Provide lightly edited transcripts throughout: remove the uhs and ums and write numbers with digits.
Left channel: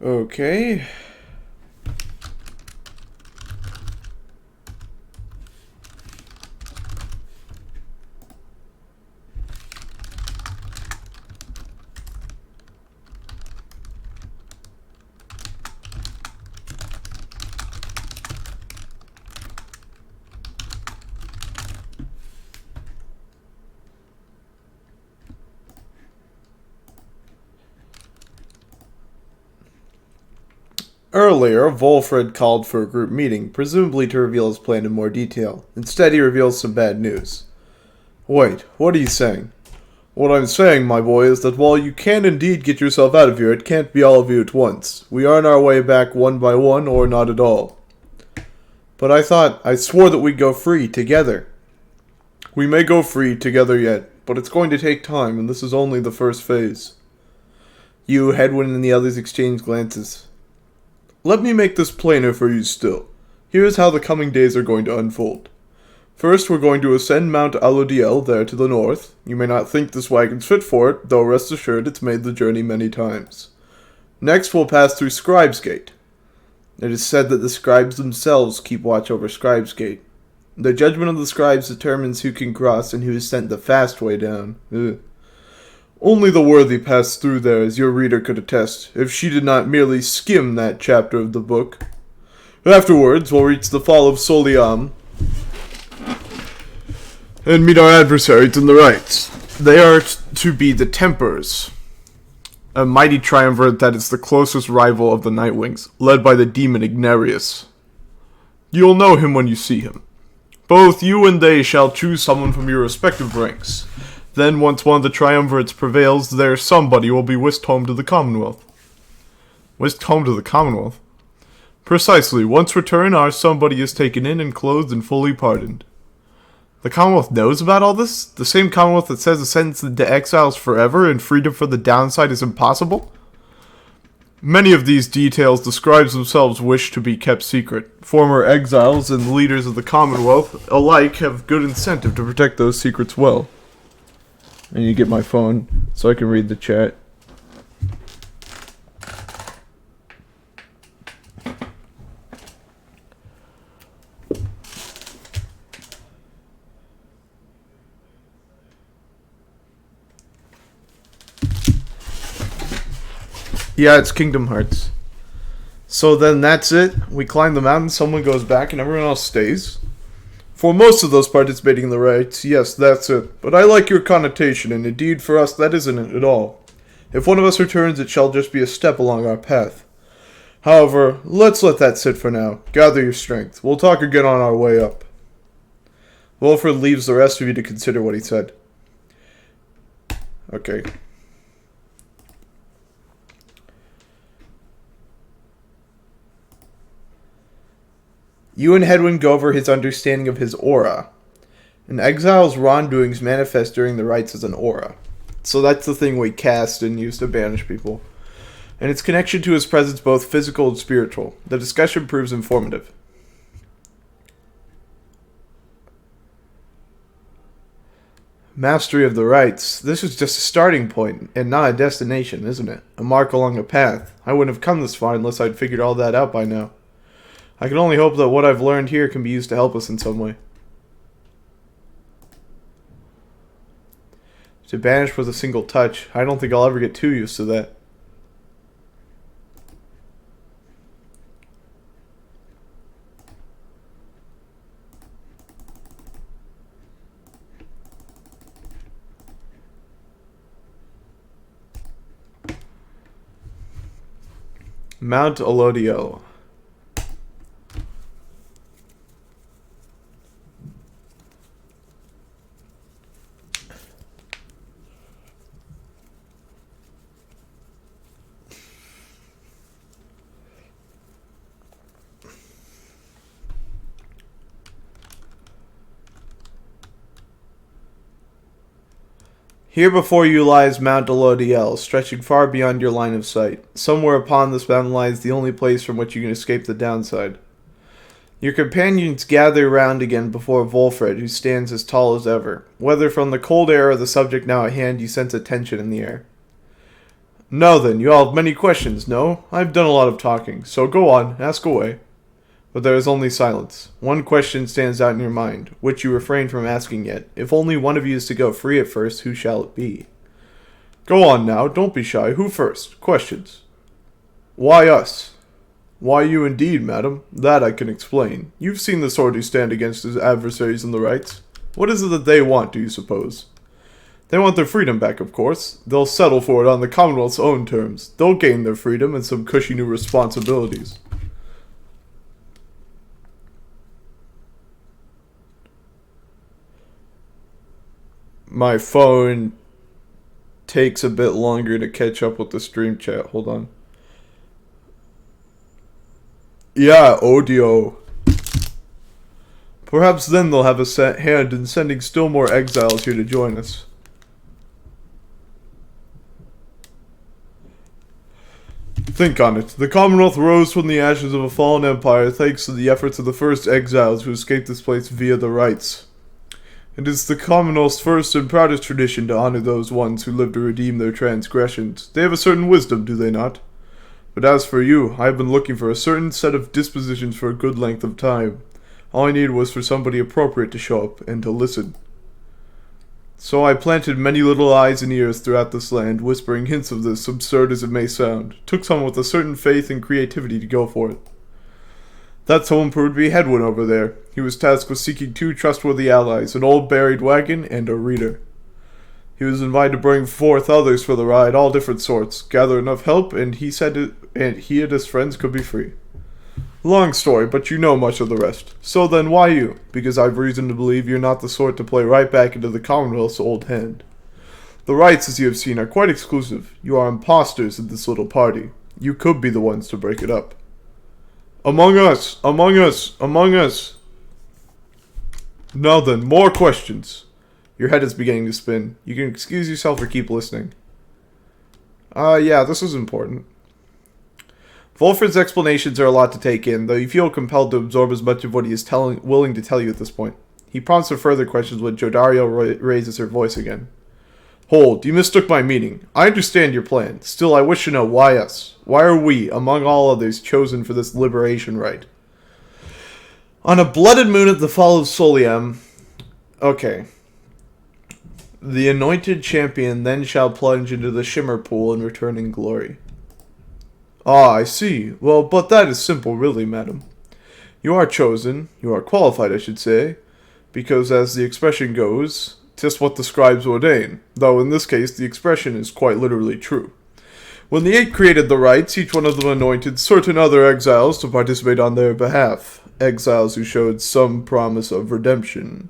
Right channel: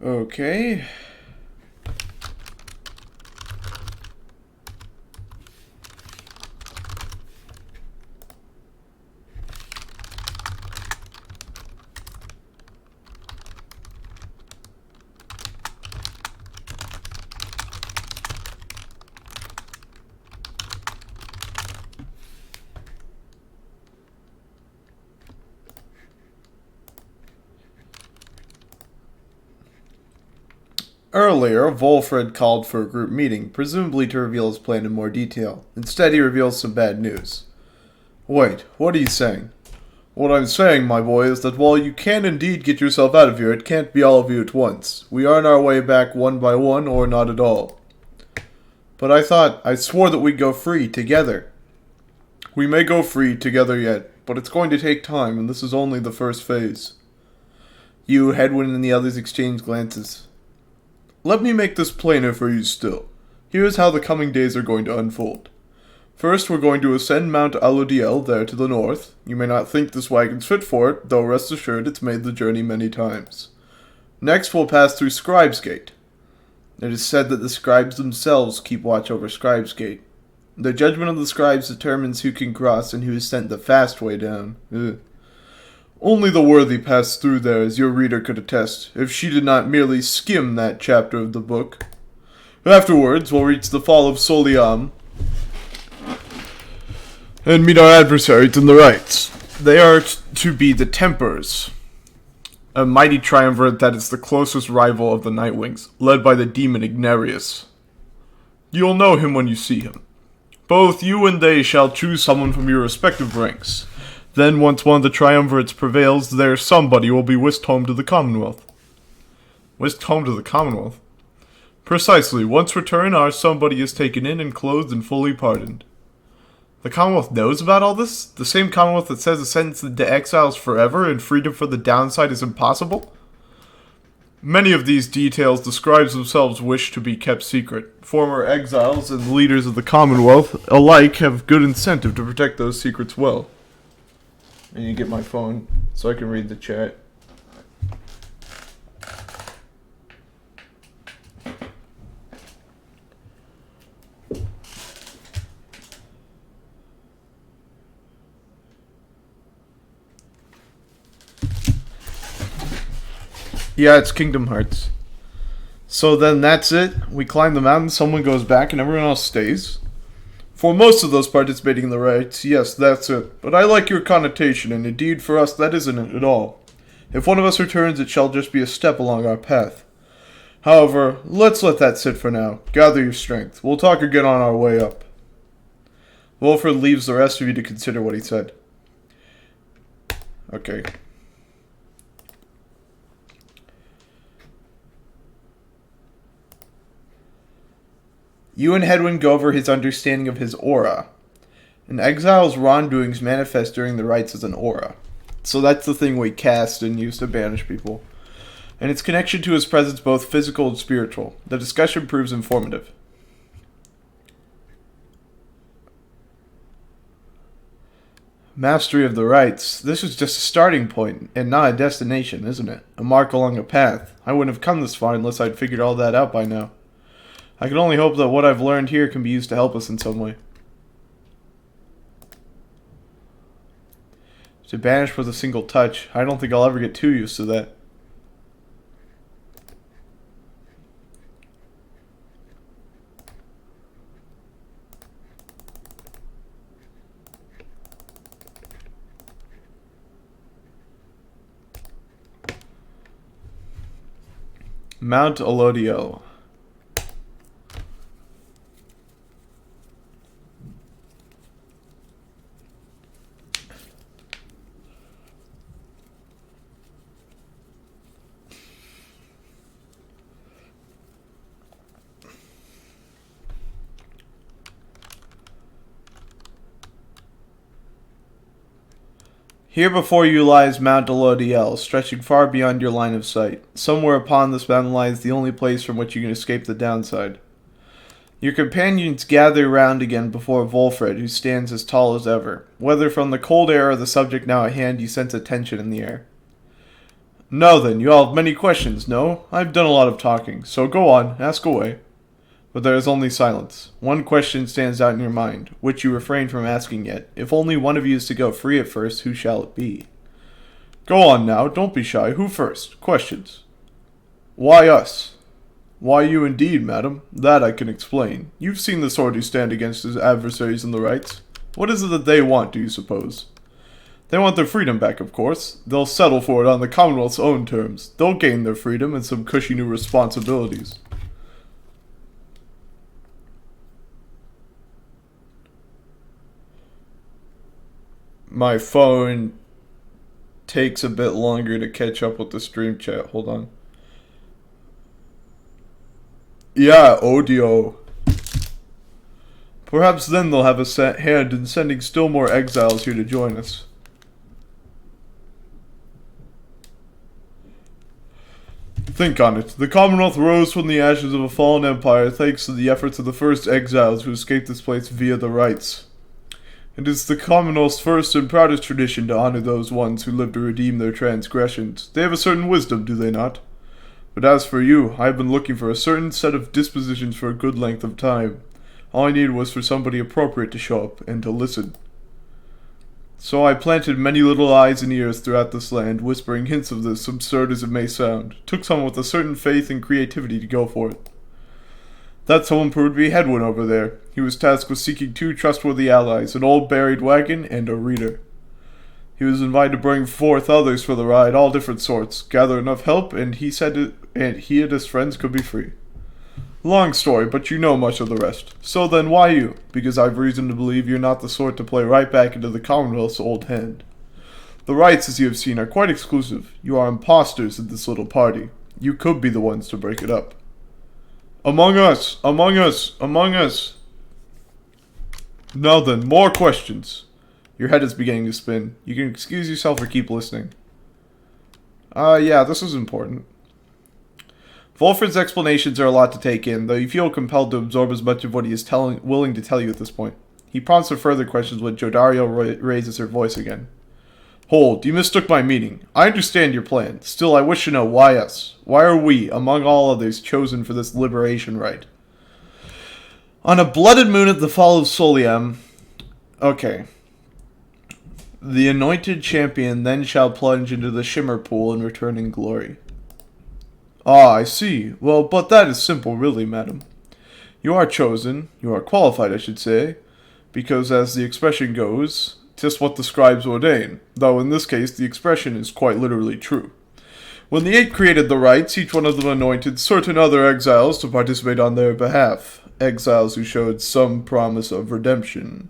Okay. Earlier, Wolfred called for a group meeting, presumably to reveal his plan in more detail. Instead, he reveals some bad news. Wait, what are you saying? What I'm saying, my boy, is that while you can indeed get yourself out of here, it can't be all of you at once. We are on our way back one by one, or not at all. But I swore that we'd go free, together. We may go free, together yet, but it's going to take time, and this is only the first phase. You, Hedwyn, and the others exchange glances. Let me make this plainer for you still. Here's how the coming days are going to unfold. First, we're going to ascend Mount Alodiel there to the north. You may not think this wagon's fit for it, though rest assured it's made the journey many times. Next, we'll pass through Scribes Gate. It is said that the scribes themselves keep watch over Scribes Gate. The judgment of the scribes determines who can cross and who is sent the fast way down. Ugh. Only the worthy pass through there, as your reader could attest, if she did not merely skim that chapter of the book. Afterwards, we'll reach the fall of Soliam and meet our adversaries in the rights. They are to be the Tempers, a mighty triumvirate that is the closest rival of the Nightwings, led by the demon Ignarius. You'll know him when you see him. Both you and they shall choose someone from your respective ranks. Then, once one of the triumvirates prevails, their somebody will be whisked home to the Commonwealth. Whisked home to the Commonwealth? Precisely. Once returned, our somebody is taken in and clothed and fully pardoned. The Commonwealth knows about all this? The same Commonwealth that says a sentence to exiles forever and freedom for the downside is impossible? Many of these details the scribes themselves wish to be kept secret. Former exiles and leaders of the Commonwealth alike have good incentive to protect those secrets well. I need to get my phone so I can read the chat. Yeah, it's Kingdom Hearts. So then that's it. We climb the mountain, someone goes back, and everyone else stays. For most of those participating in the rites, yes, that's it. But I like your connotation, and indeed for us that isn't it at all. If one of us returns, it shall just be a step along our path. However, let's let that sit for now. Gather your strength. We'll talk again on our way up. Wilfred leaves the rest of you to consider what he said. Okay. You and Hedwyn go over his understanding of his aura. An exile's wrongdoings manifest during the rites as an aura. So that's the thing we cast and use to banish people. And its connection to his presence both physical and spiritual. The discussion proves informative. Mastery of the rites. This is just a starting point and not a destination, isn't it? A mark along a path. I wouldn't have come this far unless I'd figured all that out by now. I can only hope that what I've learned here can be used to help us in some way. To banish with a single touch. I don't think I'll ever get too used to that. Mount Alodiel. Here before you lies Mount Alodiel, stretching far beyond your line of sight. Somewhere upon this mountain lies the only place from which you can escape the downside. Your companions gather round again before Wolfred, who stands as tall as ever. Whether from the cold air or the subject now at hand, you sense a tension in the air. Now then, you all have many questions, no? I've done a lot of talking, so go on, ask away. But there is only silence. One question stands out in your mind, which you refrain from asking yet. If only one of you is to go free at first, who shall it be? Go on now, don't be shy. Who first? Questions. Why us? Why you indeed, madam? That I can explain. You've seen the sword who stand against his adversaries in the rights. What is it that they want, do you suppose? They want their freedom back, of course. They'll settle for it on the Commonwealth's own terms. They'll gain their freedom and some cushy new responsibilities. My phone takes a bit longer to catch up with the stream chat. Hold on. Yeah, Alodiel. Perhaps then they'll have a hand in sending still more exiles here to join us. Think on it. The Commonwealth rose from the ashes of a fallen empire thanks to the efforts of the first exiles who escaped this place via the rights. It is the Commonwealth's first and proudest tradition to honor those ones who live to redeem their transgressions. They have a certain wisdom, do they not? But as for you, I have been looking for a certain set of dispositions for a good length of time. All I needed was for somebody appropriate to show up and to listen. So I planted many little eyes and ears throughout this land, whispering hints of this, absurd as it may sound. Took someone with a certain faith and creativity to go for it. That someone proved to be Hedwin over there. He was tasked with seeking 2 trustworthy allies, an old buried wagon and a reader. He was invited to bring forth others for the ride, all different sorts, gather enough help, and he and his friends could be free. Long story, but you know much of the rest. So then, why you? Because I've reason to believe you're not the sort to play right back into the Commonwealth's old hand. The rights, as you have seen, are quite exclusive. You are imposters in this little party. You could be the ones to break it up. Among us! Among us! Among us! Now then, more questions. Your head is beginning to spin. You can excuse yourself or keep listening. Yeah, this is important. Volfred's explanations are a lot to take in, though you feel compelled to absorb as much of what he is willing to tell you at this point. He prompts for further questions when Jodario raises her voice again. Hold, you mistook my meaning. I understand your plan. Still, I wish to know why us. Why are we, among all others, chosen for this liberation rite? On a blooded moon at the fall of Soliam... Okay. The anointed champion then shall plunge into the shimmer pool and return in glory. Ah, I see. Well, but that is simple, really, madam. You are chosen, you are qualified, I should say, because as the expression goes, 'tis what the scribes ordain, though in this case the expression is quite literally true. When the 8 created the rites, each one of them anointed certain other exiles to participate on their behalf, exiles who showed some promise of redemption.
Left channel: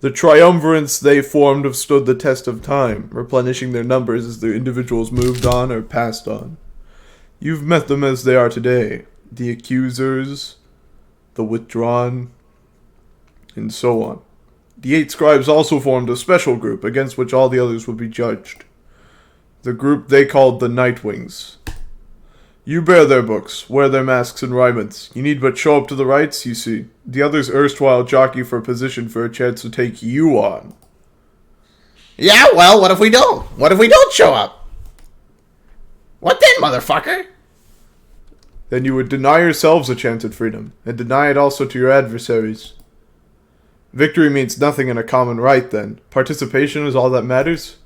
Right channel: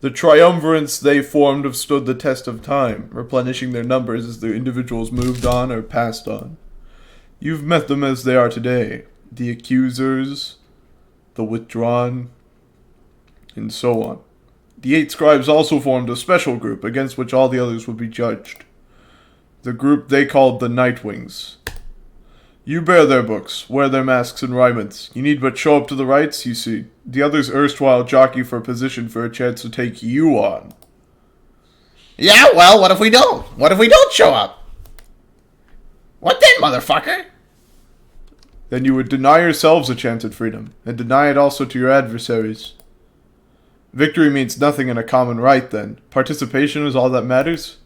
The triumvirates they formed have stood the test of time, replenishing their numbers as their individuals moved on or passed on. You've met them as they are today, the accusers, the withdrawn, and so on. The 8 scribes also formed a special group against which all the others would be judged. The group they called the Nightwings. You bear their books, wear their masks and raiments. You need but show up to the rites, you see. The others erstwhile jockey for a position for a chance to take you on. Yeah, well, what if we don't? What if we don't show up? What then, motherfucker? Then you would deny yourselves a chance at freedom, and deny it also to your adversaries. Victory means nothing in a common right, then. Participation is all that matters?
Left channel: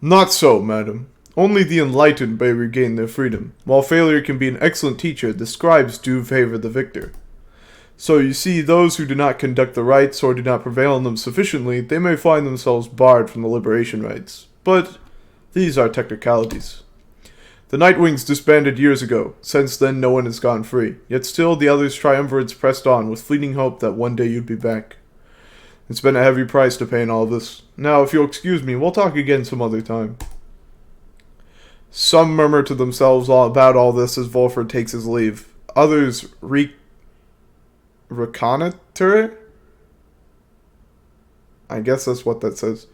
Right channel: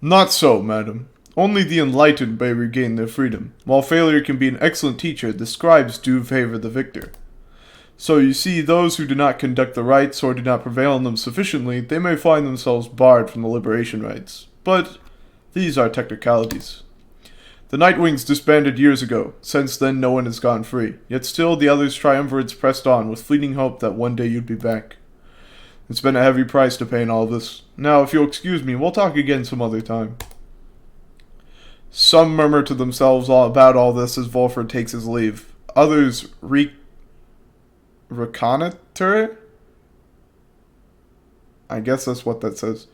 Not so, madam. Only the enlightened may regain their freedom. While failure can be an excellent teacher, the scribes do favor the victor. So you see, those who do not conduct the rites or do not prevail in them sufficiently, they may find themselves barred from the liberation rites. But these are technicalities. The Nightwings disbanded years ago. Since then, no one has gone free. Yet still, the others triumvirates pressed on with fleeting hope that one day you'd be back. It's been a heavy price to pay in all this. Now, if you'll excuse me, we'll talk again some other time. Some murmur to themselves about all this as Volfred takes his leave. Others reconnoiter? I guess that's what that says.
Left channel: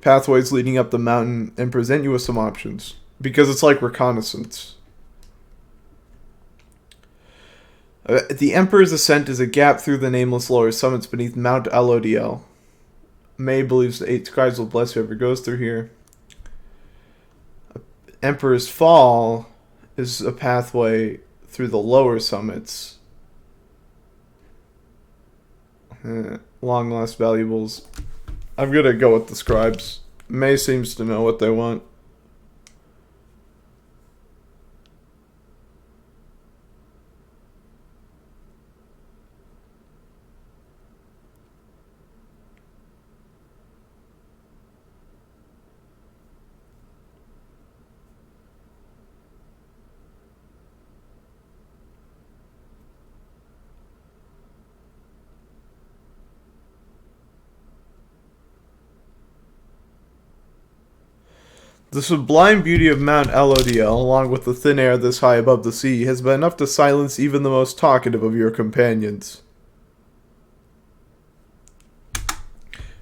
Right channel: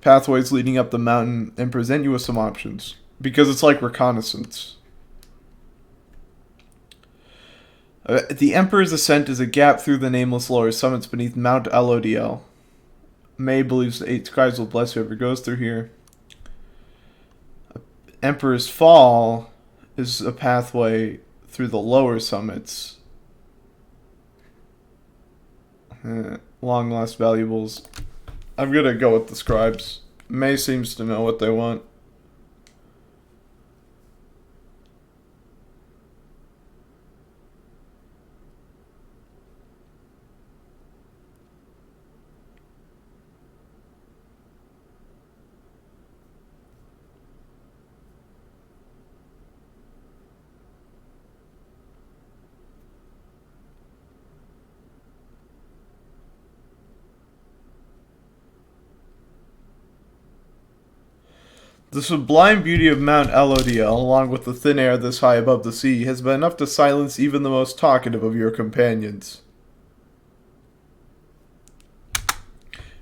Pathways leading up the mountain and present you with some options. Because it's like reconnaissance. The Emperor's Ascent is a gap through the nameless lower summits beneath Mount Alodiel. May believes the 8 scribes will bless whoever goes through here. Emperor's Fall is a pathway through the lower summits. Long lost valuables. I'm gonna go with the scribes. May seems to know what they want. The sublime beauty of Mount Alodiel, along with the thin air this high above the sea, has been enough to silence even the most talkative of your companions.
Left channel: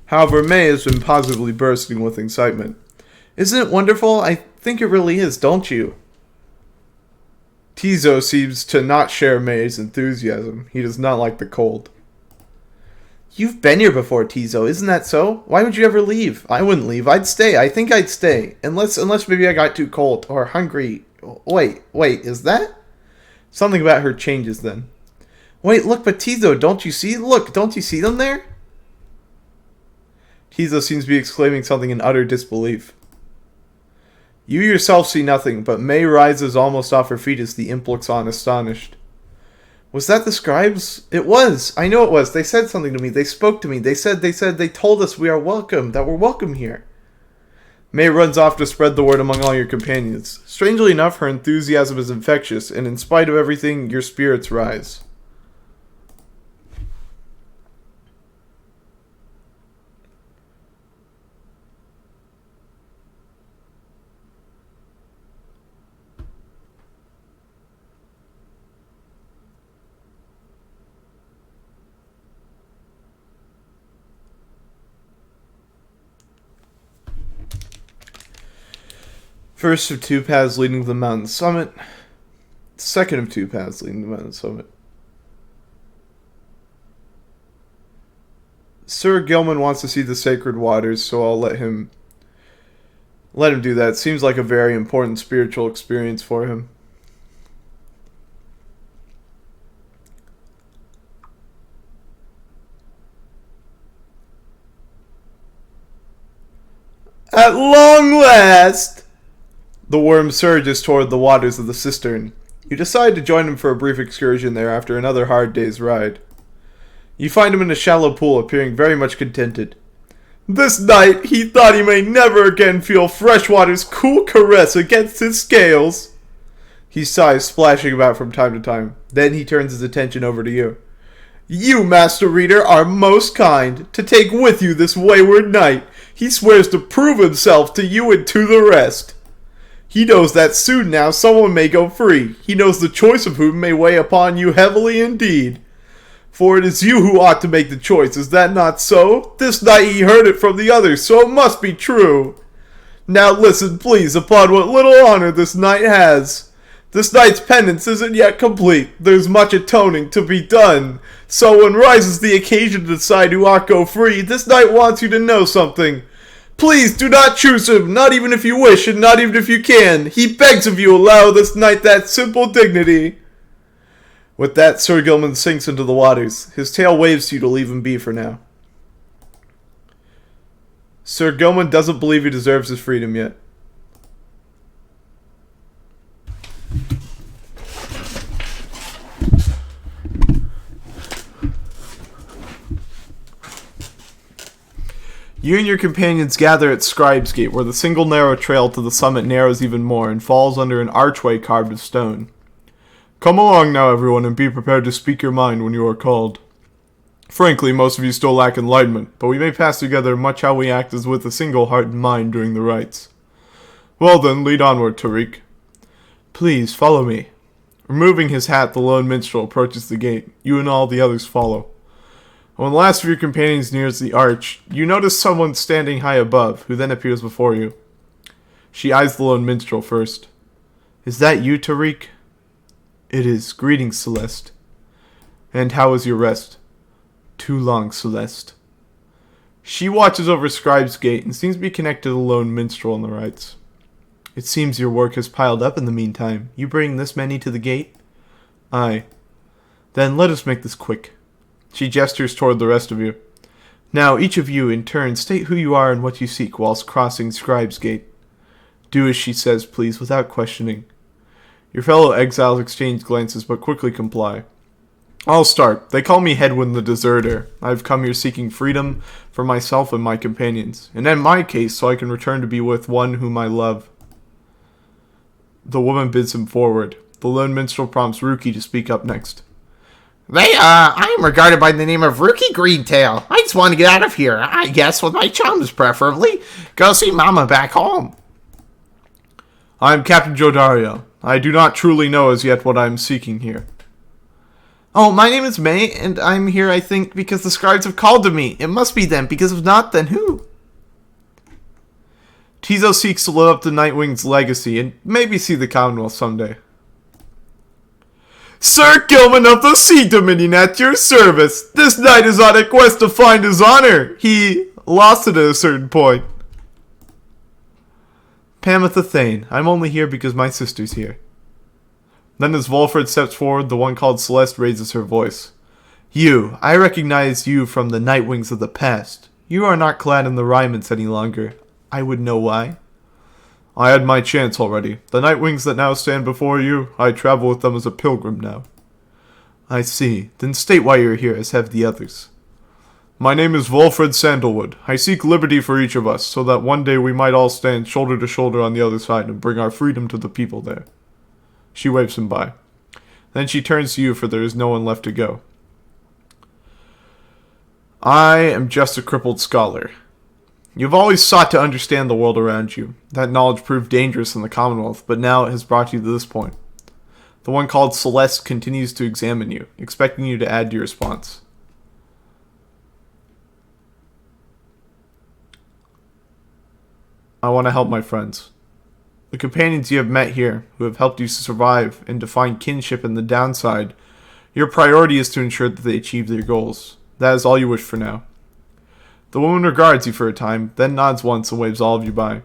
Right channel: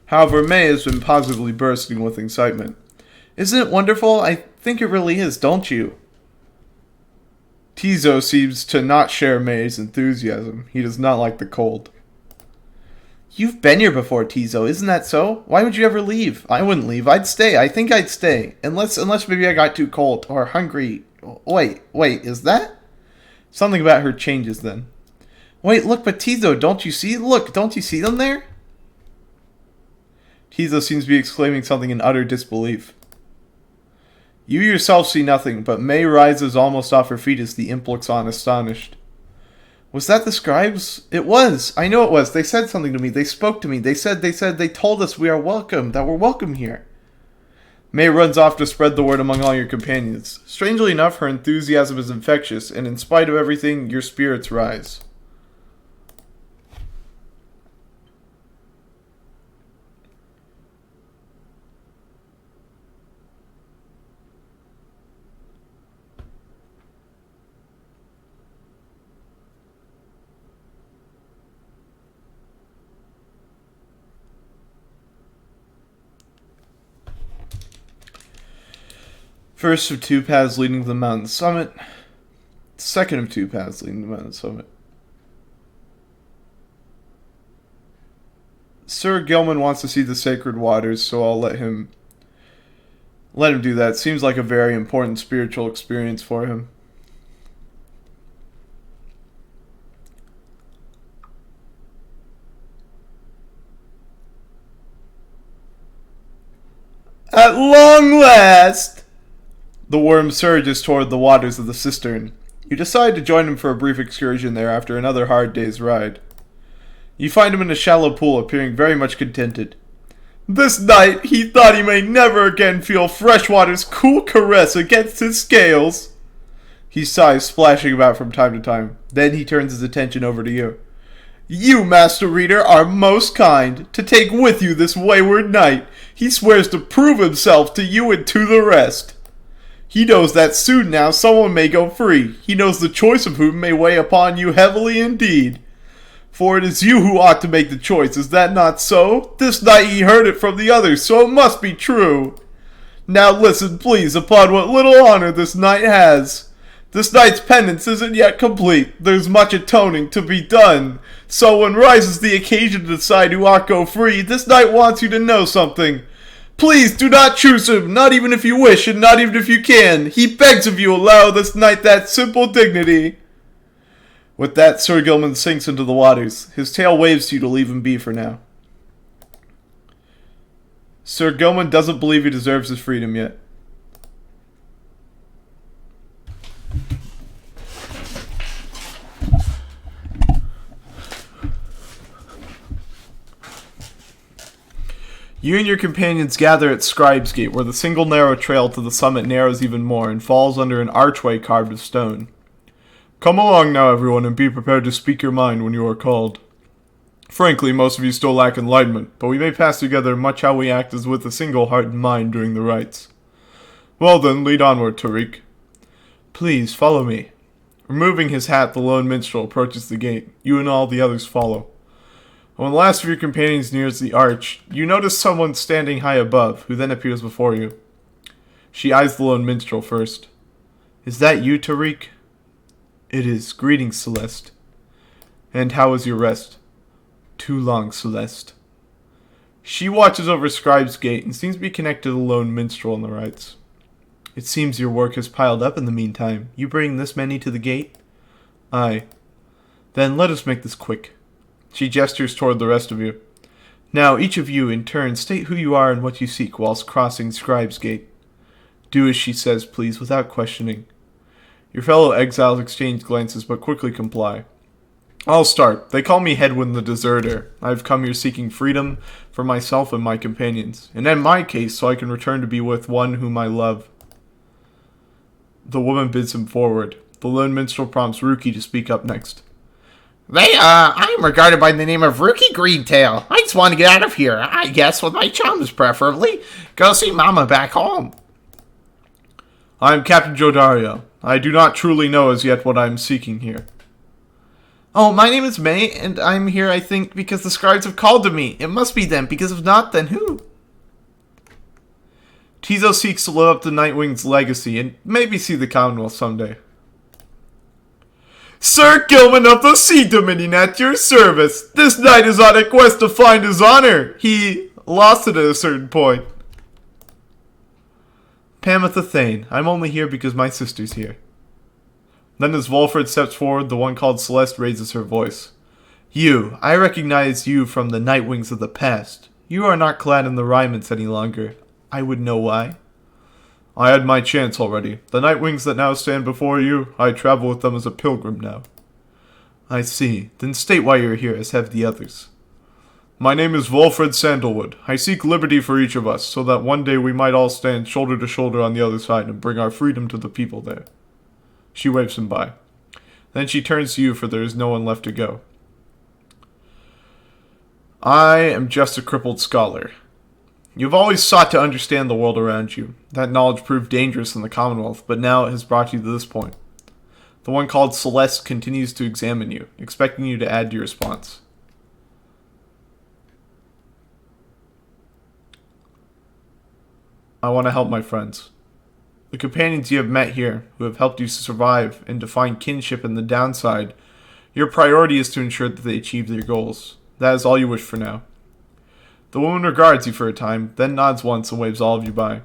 However, May has been positively bursting with excitement. Isn't it wonderful? I think it really is, don't you? Tizo seems to not share May's enthusiasm. He does not like the cold. You've been here before, Tizo, isn't that so? Why would you ever leave? I wouldn't leave. I'd stay. I think I'd stay. Unless maybe I got too cold or hungry. Wait, is that? Something about her changes then. Wait, look, but Tizo, don't you see? Look, don't you see them there? Tizo seems to be exclaiming something in utter disbelief. You yourself see nothing, but May rises almost off her feet as the imp looks on astonished. Was that the scribes? It was. I know it was. They said something to me. They spoke to me. They told us we are welcome, that we're welcome here. May runs off to spread the word among all your companions. Strangely enough, her enthusiasm is infectious, and in spite of everything, your spirits rise. First of 2 paths leading to the mountain summit. Second of 2 paths leading to the mountain summit. Sir Gilman wants to see the sacred waters, so I'll let him do that. Seems like a very important spiritual experience for him. At long last! The worm surges toward the waters of the cistern. You decide to join him for a brief excursion there after another hard day's ride. You find him in a shallow pool, appearing very much contented. This night, he thought he may never again feel freshwater's cool caress against his scales. He sighs, splashing about from time to time. Then he turns his attention over to you. You, Master Reader, are most kind to take with you this wayward knight. He swears to prove himself to you and to the rest. He knows that soon now someone may go free. He knows the choice of whom may weigh upon you heavily indeed. For it is you who ought to make the choice, is that not so? This night he heard it from the others, so it must be true. Now listen, please, upon what little honor this knight has. This night's penance isn't yet complete. There's much atoning to be done. So when rises the occasion to decide who ought go free, this knight wants you to know something. Please do not choose him, not even if you wish, and not even if you can. He begs of you allow this knight that simple dignity. With that, Sir Gilman sinks into the waters. His tail waves to you to leave him be for now. Sir Gilman doesn't believe he deserves his freedom yet. You and your companions gather at Scribe's Gate, where the single narrow trail to the summit narrows even more and falls under an archway carved of stone. Come along now, everyone, and be prepared to speak your mind when you are called. Frankly, most of you still lack enlightenment, but we may pass together much how we act as with a single heart and mind during the rites. Well then, lead onward, Tariq. Please, follow me. Removing his hat, the lone minstrel approaches the gate. You and all the others follow. When the last of your companions nears the arch, you notice someone standing high above, who then appears before you. She eyes the lone minstrel first. Is that you, Tariq? It is. Greetings, Celeste. And how was your rest? Too long, Celeste. She watches over Scribe's Gate and seems to be connected to the lone minstrel on the rights. It seems your work has piled up in the meantime. You bring this many to the gate? Aye. Then let us make this quick. She gestures toward the rest of you. Now, each of you, in turn, state who you are and what you seek whilst crossing Scribe's Gate. Do as she says, please, without questioning. Your fellow exiles exchange glances, but quickly comply. I'll start. They call me Hedwyn the Deserter. I've come here seeking freedom for myself and my companions, and in my case, so I can return to be with one whom I love. The woman bids him forward. The lone minstrel prompts Rookie to speak up next. I am regarded by the name of Rookie Greentail. I just want to get out of here. I guess with my chums, preferably. Go see Mama back home. I am Captain Jodario. I do not truly know as yet what I am seeking here. Oh, my name is May, and I'm here, I think, because the scribes have called to me. It must be them, because if not, then who? Tizo seeks to live up to Nightwing's legacy, and maybe see the Commonwealth someday. Sir Gilman of the Sea Dominion at your service. This knight is on a quest to find his honor. He lost it at a certain point. Pamitha Thane, I'm only here because my sister's here. Then as Volfred steps forward, the one called Celeste raises her voice. You, I recognize you from the Nightwings of the past. You are not clad in the raiments any longer. I would know why. I had my chance already. The Nightwings that now stand before you, I travel with them as a pilgrim now. I see. Then state why you're here, as have the others. My name is Volfred Sandalwood. I seek liberty for each of us, so that one day we might all stand shoulder to shoulder on the other side and bring our freedom to the people there. She waves him by. Then she turns to you, for there is no one left to go. I am just a crippled scholar. You've always sought to understand the world around you. That knowledge proved dangerous in the Commonwealth, but now it has brought you to this point. The one called Celeste continues to examine you, expecting you to add to your response. I want to help my friends. The companions you have met here, who have helped you survive and to find kinship in the downside, your priority is to ensure that they achieve their goals. That is all you wish for now. The woman regards you for a time, then nods once and waves all of you by.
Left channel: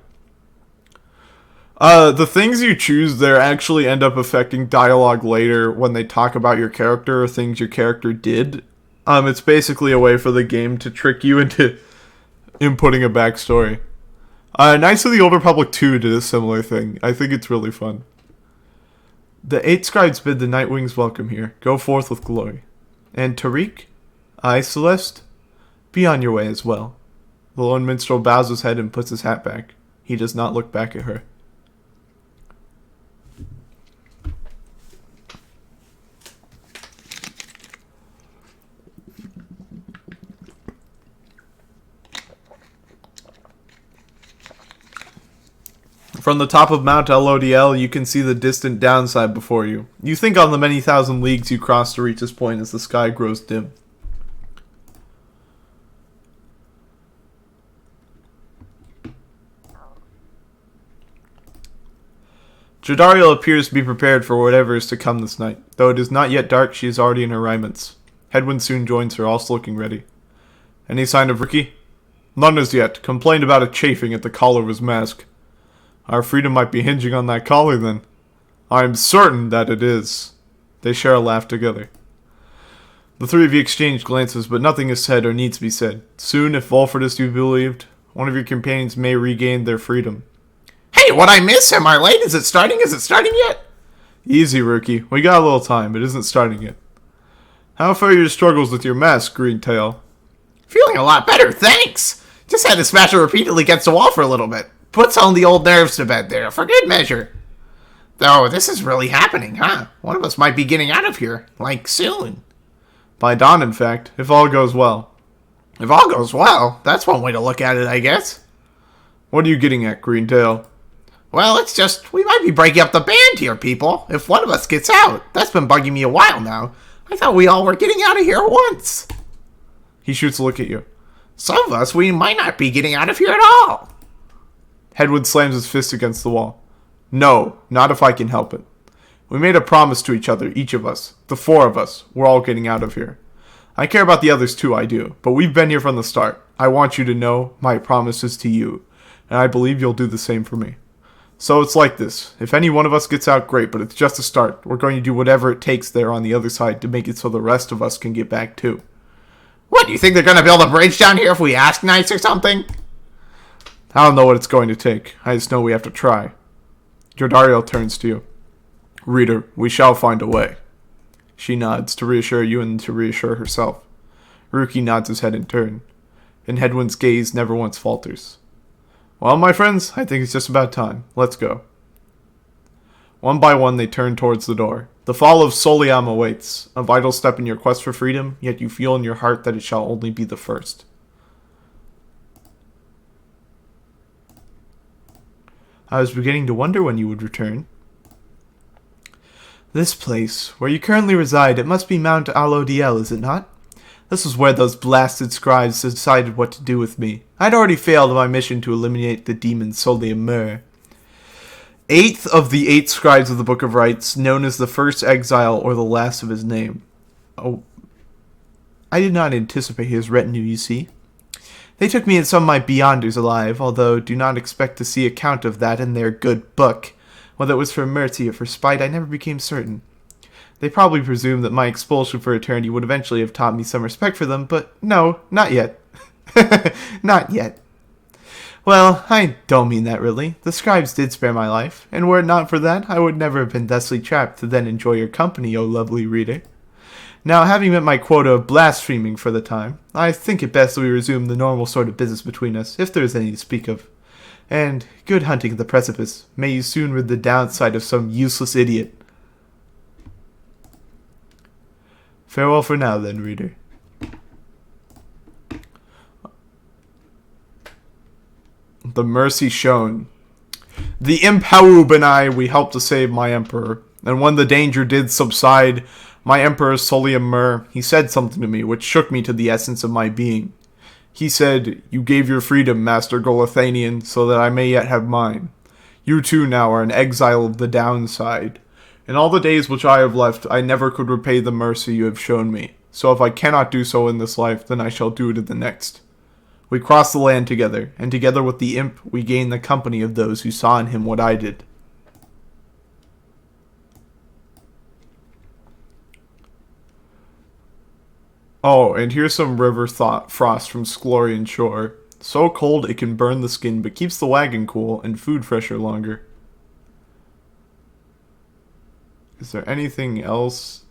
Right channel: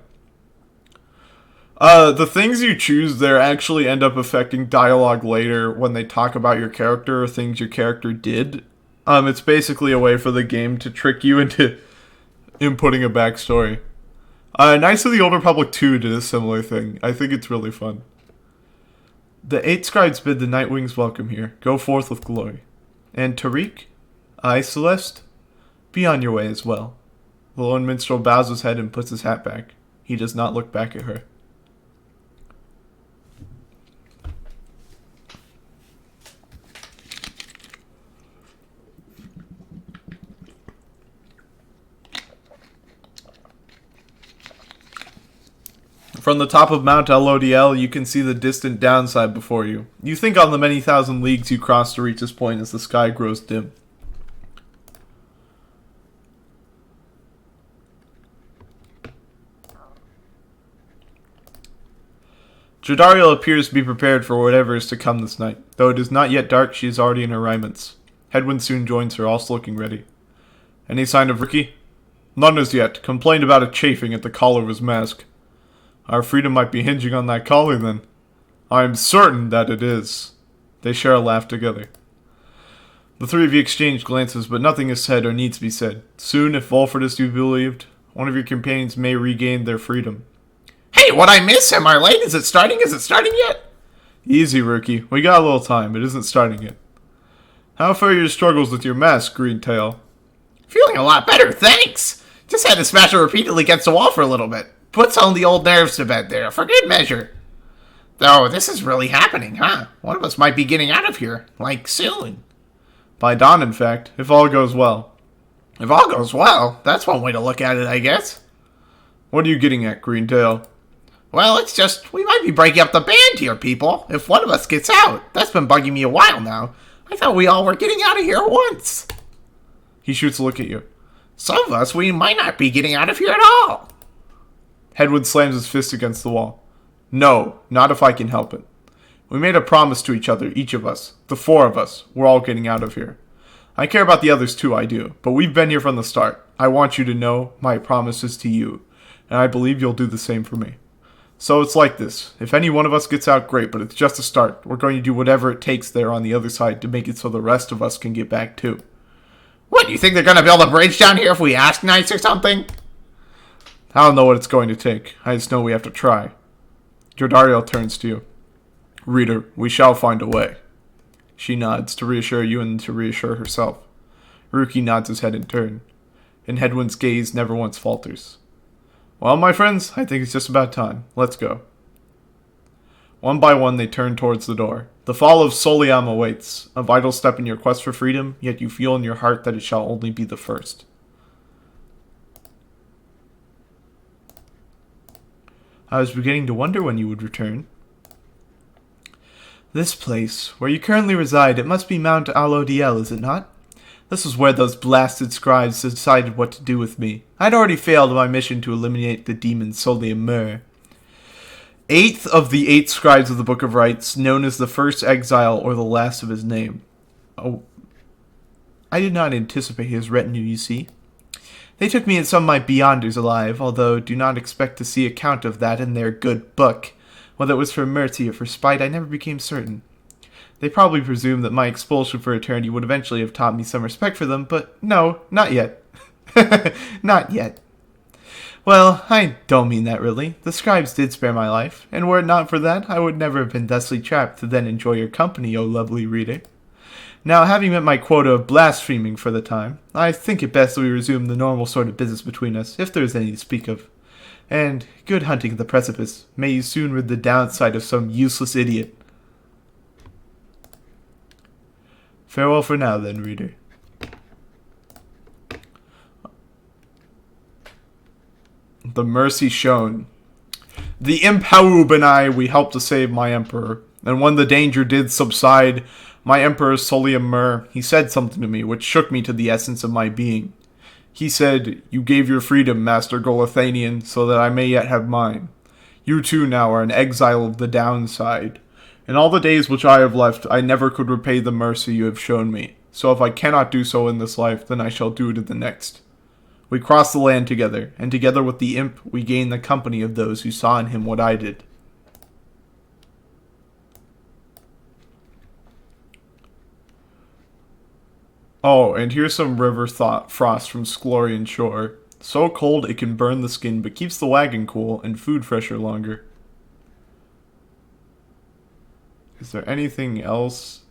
The things you choose there actually end up affecting dialogue later when they talk about your character or things your character did. It's basically a way for the game to trick you into inputting a backstory. Knights of the Old Republic 2 did a similar thing. I think it's really fun. The 8 scribes bid the Nightwings welcome here. Go forth with glory. And Tariq? Aye, Celeste? Be on your way as well. The lone minstrel bows his head and puts his hat back. He does not look back at her. From the top of Mount Alodiel, you can see the distant downside before you. You think on the many thousand leagues you cross to reach this point as the sky grows dim. Jodariel appears to be prepared for whatever is to come this night. Though it is not yet dark, she is already in her raiments. Hedwyn soon joins her, also looking ready. Any sign of Ricky? None as yet. Complained about a chafing at the collar of his mask. Our freedom might be hinging on that collar, then. I am certain that it is. They share a laugh together. The three of you exchange glances, but nothing is said or needs to be said. Soon, if Volfred is to be believed, one of your companions may regain their freedom. Hey, what I miss? Am I late? Is it starting? Is it starting yet? Easy, Rookie. We got a little time. It isn't starting yet. How fare your struggles with your mask, Greentail? Feeling a lot better, thanks. Just had to smash it repeatedly against the wall for a little bit. Put some of the old nerves to bed there, for good measure. Though, this is really happening, huh? One of us might be getting out of here, like, soon. By dawn, in fact, if all goes well. If all goes well, that's one way to look at it, I guess. What are you getting at, Greentail? Well, it's just, we might be breaking up the band here, people, if one of us gets out. That's been bugging me a while now. I thought we all were getting out of here at once. He shoots a look at you. Some of us, we might not be getting out of here at all. Hedwyn slams his fist against the wall. No, not if I can help it. We made a promise to each other, each of us. The 4 of us. We're all getting out of here. I care about the others too, I do. But we've been here from the start. I want you to know my promises to you, and I believe you'll do the same for me. So it's like this. If any one of us gets out, great, but it's just a start. We're going to do whatever it takes there on the other side to make it so the rest of us can get back too. What, do you think they're going to build a bridge down here if we ask nice or something? I don't know what it's going to take. I just know we have to try. Jordariel turns to you. Reader, we shall find a way. She nods to reassure you and to reassure herself. Ruki nods his head in turn, and Hedwyn's gaze never once falters. Well, my friends, I think it's just about time. Let's go. One by one, they turn towards the door. The fall of Soliam awaits, a vital step in your quest for freedom, yet you feel in your heart that it shall only be the first. I was beginning to wonder when you would return. This place, where you currently reside, it must be Mount Alodiel, is it not? This was where those blasted scribes decided what to do with me. I'd already failed in my mission to eliminate the demon Soliam. Eighth of the 8 scribes of the Book of Rites, known as the First Exile or the Last of his name. Oh, I did not anticipate his retinue, you see. They took me and some of my Beyonders alive, although do not expect to see account of that in their good book. Whether it was for mercy or for spite, I never became certain. They probably presumed that my expulsion for eternity would eventually have taught me some respect for them, but no, not yet. Not yet. Well, I don't mean that really. The scribes did spare my life, and were it not for that, I would never have been thusly trapped to then enjoy your company, O lovely reader. Now, having met my quota of blaspheming for the time, I think it best that we resume the normal sort of business between us, if there is any to speak of. And good hunting at the precipice. May you soon rid the downside of some useless idiot. Farewell for now, then, reader. The mercy shown. The imp Haub and I, we helped to save my emperor. And when the danger did subside, my emperor Soliam, he said something to me which shook me to the essence of my being. He said, "You gave your freedom, Master Golathanian, so that I may yet have mine. You too now are an exile of the downside. In all the days which I have left, I never could repay the mercy you have shown me. So if I cannot do so in this life, then I shall do it in the next." We crossed the land together, and together with the imp, we gained the company of those who saw in him what I did. Oh, and here's some river frost from Sklorian Shore. So cold it can burn the skin, but keeps the wagon cool and food fresher longer. Is there anything else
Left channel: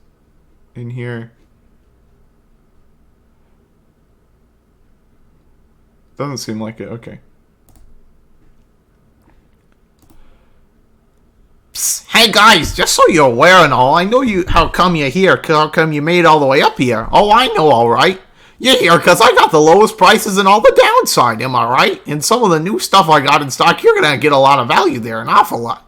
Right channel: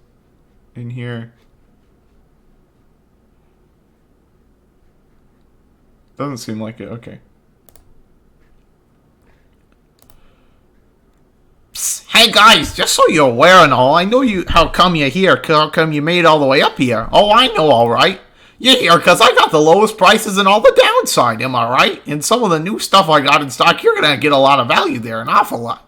in here? Doesn't seem like it. Okay. Psst, hey guys, just so you're aware and all, I know how come you're here, how come you made it all the way up here. Oh, I know, alright. You're here because I got the lowest prices and all the downside, am I right? And some of the new stuff I got in stock, you're gonna get a lot of value there, an awful lot.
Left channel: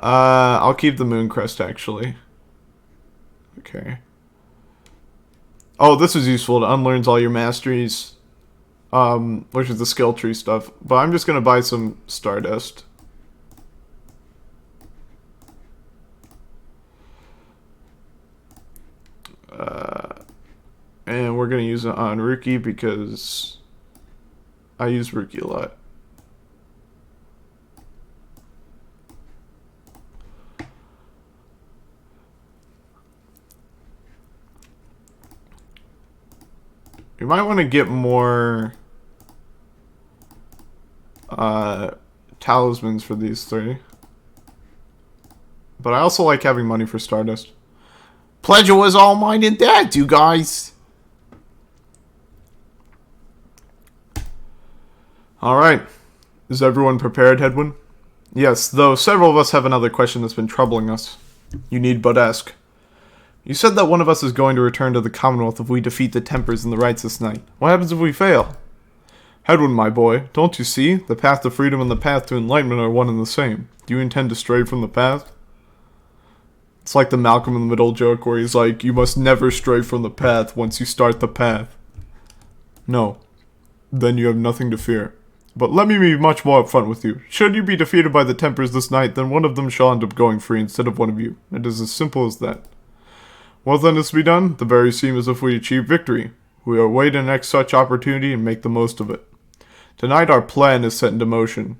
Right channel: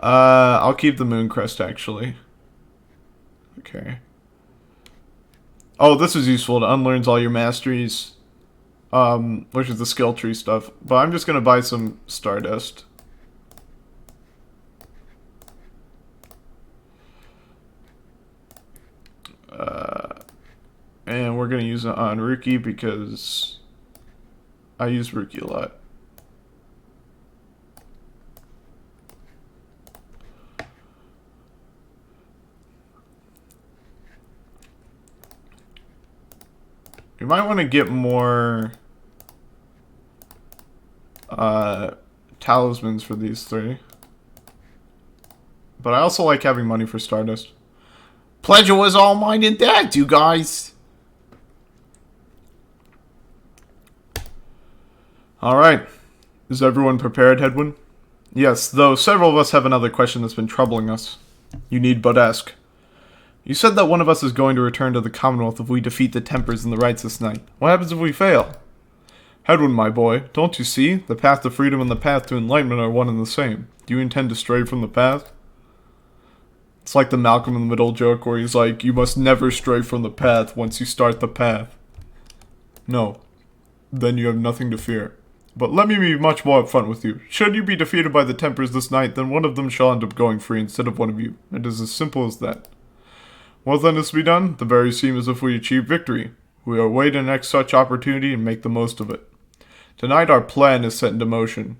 I'll keep the moon crest, actually. Okay. Oh, this is useful. It unlearns all your masteries, which is the skill tree stuff. But I'm just gonna buy some Stardust. And we're gonna use it on Ruki because I use Ruki a lot. You might want to get more talismans for these 3. But I also like having money for Stardust. Pleasure was all mine and dad's, you guys. Alright. Is everyone prepared, Hedwyn? Yes, though several of us have another question that's been troubling us. You need but ask. You said that one of us is going to return to the Commonwealth if we defeat the Tempers and the Rites this night. What happens if we fail? Hedwyn, my boy, don't you see? The path to freedom and the path to enlightenment are one and the same. Do you intend to stray from the path? It's like the Malcolm in the Middle joke where he's like, you must never stray from the path once you start the path. No. Then you have nothing to fear. But let me be much more upfront with you. Should you be defeated by the Tempers this night, then one of them shall end up going free instead of one of you. It is as simple as that. What then is to be done? The very seem as if we achieve victory. We await the next such opportunity and make the most of it. Tonight our plan is set into motion.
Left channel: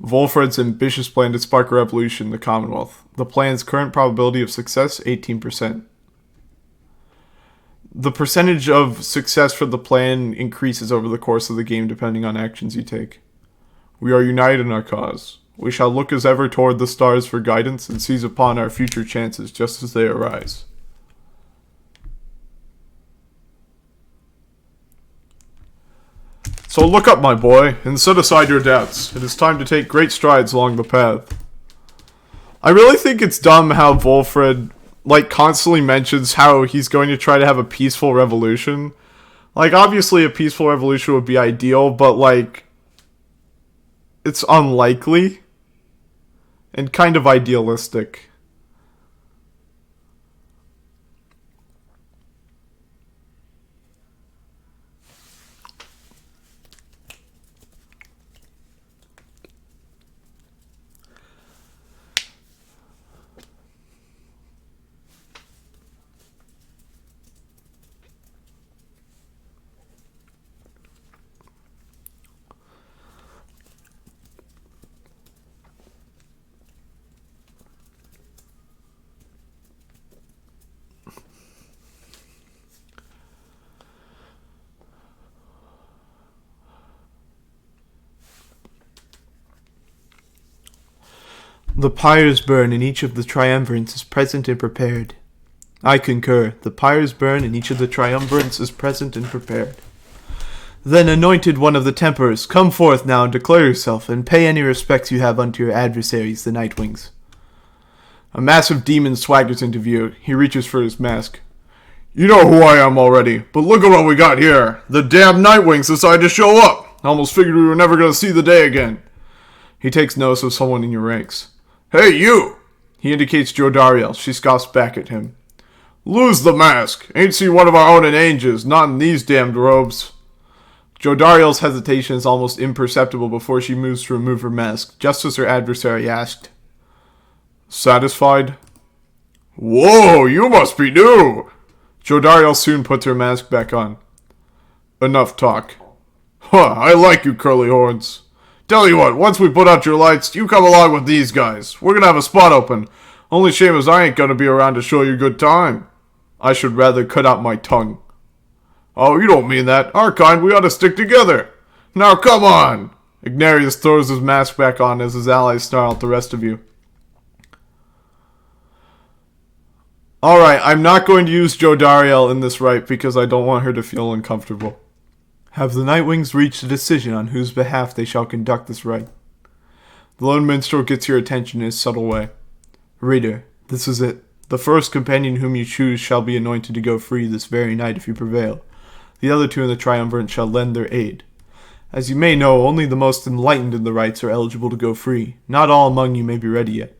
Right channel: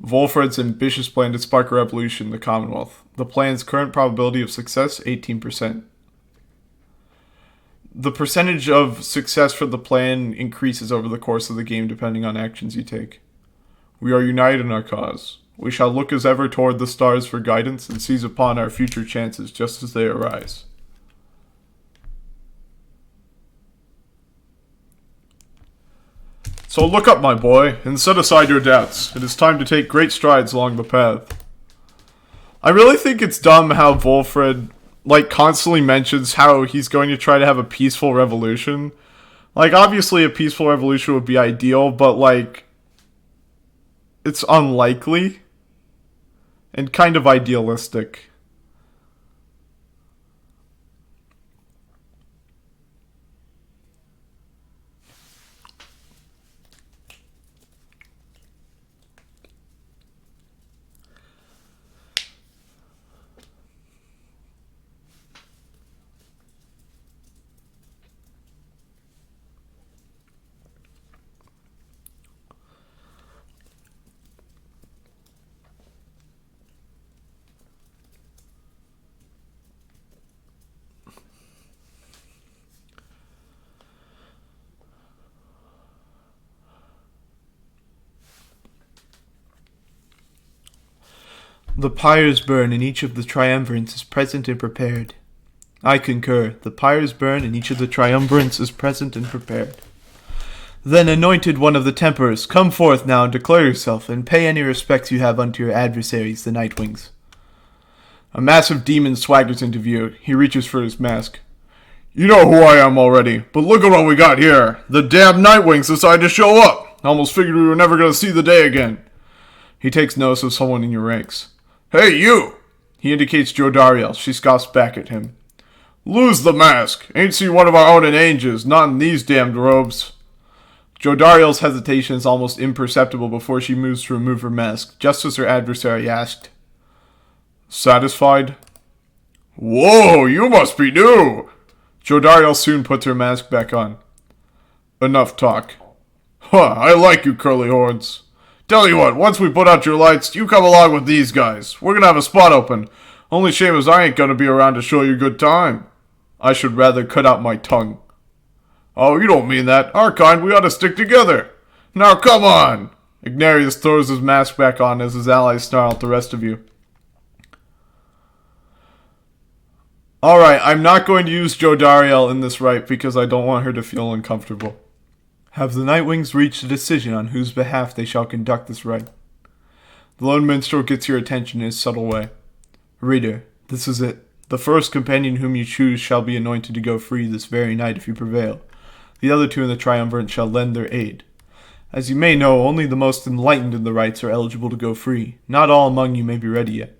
Volfred's ambitious plan to spark a revolution in the Commonwealth. The plan's current probability of success, 18%. The percentage of success for the plan increases over the course of the game depending on actions you take. We are united in our cause. We shall look as ever toward the stars for guidance and seize upon our future chances just as they arise. So look up, my boy, and set aside your doubts. It is time to take great strides along the path. I really think it's dumb how Volfred, constantly mentions how he's going to try to have a peaceful revolution. Obviously a peaceful revolution would be ideal, but, it's unlikely. And kind of idealistic. The pyres burn and each of the triumvirates is present and prepared. I concur. The pyres burn and each of the triumvirates is present and prepared. Then, anointed one of the Templars, come forth now and declare yourself, and pay any respects you have unto your adversaries, the Nightwings. A massive demon swaggers into view. He reaches for his mask. You know who I am already, but look at what we got here. The damn Nightwings decided to show up. I almost figured we were never going to see the day again. He takes notice of someone in your ranks. Hey, you! He indicates Alodiel. She scoffs back at him. Lose the mask. Ain't seen one of our own in ages, not in these damned robes. Alodiel's hesitation is almost imperceptible before she moves to remove her mask, just as her adversary asked. Satisfied? Whoa, you must be new! Alodiel soon puts her mask back on. Enough talk. Huh, I like you, curly horns. Tell you what, once we put out your lights, you come along with these guys. We're gonna have a spot open. Only shame is I ain't gonna be around to show you a good time. I should rather cut out my tongue. Oh, you don't mean that. Our kind, we ought to stick together. Now come on! Ignarius throws his mask back on as his allies snarl at the rest of you. Alright, I'm not going to use Alodiel in this rite because I don't want her to feel uncomfortable. Have the Nightwings reached a decision on whose behalf they shall conduct this rite? The lone minstrel gets your attention in his subtle way. Reader, this is it. The first companion whom you choose shall be anointed to go free this very night if you prevail. The other two in the triumvirate shall lend their aid. As you may know, only the most enlightened in the rites are eligible to go free. Not all among you may be ready yet.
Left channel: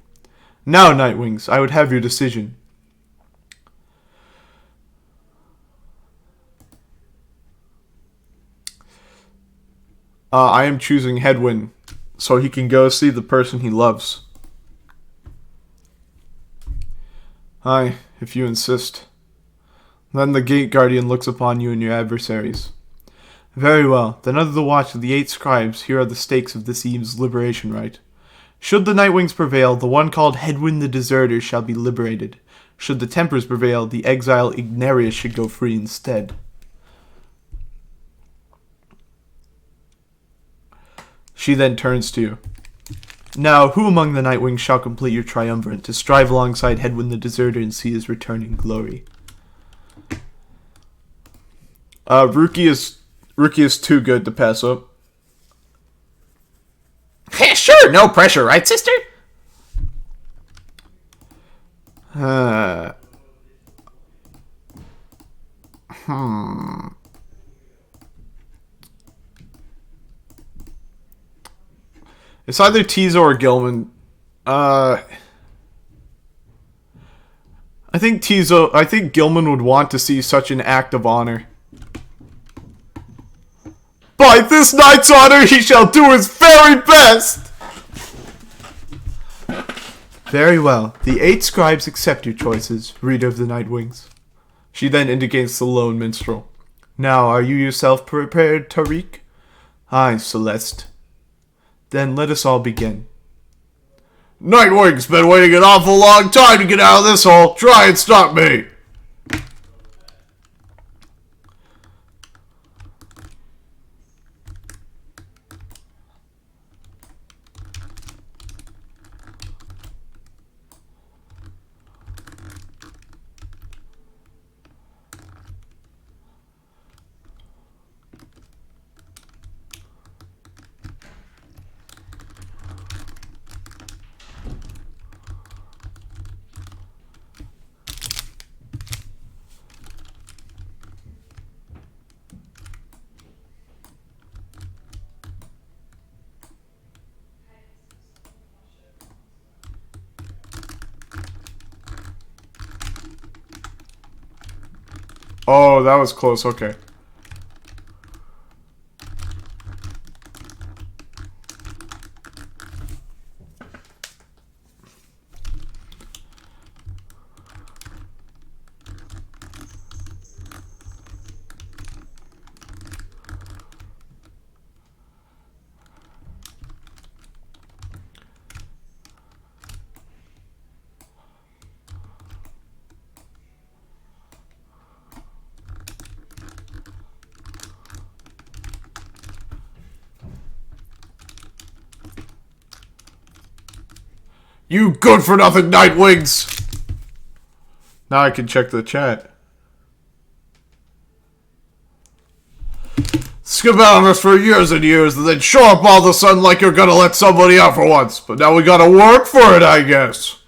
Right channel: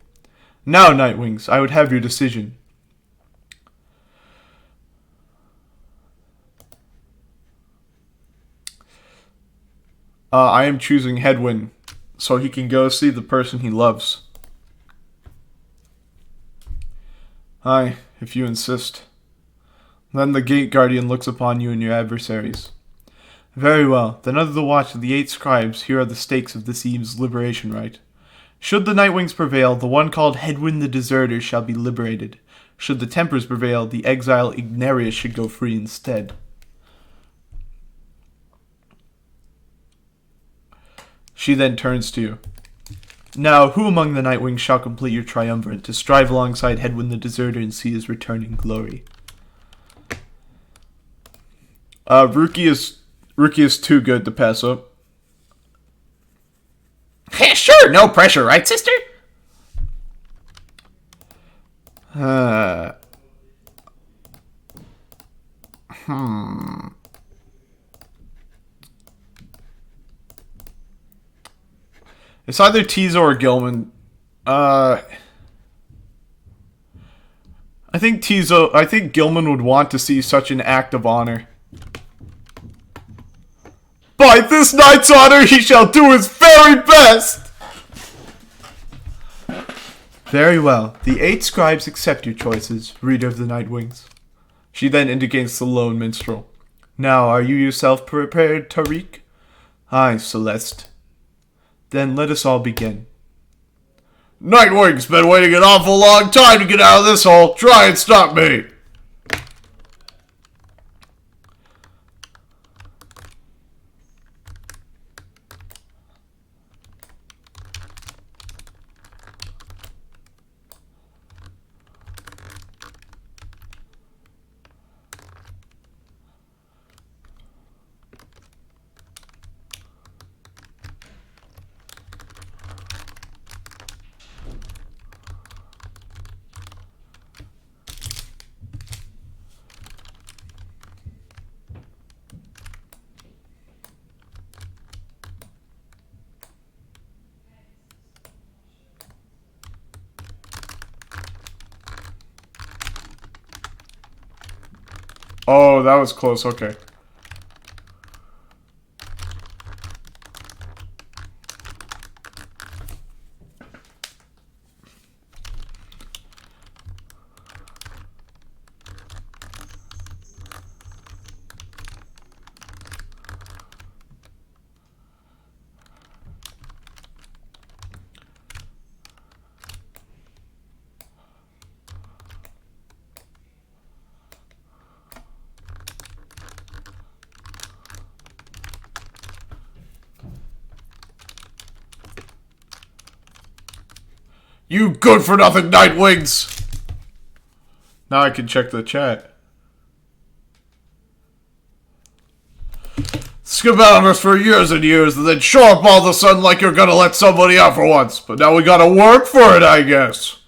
Now, Nightwings, I would have your decision. I am choosing Hedwyn, so he can go see the person he loves. Aye, if you insist. Then the Gate Guardian looks upon you and your adversaries. Very well, then under the watch of the 8 scribes, here are the stakes of this eve's liberation rite. Should the Nightwings prevail, the one called Hedwyn the Deserter shall be liberated. Should the Templars prevail, the exile Ignarius should go free instead. She then turns to you. Now, who among the Nightwings shall complete your triumvirate to strive alongside Hedwyn the Deserter and see his return in glory? Ruki is too good to pass up. Sure, no pressure, right, sister? It's either Tizo or Gilman. I think Gilman would want to see such an act of honor. By this night's honor, he shall do his very best! Very well. The 8 scribes accept your choices, reader of the Nightwings. She then indicates the lone minstrel. Now, are you yourself prepared, Tariq? Aye, Celeste. Then let us all begin. Nightwing's been waiting an awful long time to get out of this hole. Try and stop me. Oh, that was close. Okay. You good-for-nothing Nightwings! Now I can check the chat. Skip out on us for years and years, and then show up all of a sudden like you're gonna let somebody out for once. But now we gotta work for it, I guess.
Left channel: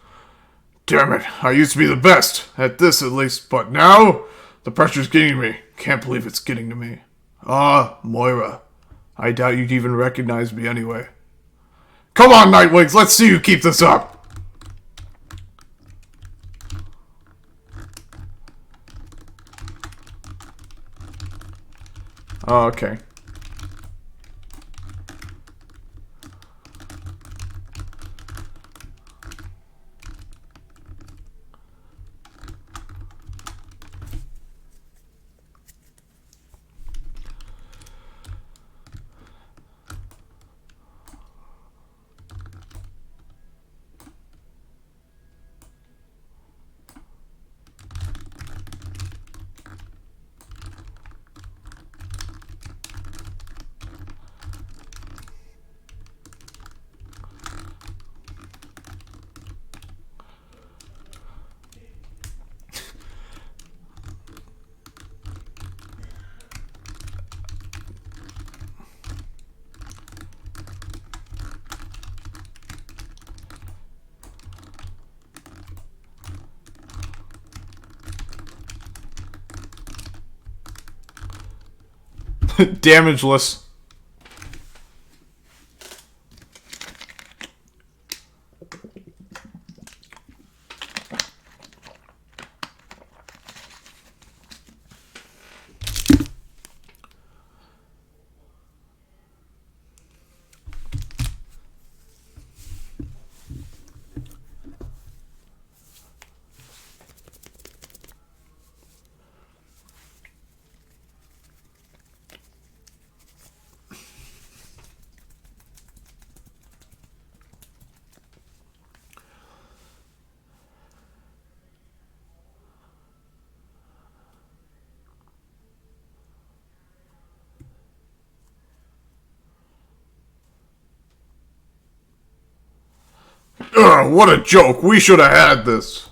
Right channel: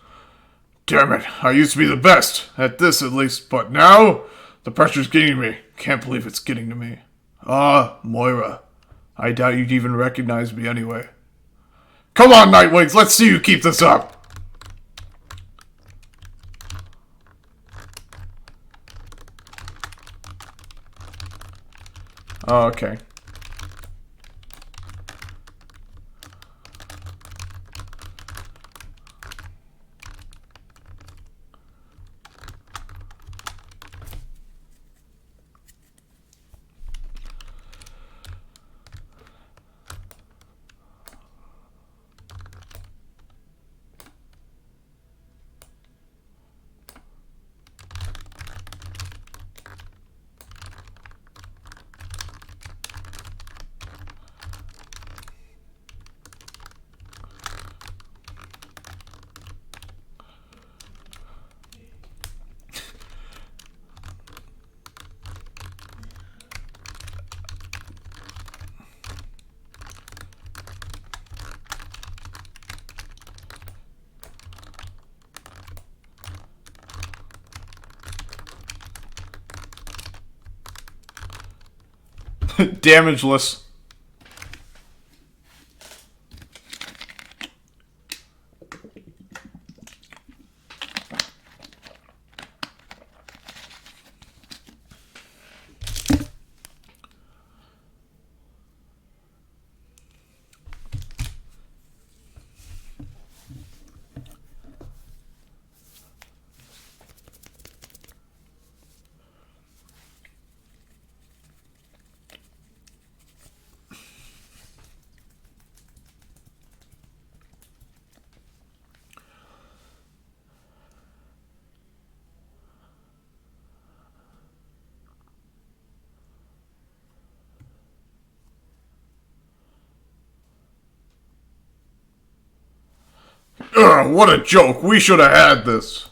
Damn it, I used to be the best, at this at least, but now, the pressure's getting me. Can't believe it's getting to me. Ah, Moira. I doubt you'd even recognize me anyway. Come on, Nightwings, let's see you keep this up. Oh, okay. Damageless. Ugh, what a joke. We should have had this.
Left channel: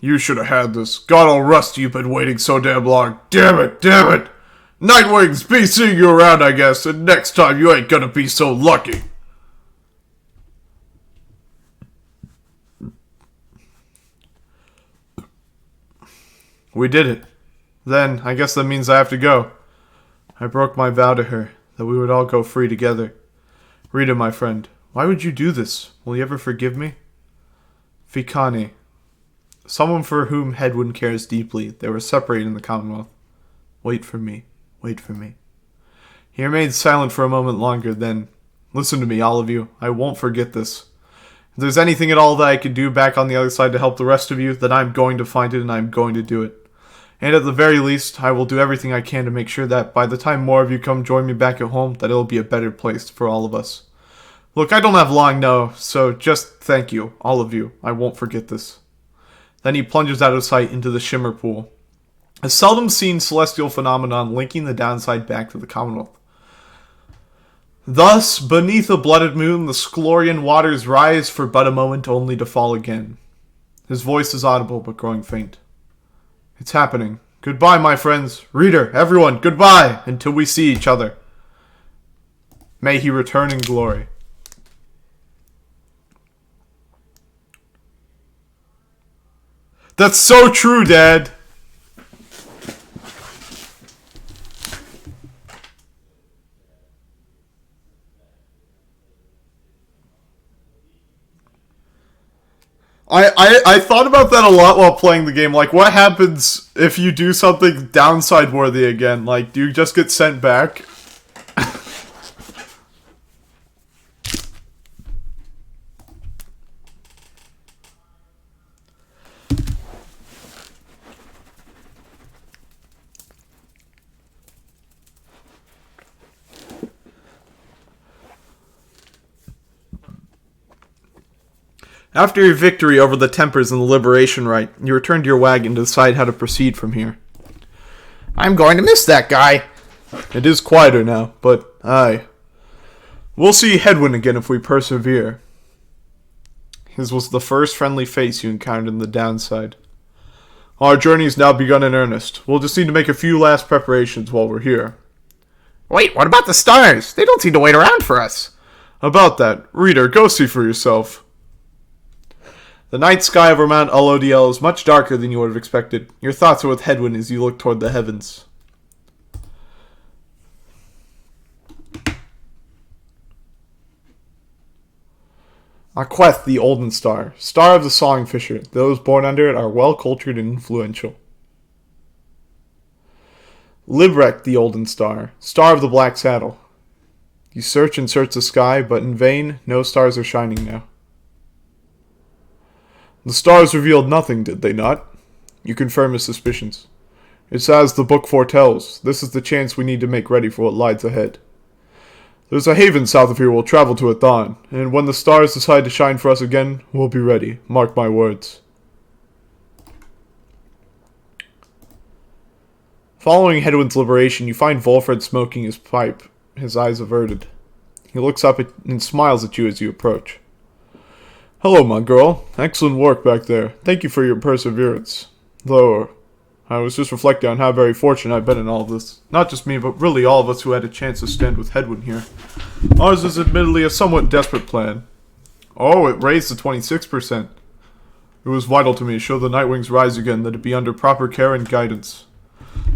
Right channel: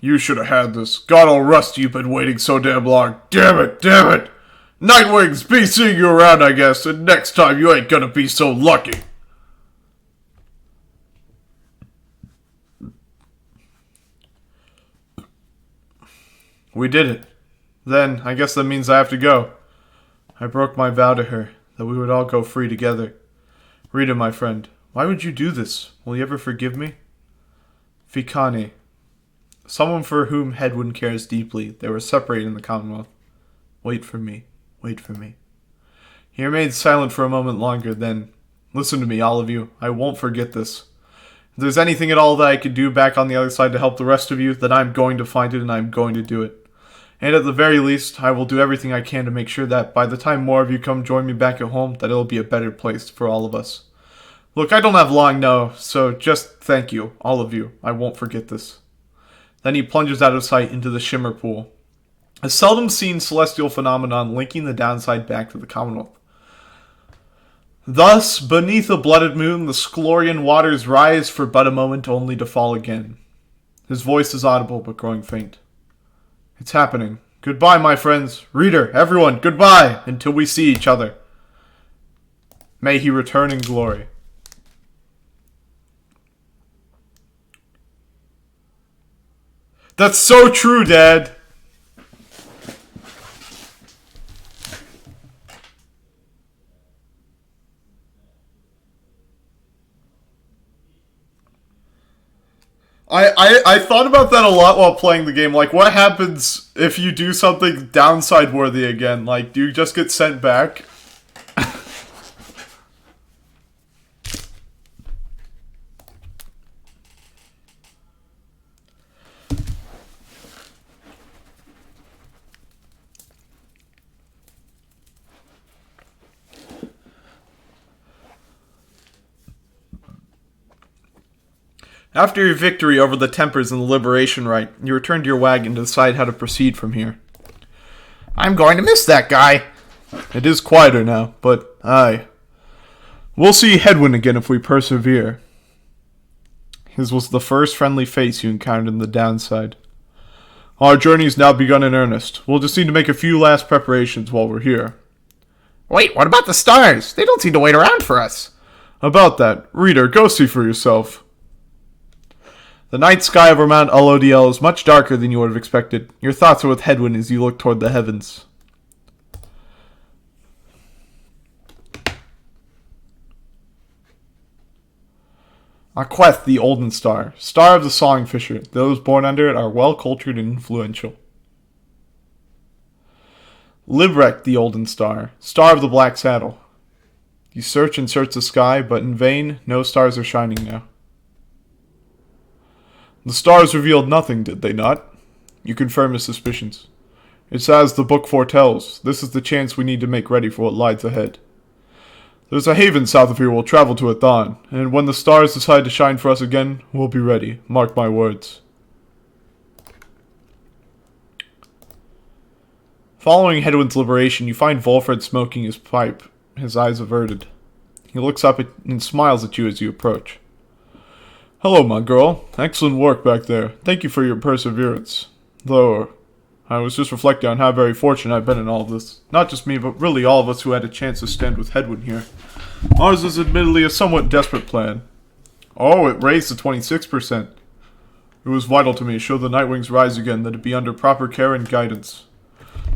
You should have had this. God will rust you've been waiting so damn long. Damn it, damn it. Nightwings, be seeing you around, I guess, and next time you ain't gonna be so lucky. We did it. Then, I guess that means I have to go. I broke my vow to her, that we would all go free together. Rita, my friend, why would you do this? Will you ever forgive me? Fikani. Someone for whom Hedwyn cares deeply. They were separated in the Commonwealth. Wait for me. Wait for me. He remained silent for a moment longer, then, listen to me, all of you. I won't forget this. If there's anything at all that I can do back on the other side to help the rest of you, then I'm going to find it and I'm going to do it. And at the very least, I will do everything I can to make sure that by the time more of you come join me back at home, that it'll be a better place for all of us. Look, I don't have long now, so just thank you, all of you. I won't forget this. Then he plunges out of sight into the Shimmer Pool, a seldom seen celestial phenomenon linking the downside back to the Commonwealth. Thus, beneath a blooded moon, the Sclorian waters rise for but a moment only to fall again. His voice is audible but growing faint. It's happening. Goodbye, my friends. Reader, everyone, goodbye until we see each other. May he return in glory. That's so true, Dad. I thought about that a lot while playing the game. Like, what happens if you do something downside worthy again? Like, do you just get sent back? After your victory over the Tempers and the Liberation Rite, you return to your wagon to decide how to proceed from here. I'm going to miss that guy. It is quieter now, but aye. We'll see Hedwyn again if we persevere. His was the first friendly face you encountered in the downside. Our journey's now begun in earnest. We'll just need to make a few last preparations while we're here. Wait, what about the stars? They don't seem to wait around for us. About that, reader, go see for yourself. The night sky over Mount Alodiel is much darker than you would have expected. Your thoughts are with Hedwyn as you look toward the heavens. Aqueth, the Olden Star, star of the Songfisher. Those born under it are well-cultured and influential. Librek, the Olden Star, star of the Black Saddle. You search and search the sky, but in vain, no stars are shining now. The stars revealed nothing, did they not? You confirm his suspicions. It's as the book foretells. This is the chance we need to make ready for what lies ahead. There's a haven south of here we'll travel to at dawn, and when the stars decide to shine for us again, we'll be ready. Mark my words. Following Hedwyn's liberation, you find Volfred smoking his pipe, his eyes averted. He looks up and smiles at you as you approach. Hello, my girl. Excellent work back there. Thank you for your perseverance. Though, I was just reflecting on how very fortunate I've been in all of this. Not just me, but really all of us who had a chance to stand with Hedwyn here. Ours is admittedly a somewhat desperate plan. Oh, it raised to 26%. It was vital to me, should the Nightwings rise again, that it be under proper care and guidance.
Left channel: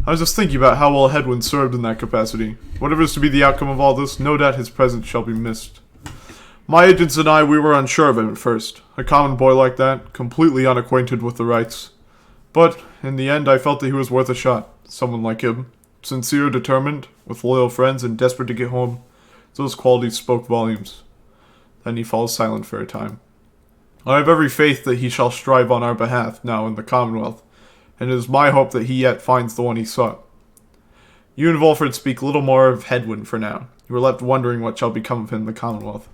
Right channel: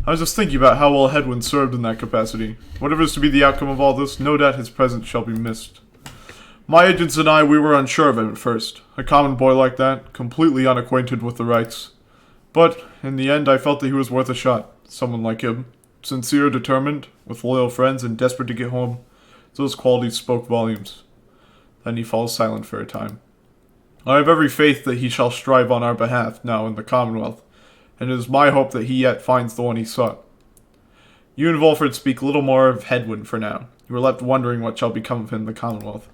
I was just thinking about how well Hedwyn served in that capacity. Whatever is to be the outcome of all this, no doubt his presence shall be missed. My agents and I, we were unsure of him at first. A common boy like that, completely unacquainted with the rights. But, in the end, I felt that he was worth a shot. Someone like him. Sincere, determined, with loyal friends, and desperate to get home. Those qualities spoke volumes. Then he falls silent for a time. I have every faith that he shall strive on our behalf, now in the Commonwealth, and it is my hope that he yet finds the one he sought. You and Volfred speak little more of Hedwyn for now. You are left wondering what shall become of him in the Commonwealth.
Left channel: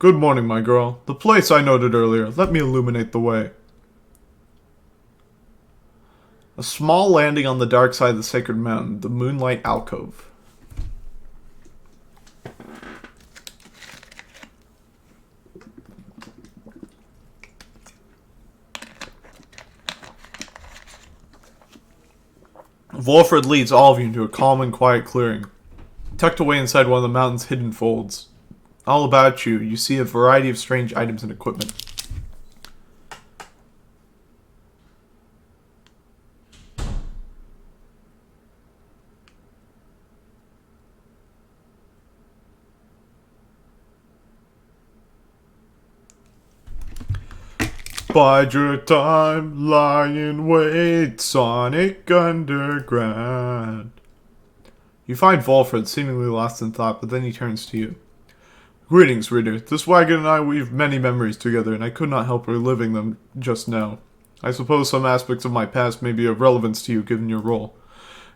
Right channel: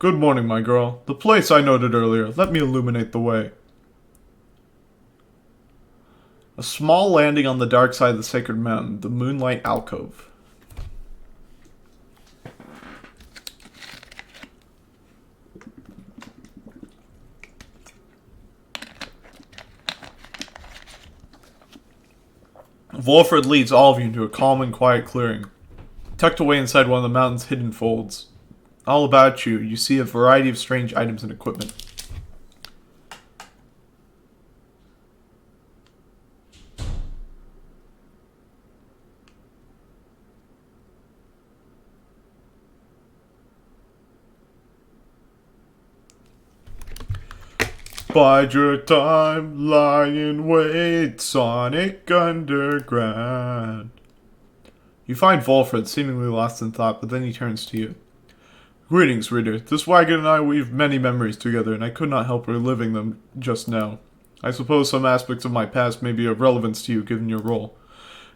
Good morning, my girl. The place I noted earlier. Let me illuminate the way. A small landing on the dark side of the sacred mountain, the Moonlight Alcove. Volfred leads all of you into a calm and quiet clearing, tucked away inside one of the mountain's hidden folds. All about you, you see a variety of strange items and equipment. Bide your time, lie in wait, Sonic Underground. You find Volfred seemingly lost in thought, but then he turns to you. Greetings, reader. This wagon and I weave many memories together, and I could not help reliving them just now. I suppose some aspects of my past may be of relevance to you, given your role.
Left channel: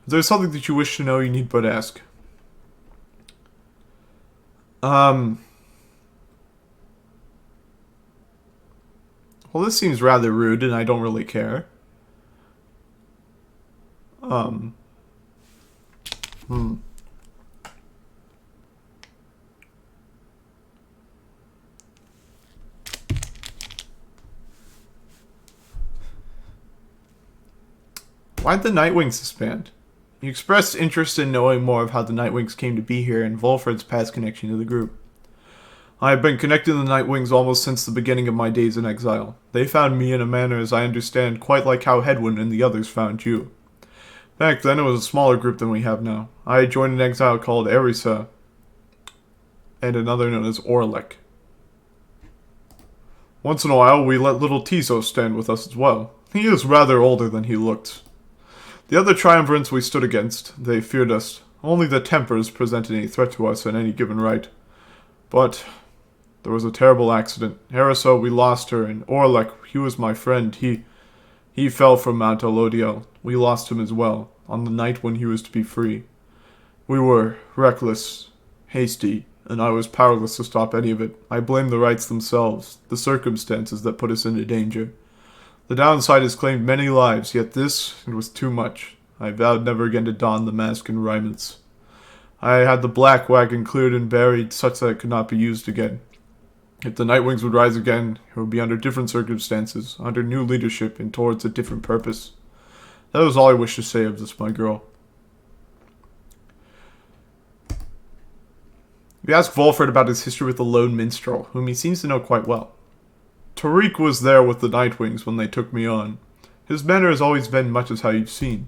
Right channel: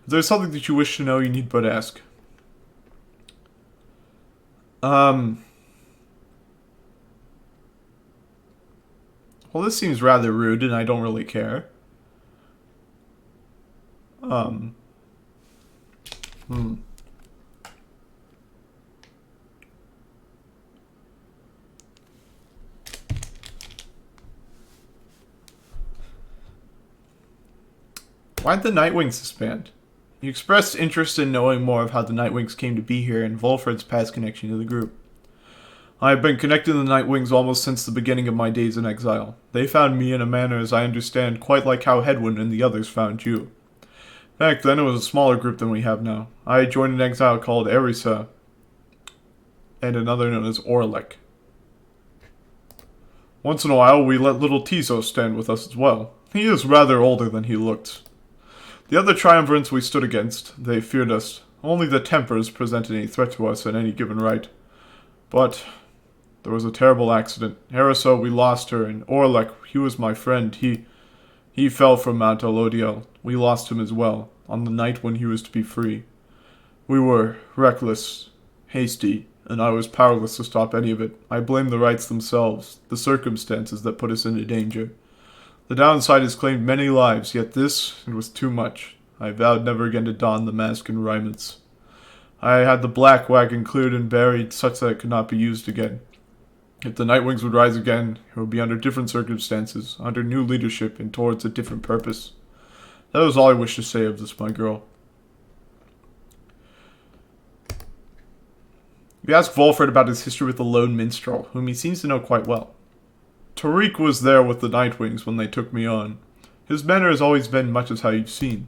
If there's something that you wish to know, you need but ask. Well, this seems rather rude, and I don't really care. Why'd the Nightwings disband? You expressed interest in knowing more of how the Nightwings came to be here and Volfred's past connection to the group. I have been connected to the Nightwings almost since the beginning of my days in exile. They found me in a manner, as I understand, quite like how Hedwyn and the others found you. Back then, it was a smaller group than we have now. I had joined an exile called Erisa, and another known as Orlek. Once in a while, we let little Tizo stand with us as well. He is rather older than he looked. The other triumvirates we stood against, they feared us. Only the Tempers presented any threat to us in any given right. But there was a terrible accident. Erisa, we lost her, and Orlek, he was my friend. He fell from Mount Alodiel. We lost him as well, on the night when he was to be free. We were reckless, hasty, and I was powerless to stop any of it. I blame the rites themselves, the circumstances that put us into danger. The downside has claimed many lives, yet this, it was too much. I vowed never again to don the mask and raiments. I had the black wagon cleared and buried, such that it could not be used again. If the Nightwings would rise again, it would be under different circumstances, under new leadership, and towards a different purpose. That was all I wish to say of this, my girl. We asked Volfred about his history with the lone minstrel, whom he seems to know quite well. Tariq was there with the Nightwings when they took me on. His manner has always been much as how you've seen.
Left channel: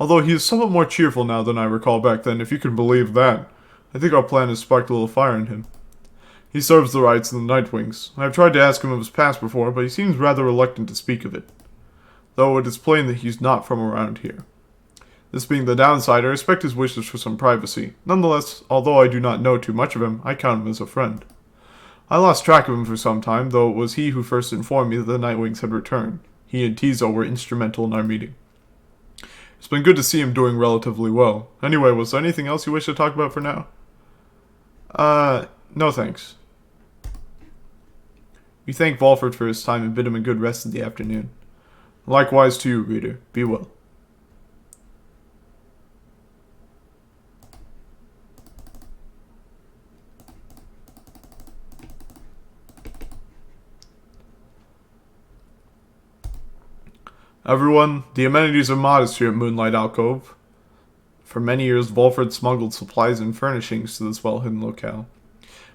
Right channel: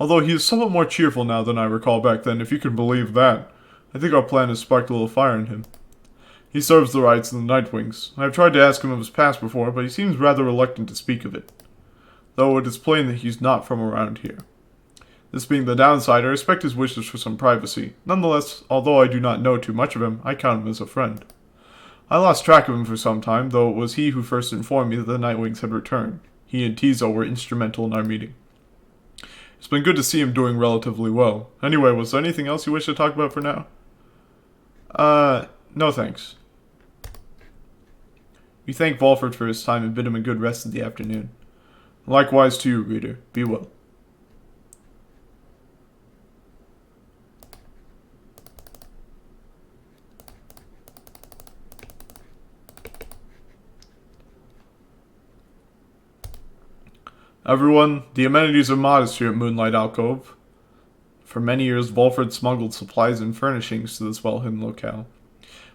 Although he is somewhat more cheerful now than I recall back then, if you can believe that. I think our plan has sparked a little fire in him. He serves the rights of the Nightwings. I have tried to ask him of his past before, but he seems rather reluctant to speak of it. Though it is plain that he's not from around here. This being the downside, I respect his wishes for some privacy. Nonetheless, although I do not know too much of him, I count him as a friend. I lost track of him for some time, though it was he who first informed me that the Nightwings had returned. He and Tizo were instrumental in our meeting. It's been good to see him doing relatively well. Anyway, was there anything else you wish to talk about for now? No thanks. We thank Volfred for his time and bid him a good rest in the afternoon. Likewise to you, reader. Be well. Everyone, the amenities are modest here at Moonlight Alcove. For many years, Volfred smuggled supplies and furnishings to this well-hidden locale.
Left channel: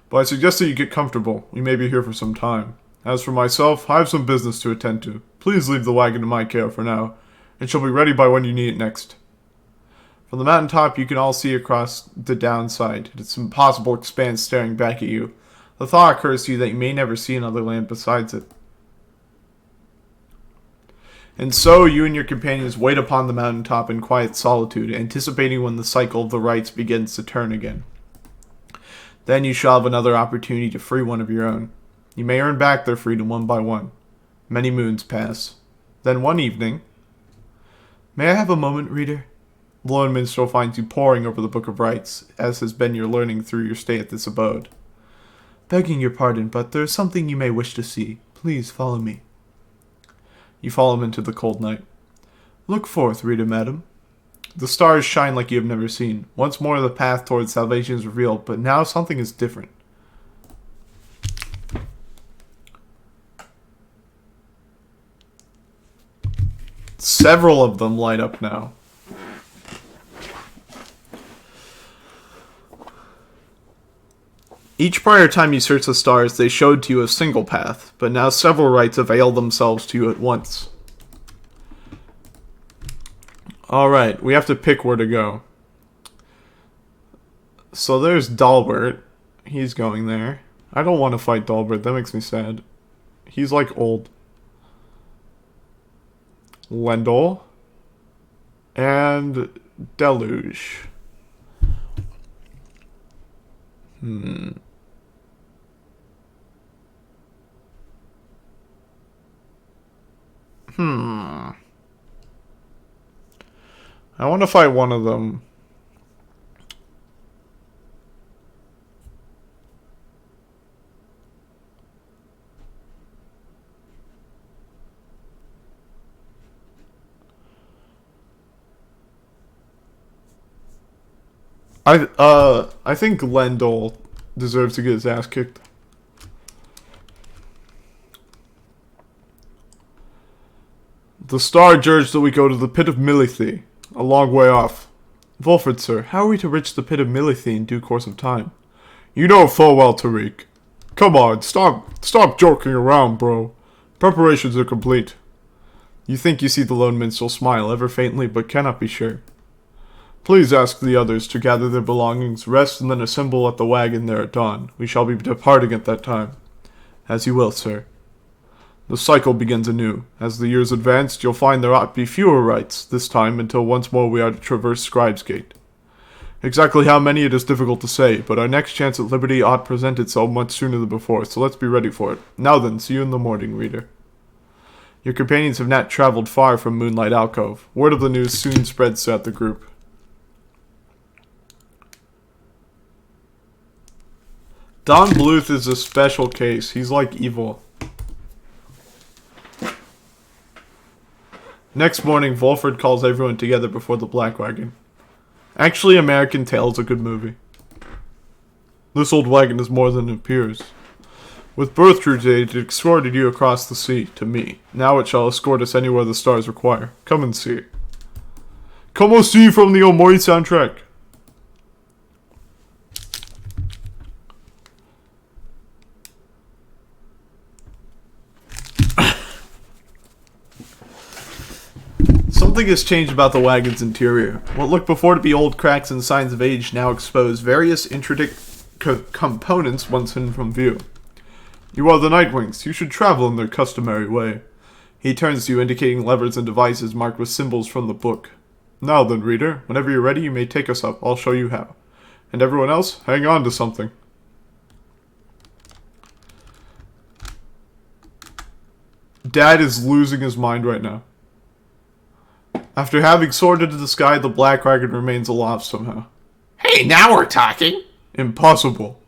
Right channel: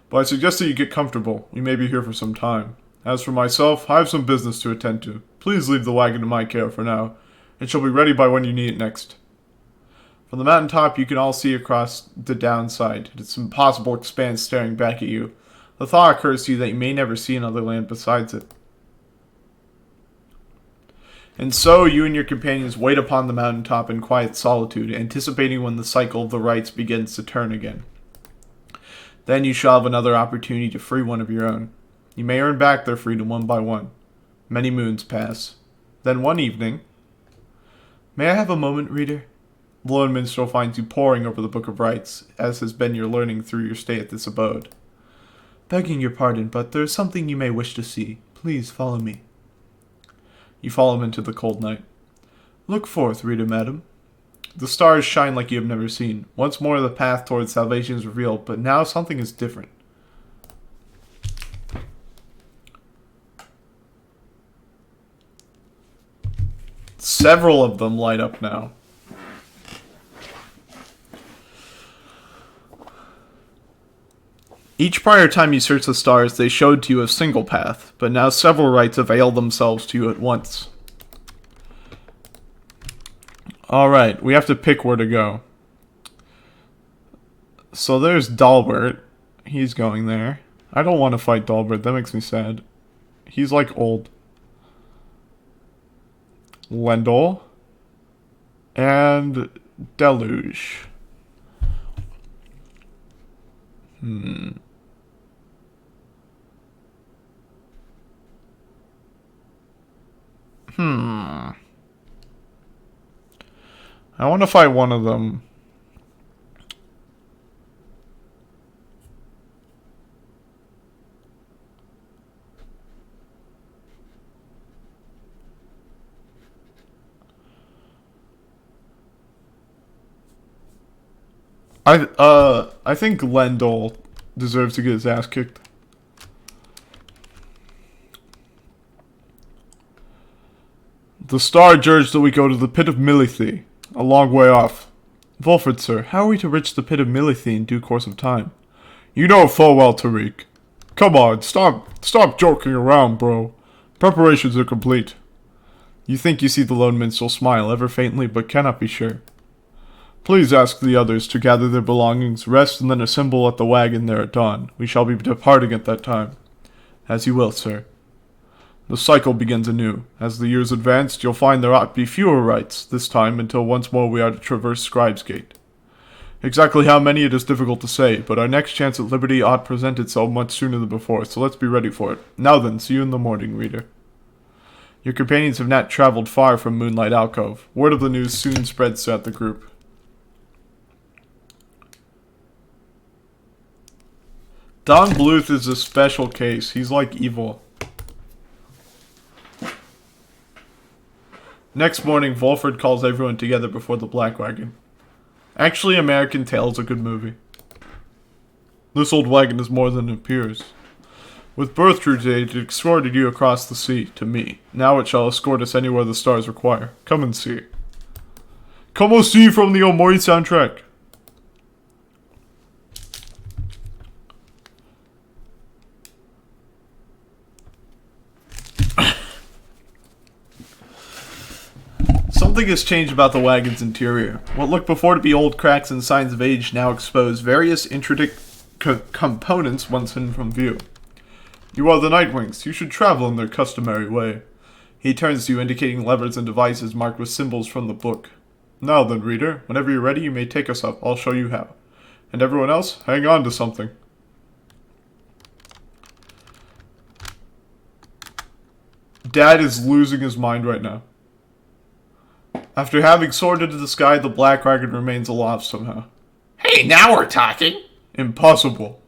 But I suggest that you get comfortable. We may be here for some time. As for myself, I have some business to attend to. Please leave the wagon in my care for now. It shall be ready by when you need it next. From the mountaintop, you can all see across the downside. It's an impossible expanse staring back at you. The thought occurs to you that you may never see another land besides it. And so you and your companions wait upon the mountaintop in quiet solitude, anticipating when the cycle of the rites begins to turn again. Then you shall have another opportunity to free one of your own. You may earn back their freedom one by one. Many moons pass. Then one evening... May I have a moment, reader? The lone minstrel finds you poring over the Book of Rites, as has been your learning through your stay at this abode. Begging your pardon, but there is something you may wish to see. Please follow me. You follow him into the cold night. Look forth, reader madam. The stars shine like you have never seen. Once more the path towards salvation is revealed, but now something is different. Several of them light up now. Each prior time you searched the stars, they showed to you a single path, but now several rites avail themselves to you at once. Alright, we have to pick where to go. So there's Dalbert. He's going there. I don't want to fight Dalbert, that makes me sad. He's like old. Lendl, and Deluge. I want to fight one of them. I think Lendl deserves to get his ass kicked. The star urged that we go to the pit of Milithy, a long way off. Volfred, sir, how are we to reach the pit of Milithy in due course of time? You know full well, Tariq. Come on, stop joking around, bro. Preparations are complete. You think you see the lone minstrel smile ever faintly, but cannot be sure. Please ask the others to gather their belongings, rest, and then assemble at the wagon there at dawn. We shall be departing at that time. As you will, sir. The cycle begins anew. As the years advance, you'll find there ought to be fewer rites, this time, until once more we are to traverse Scribe's Gate. Exactly how many it is difficult to say, but our next chance at liberty ought present itself much sooner than before, so let's be ready for it. Now then, see you in the morning, reader. Your companions have not traveled far from Moonlight Alcove. Word of the news soon spreads throughout the group. Don Bluth is a special case. He's like evil. Next morning, Volfred calls everyone together before the Black Wagon. Actually, American Tail is a good movie. This old wagon is more than it appears. With Birthrude's aid, it escorted you across the sea, to me. Now it shall escort us anywhere the stars require. Come and see. Come and see from the Omori soundtrack. Something has changed about the wagon's interior. What looked before to be old cracks and signs of age now expose various intricate components once hidden from view. You are the Nightwings. You should travel in their customary way. He turns to you, indicating levers and devices marked with symbols from the book. Now then, reader, whenever you're ready, you may take us up. I'll show you how. And everyone else, hang on to something. Dad is losing his mind right now. After having soared into the sky, the Black Wagon remains aloft somehow. Hey, now we're talking. Impossible.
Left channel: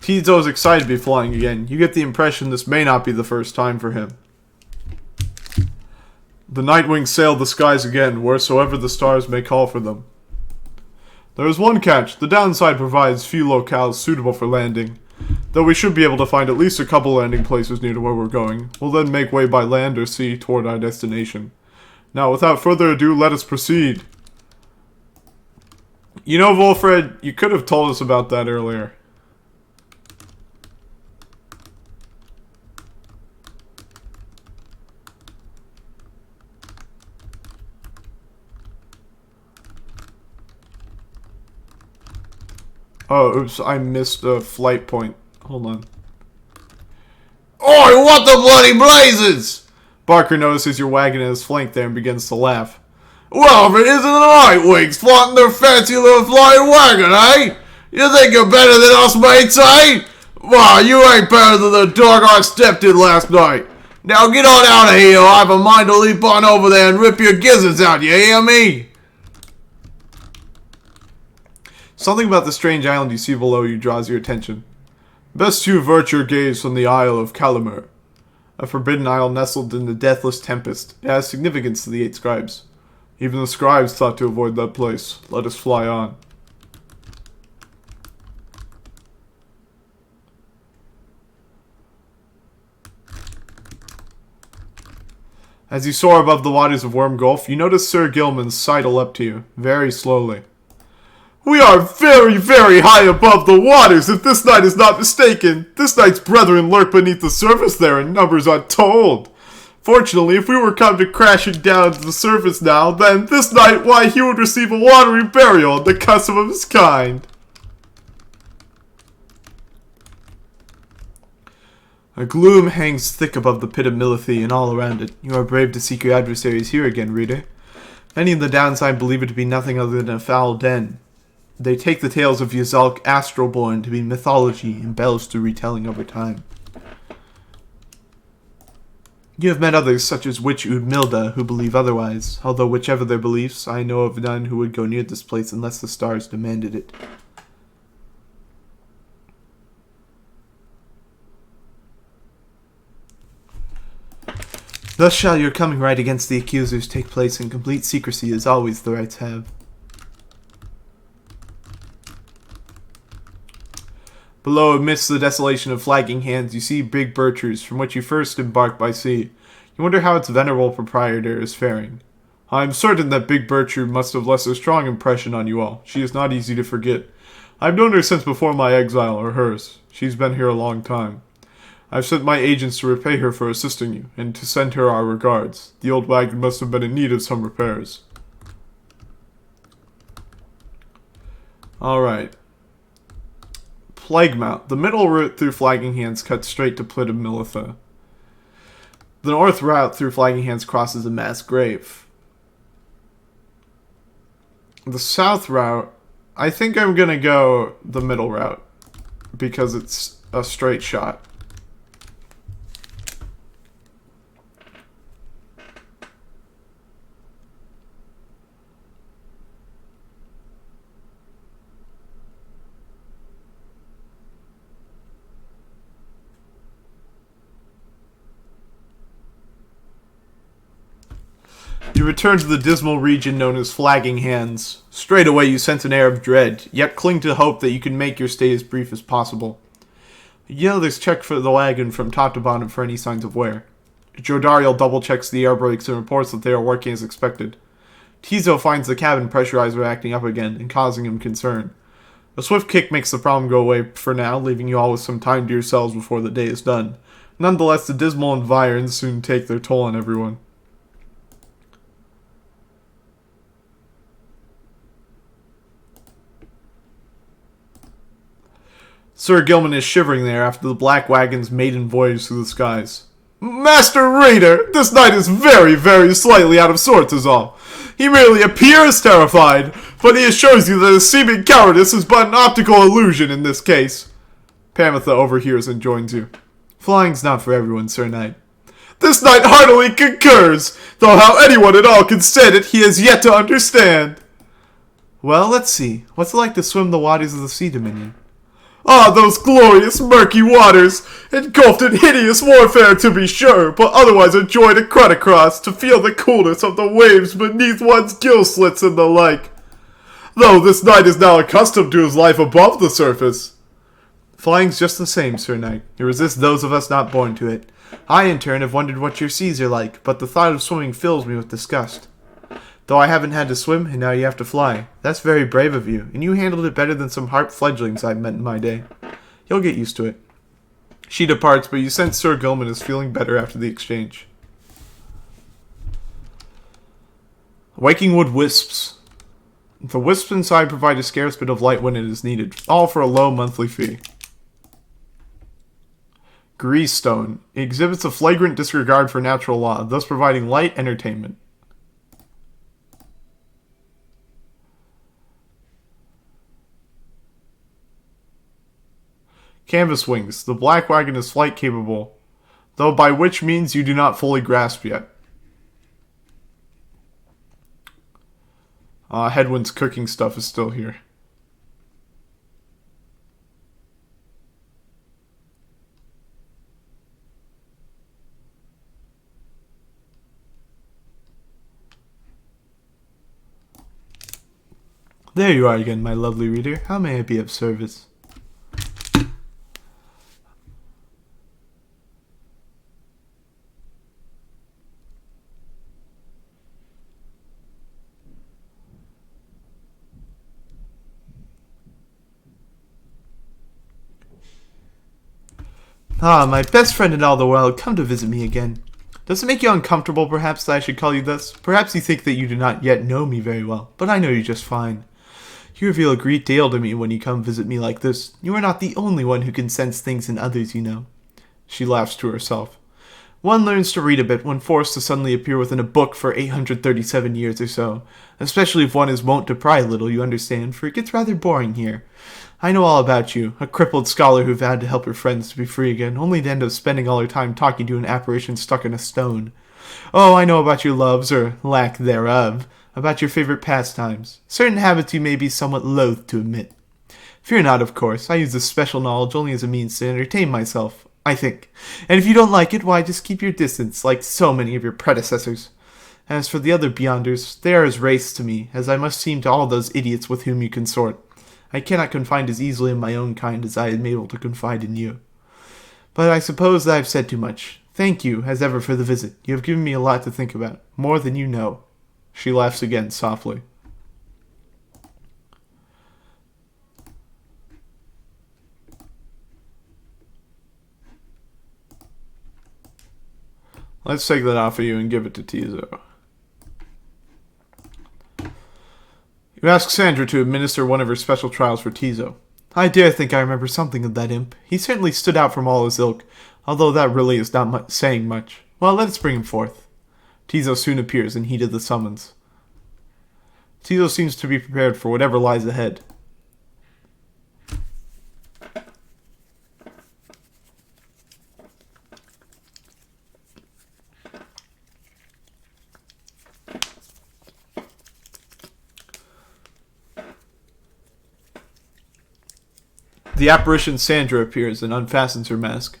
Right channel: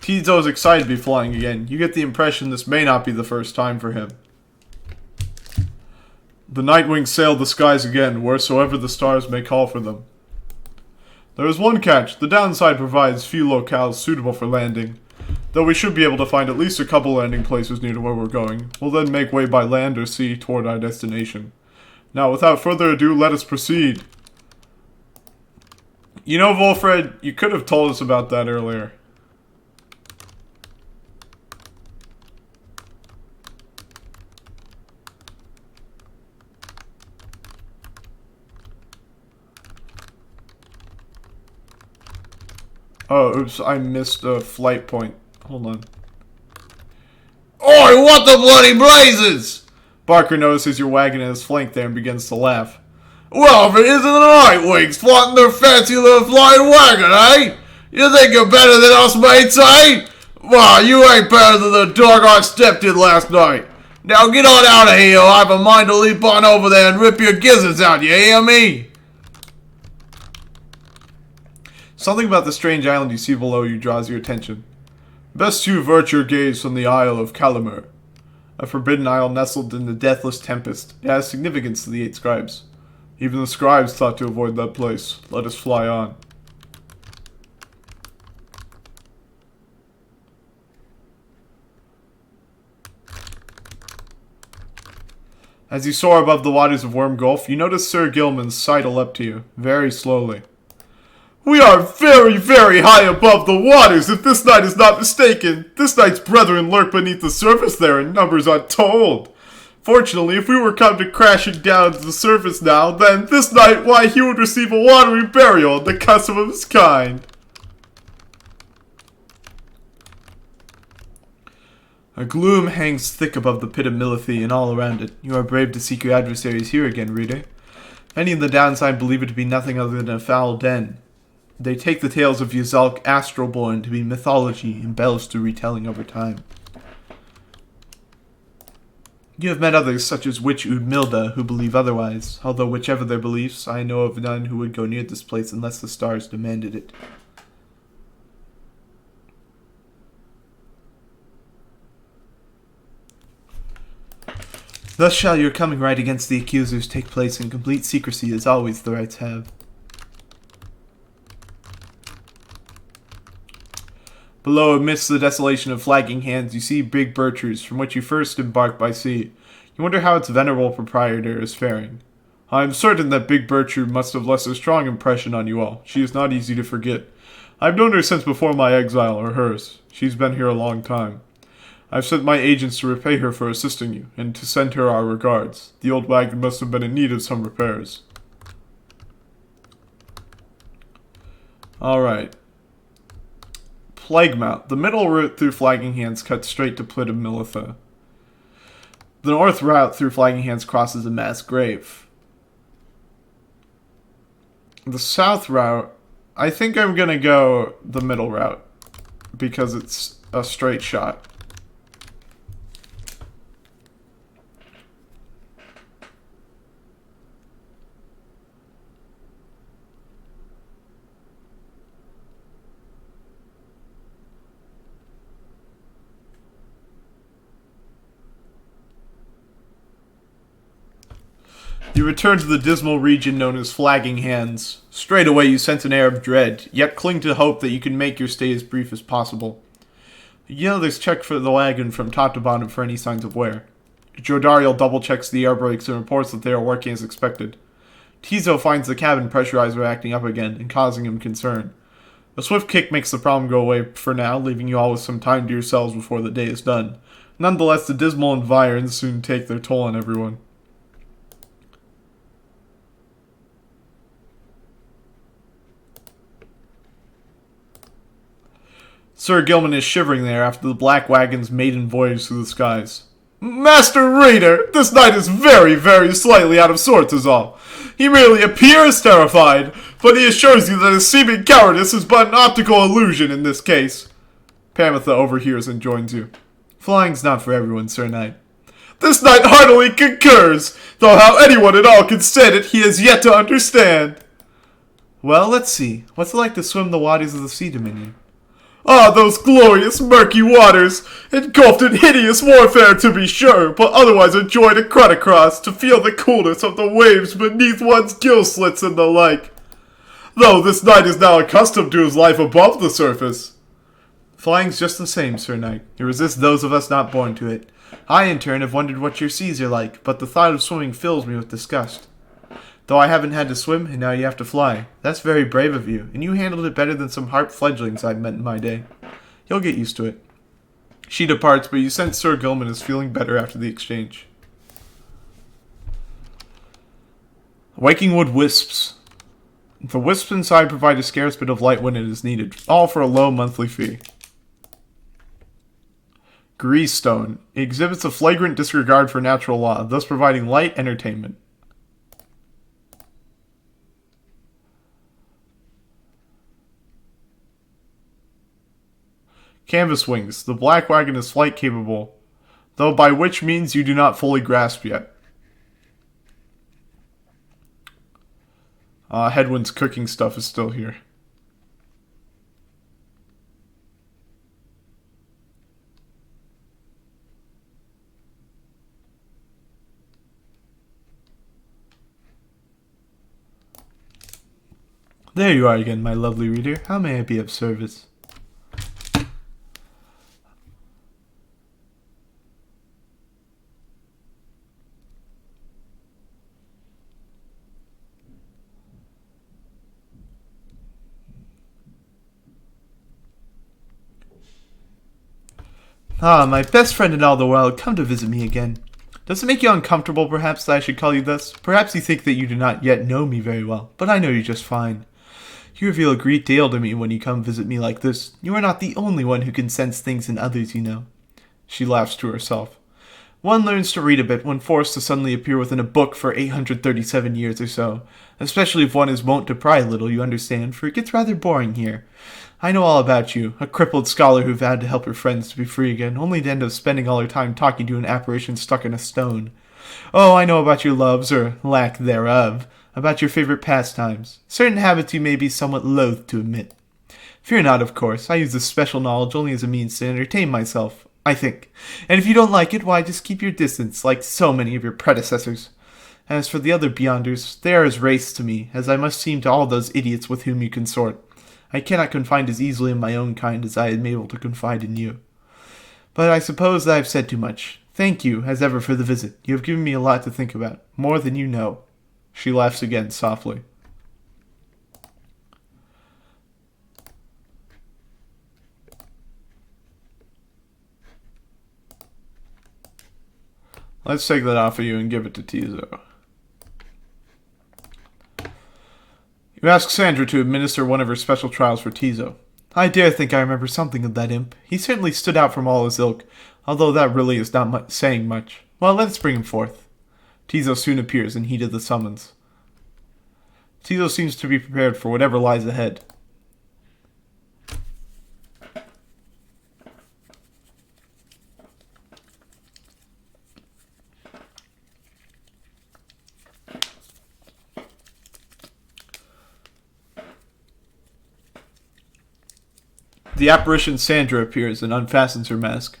Tizo is excited to be flying again. You get the impression this may not be the first time for him. The Nightwings sail the skies again, wheresoever the stars may call for them. There is one catch. The downside provides few locales suitable for landing. Though we should be able to find at least a couple landing places near to where we're going. We'll then make way by land or sea toward our destination. Now, without further ado, let us proceed. You know, Volfred, you could have told us about that earlier. Oh, oops, I missed a flight point. Hold on. Oi, what the bloody blazes! Barker notices your wagon in his flank there and begins to laugh. Well, if it isn't the Nightwings flaunting their fancy little flying wagon, eh? You think you're better than us mates, eh? Well, you ain't better than the dog I stepped in last night. Now get on out of here, I have a mind to leap on over there and rip your gizzards out, you hear me? Something about the strange island you see below you draws your attention. Best you avert your gaze from the Isle of Calamur, a forbidden isle nestled in the deathless tempest. It has significance to the 8 scribes. Even the scribes thought to avoid that place. Let us fly on. As you soar above the waters of Worm Gulf, you notice Sir Gilman's sidle up to you, very slowly. We are very, very high above the waters, if this knight is not mistaken. This knight's brethren lurk beneath the surface there in numbers untold. Fortunately, if we were come to crashing down to the surface now, then this knight, why, he would receive a watery burial in the custom of his kind. A gloom hangs thick above the pit of Milithy and all around it. You are brave to seek your adversaries here again, reader. Many in the downside believe it to be nothing other than a foul den. They take the tales of Yuzalk Astralborn to be mythology embellished through retelling over time. You have met others such as Witch Udmilda who believe otherwise, although whichever their beliefs, I know of none who would go near this place unless the stars demanded it. Thus shall your coming right against the accusers take place in complete secrecy as always the rights have. Below, amidst the desolation of flagging hands, you see Big Birchers, from which you first embarked by sea. You wonder how its venerable proprietor is faring. I am certain that Big Bircher must have left a strong impression on you all. She is not easy to forget. I have known her since before my exile, or hers. She's been here a long time. I've sent my agents to repay her for assisting you, and to send her our regards. The old wagon must have been in need of some repairs. Alright. Plaguemount. The middle route through Flagging Hands cuts straight to Plit of Militha. The north route through Flagging Hands crosses a mass grave. The south route, I think I'm gonna go the middle route, because it's a straight shot. You return to the dismal region known as Flagging Hands. Straight away you sense an air of dread, yet cling to hope that you can make your stay as brief as possible. You know there's check for the wagon from top to bottom for any signs of wear. Jodariel double-checks the air brakes and reports that they are working as expected. Tizo finds the cabin pressurizer acting up again and causing him concern. A swift kick makes the problem go away for now, leaving you all with some time to yourselves before the day is done. Nonetheless, the dismal environs soon take their toll on everyone. Sir Gilman is shivering there after the black wagon's maiden voyage through the skies. Master Raider, this knight is very, very slightly out of sorts is all. He merely appears terrified, but he assures you that his seeming cowardice is but an optical illusion in this case. Pamitha overhears and joins you. Flying's not for everyone, Sir Knight. This knight heartily concurs, though how anyone at all can stand it he has yet to understand. Well, let's see. What's it like to swim the waters of the Sea Dominion? Ah, those glorious murky waters, engulfed in hideous warfare to be sure, but otherwise a joy to cut across, to feel the coolness of the waves beneath one's gill slits and the like. Though this knight is now accustomed to his life above the surface. Flying's just the same, Sir Knight. It resists those of us not born to it. I, in turn, have wondered what your seas are like, but the thought of swimming fills me with disgust. Though I haven't had to swim, and now you have to fly. That's very brave of you, and you handled it better than some harp fledglings I've met in my day. You'll get used to it. She departs, but you sense Sir Gilman is feeling better after the exchange. Wakingwood Wisps. The wisps inside provide a scarce bit of light when it is needed, all for a low monthly fee. Greasestone. It exhibits a flagrant disregard for natural law, thus providing light entertainment. Canvas Wings. The black wagon is flight capable, though by which means you do not fully grasp yet. Headwind's cooking stuff is still here. There you are again, my lovely reader. How may I be of service? Ah, my best friend in all the world, come to visit me again. Does it make you uncomfortable, perhaps, that I should call you thus? Perhaps you think that you do not yet know me very well, but I know you just fine. You reveal a great deal to me when you come visit me like this. You are not the only one who can sense things in others, you know. She laughs to herself. One learns to read a bit when forced to suddenly appear within a book for 837 years or so. Especially if one is wont to pry a little, you understand, for it gets rather boring here. I know all about you, a crippled scholar who vowed to help her friends to be free again, only to end up spending all her time talking to an apparition stuck in a stone. Oh, I know about your loves, or lack thereof, about your favorite pastimes, certain habits you may be somewhat loath to admit. Fear not, of course, I use this special knowledge only as a means to entertain myself, I think. And if you don't like it, why, just keep your distance, like so many of your predecessors. As for the other Beyonders, they are as wraiths to me, as I must seem to all those idiots with whom you consort. I cannot confide as easily in my own kind as I am able to confide in you. But I suppose that I have said too much. Thank you, as ever, for the visit. You have given me a lot to think about, more than you know. She laughs again, softly. Let's take that off of you and give it to Tizo. You ask Sandra to administer one of her special trials for Tizo. I dare think I remember something of that imp. He certainly stood out from all his ilk, although that really is not saying much. Well, let's bring him forth. Tizo soon appears and heeded the summons. Tizo seems to be prepared for whatever lies ahead. The apparition Sandra appears and unfastens her mask.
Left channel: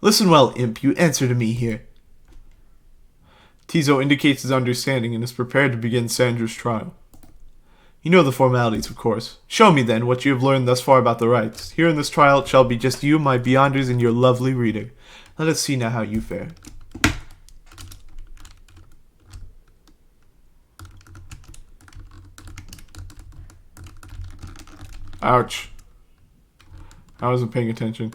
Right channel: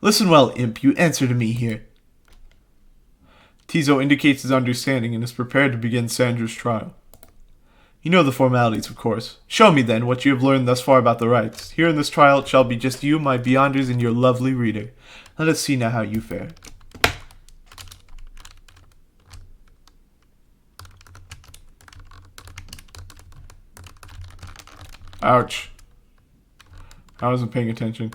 Listen well, imp, you answer to me here. Tizo indicates his understanding and is prepared to begin Sandra's trial. You know the formalities, of course. Show me, then, what you have learned thus far about the rites. Here in this trial it shall be just you, my Beyonders, and your lovely reader. Let us see now how you fare. Ouch. I wasn't paying attention.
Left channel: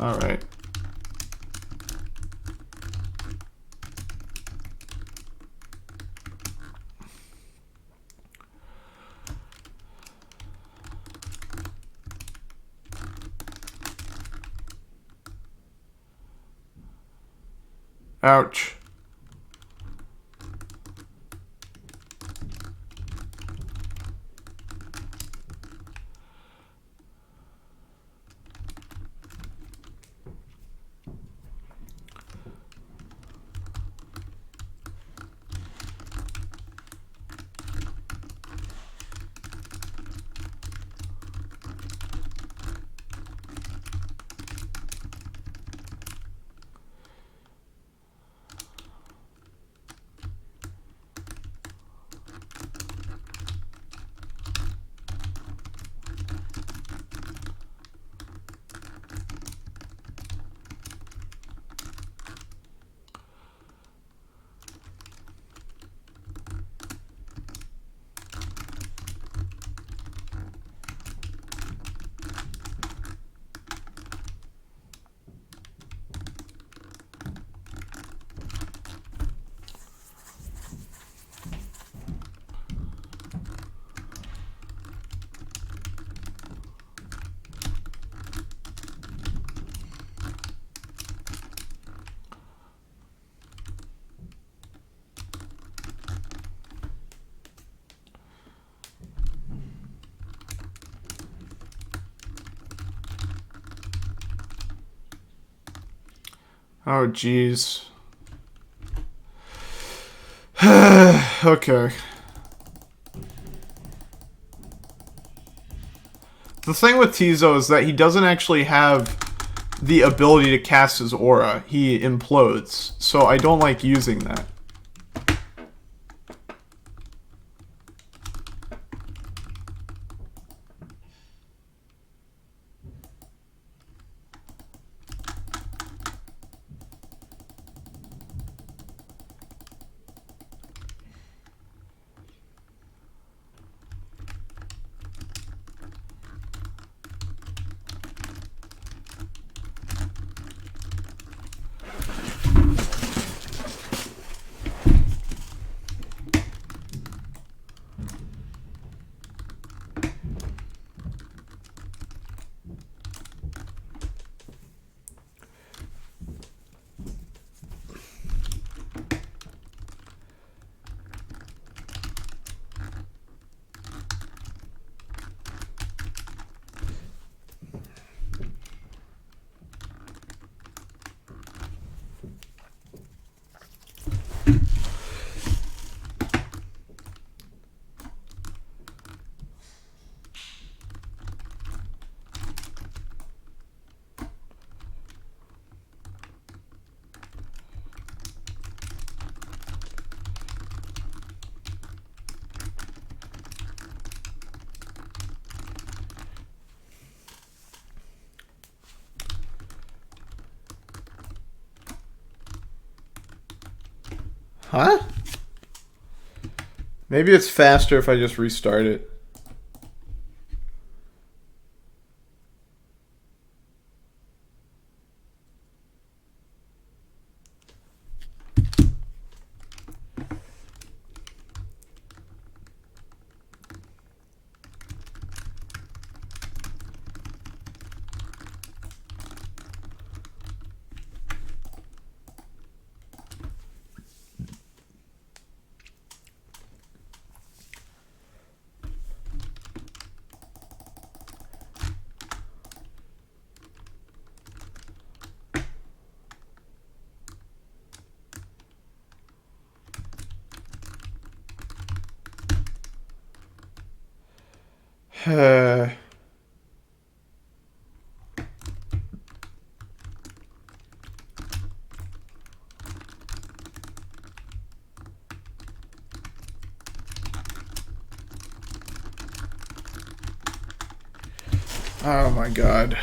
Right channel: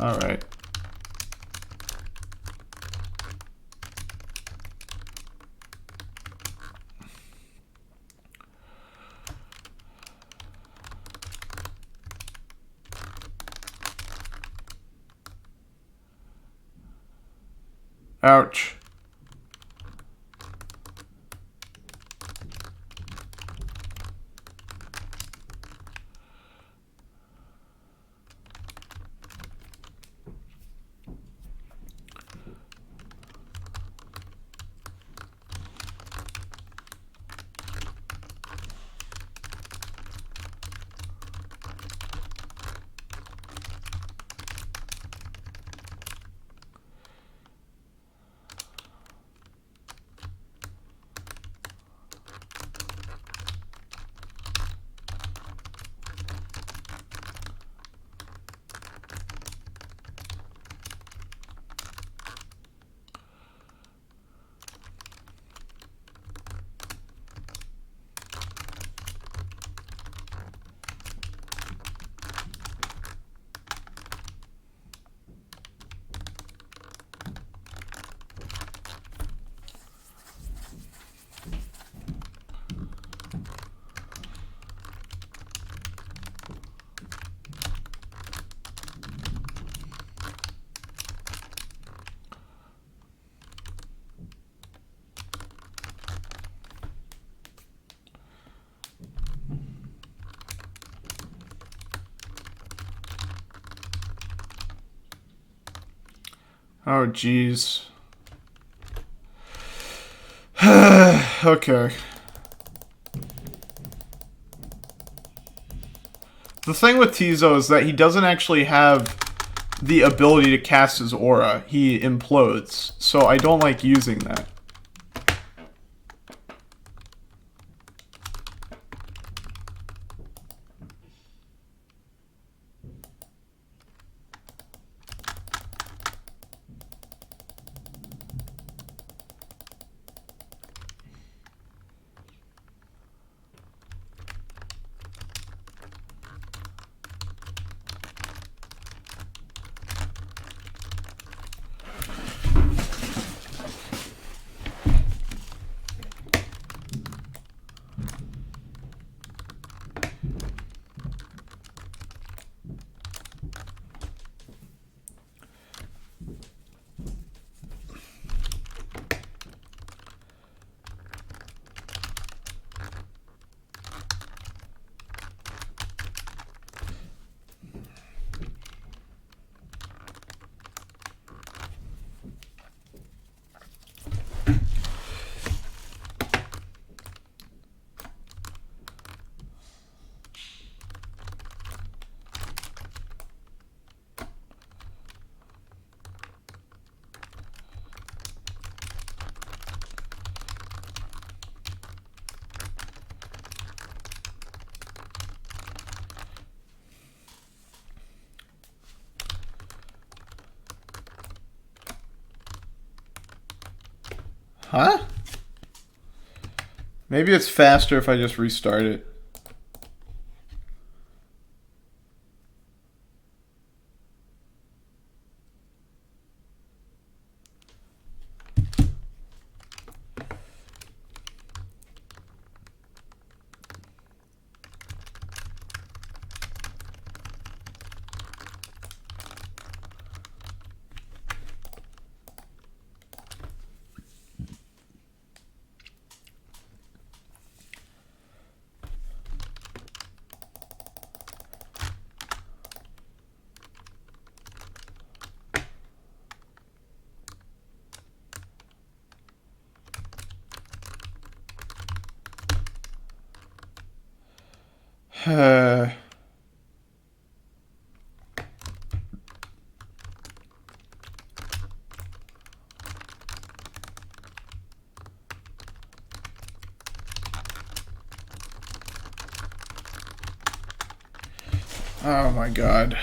Alright. Ouch. Oh, jeez. Okay. The thing with Tizo is that he doesn't actually have the ability to cast his aura. He implodes, so I don't like using that. Huh? Maybe it's faster if I just restart it. Oh my god.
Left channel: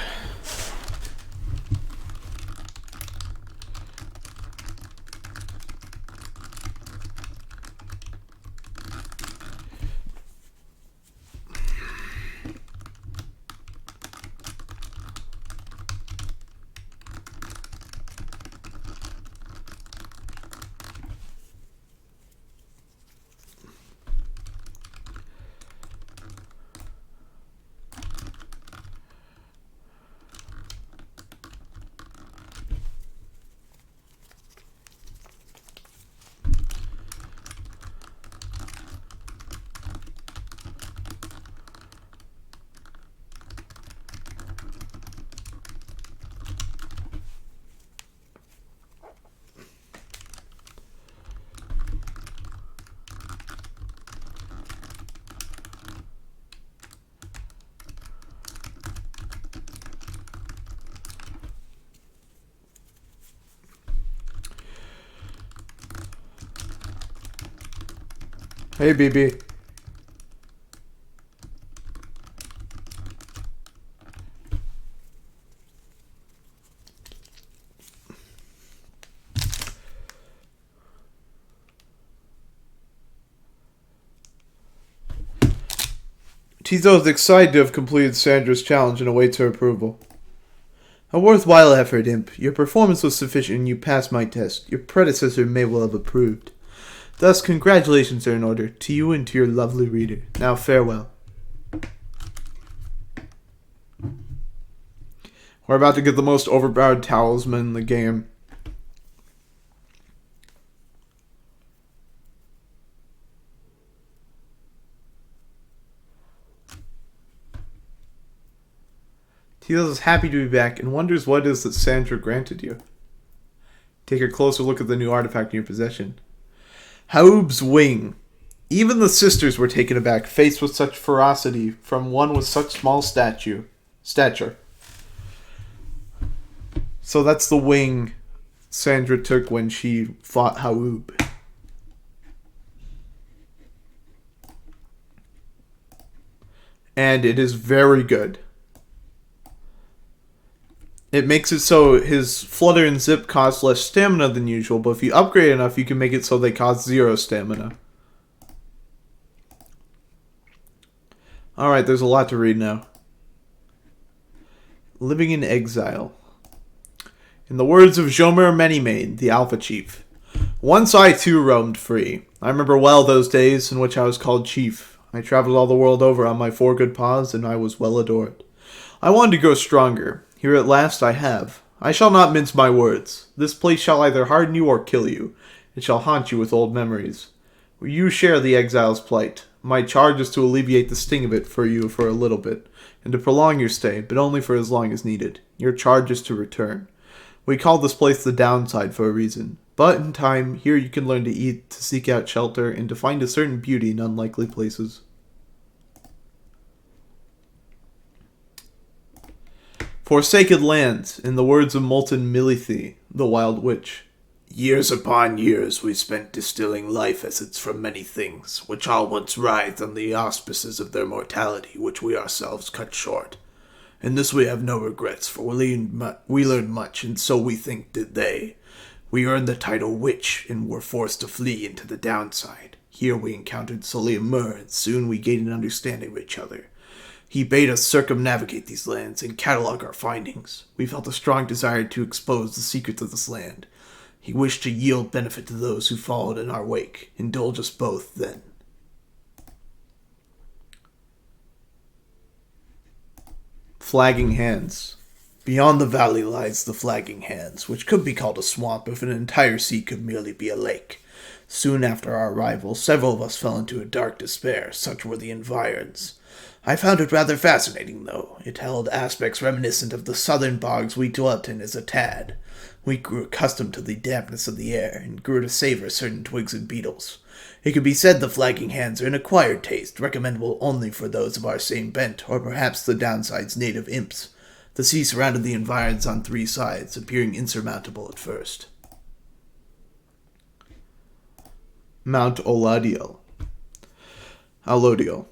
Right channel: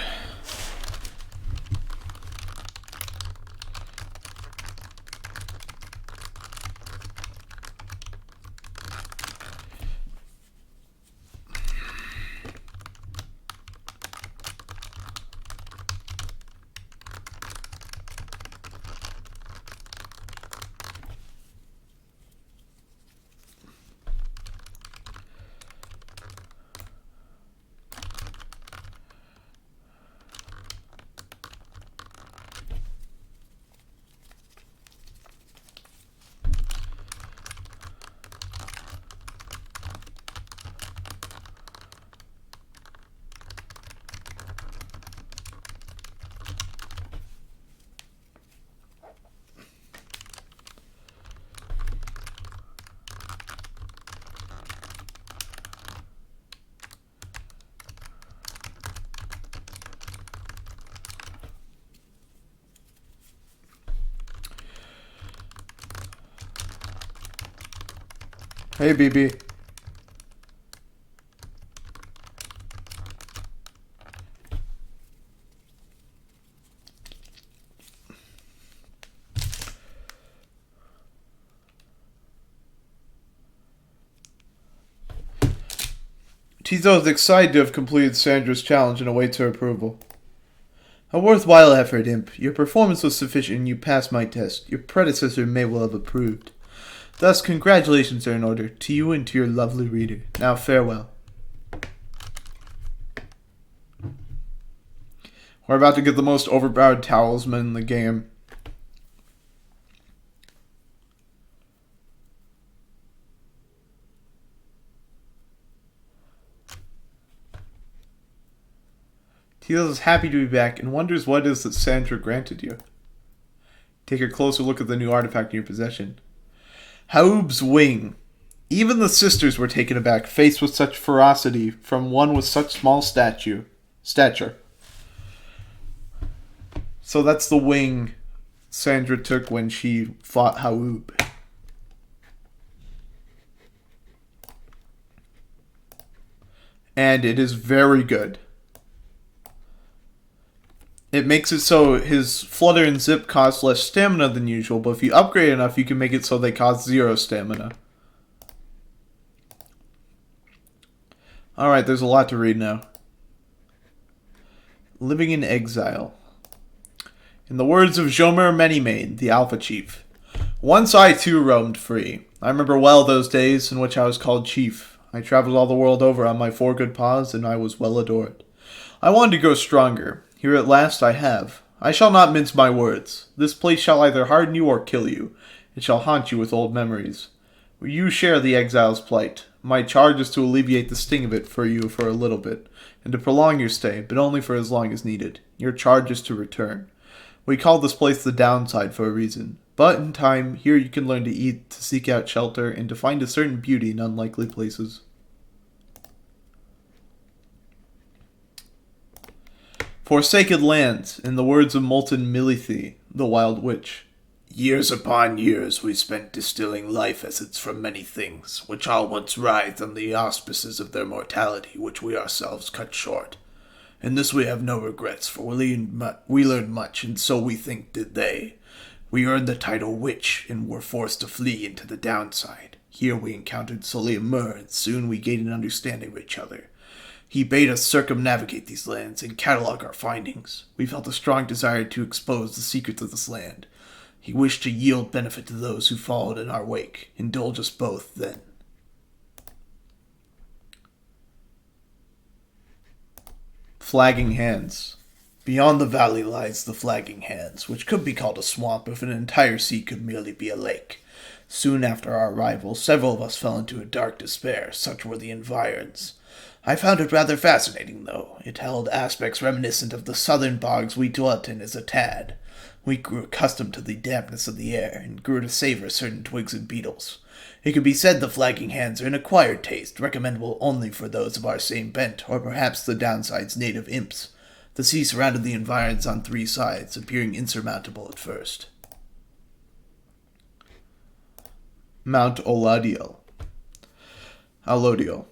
Hey, BB. Tizo is excited to have completed Sandra's challenge and awaits her approval. A worthwhile effort, Imp. Your performance was sufficient and you passed my test. Your predecessor may well have approved. Thus, congratulations are in order to you and to your lovely reader. Now, farewell. We're about to get the most overpowered talisman in the game. Teal is happy to be back and wonders what it is that Sandra granted you. Take a closer look at the new artifact in your possession. Haub's wing. Even the sisters were taken aback, faced with such ferocity from one with such small stature. So that's the wing Sandra took when she fought Haub. And it is very good. It makes it so his flutter and zip cost less stamina than usual, but if you upgrade enough, you can make it so they cost 0 stamina. Alright, there's a lot to read now. Living in exile. In the words of Jomer Manymane, the Alpha Chief, once I too roamed free. I remember well those days in which I was called Chief. I traveled all the world over on my 4 good paws, and I was well adored. I wanted to grow stronger. Here at last I have. I shall not mince my words. This place shall either harden you or kill you. It shall haunt you with old memories. You share the exile's plight. My charge is to alleviate the sting of it for you for a little bit, and to prolong your stay, but only for as long as needed. Your charge is to return. We call this place the downside for a reason. But in time, here you can learn to eat, to seek out shelter, and to find a certain beauty in unlikely places. Forsaken lands, in the words of Molten Milithi, the Wild Witch. Years upon years we spent distilling life essence from many things, which all once writhed on the auspices of their mortality, which we ourselves cut short. In this we have no regrets, for we learned much, and so we think did they. We earned the title Witch and were forced to flee into the downside. Here we encountered Solia Mur, and soon we gained an understanding of each other. He bade us circumnavigate these lands and catalog our findings. We felt a strong desire to expose the secrets of this land. He wished to yield benefit to those who followed in our wake. Indulge us both, then. Flagging Hands. Beyond the valley lies the Flagging Hands, which could be called a swamp if an entire sea could merely be a lake. Soon after our arrival, several of us fell into a dark despair, such were the environs. I found it rather fascinating, though. It held aspects reminiscent of the southern bogs we dwelt in as a tad. We grew accustomed to the dampness of the air, and grew to savor certain twigs and beetles. It could be said the Flagging Hands are an acquired taste, recommendable only for those of our same bent, or perhaps the downside's native imps. The sea surrounded the environs on 3 sides, appearing insurmountable at first. Mount Alodiel. Alodiel.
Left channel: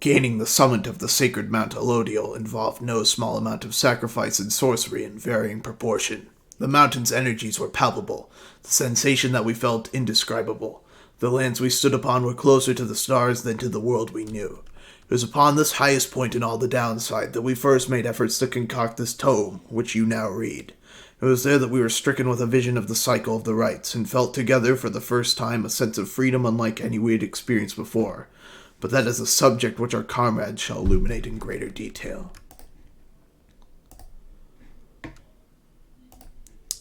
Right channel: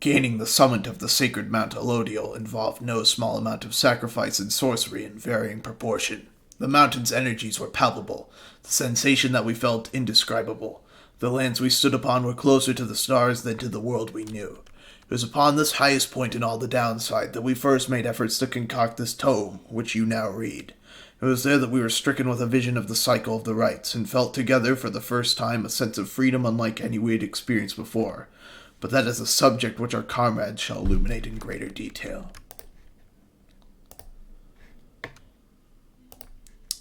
Gaining the summit of the sacred Mount Alodiel involved no small amount of sacrifice and sorcery in varying proportion. The mountain's energies were palpable, the sensation that we felt indescribable. The lands we stood upon were closer to the stars than to the world we knew. It was upon this highest point in all the downside that we first made efforts to concoct this tome, which you now read. It was there that we were stricken with a vision of the cycle of the rites, and felt together for the first time a sense of freedom unlike any we had experienced before. But that is a subject which our comrades shall illuminate in greater detail.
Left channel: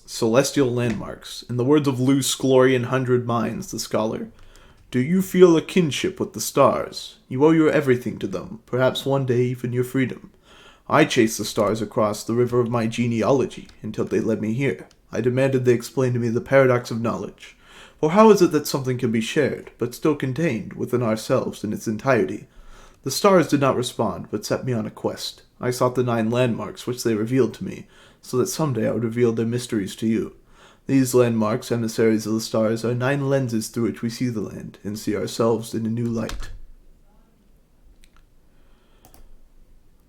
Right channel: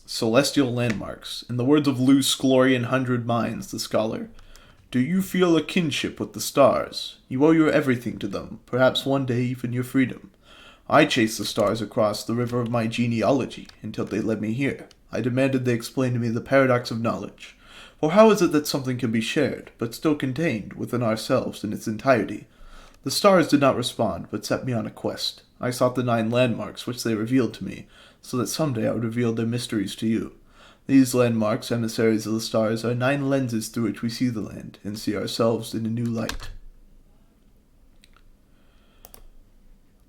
Celestial Landmarks. In the words of Luce Glorian 100 Minds, the scholar, do you feel a kinship with the stars? You owe your everything to them, perhaps one day even your freedom. I chased the stars across the river of my genealogy until they led me here. I demanded they explain to me the paradox of knowledge. For how is it that something can be shared, but still contained within ourselves in its entirety? The stars did not respond, but set me on a quest. I sought the 9 landmarks which they revealed to me, so that someday I would reveal their mysteries to you. These landmarks, emissaries of the stars, are 9 lenses through which we see the land, and see ourselves in a new light.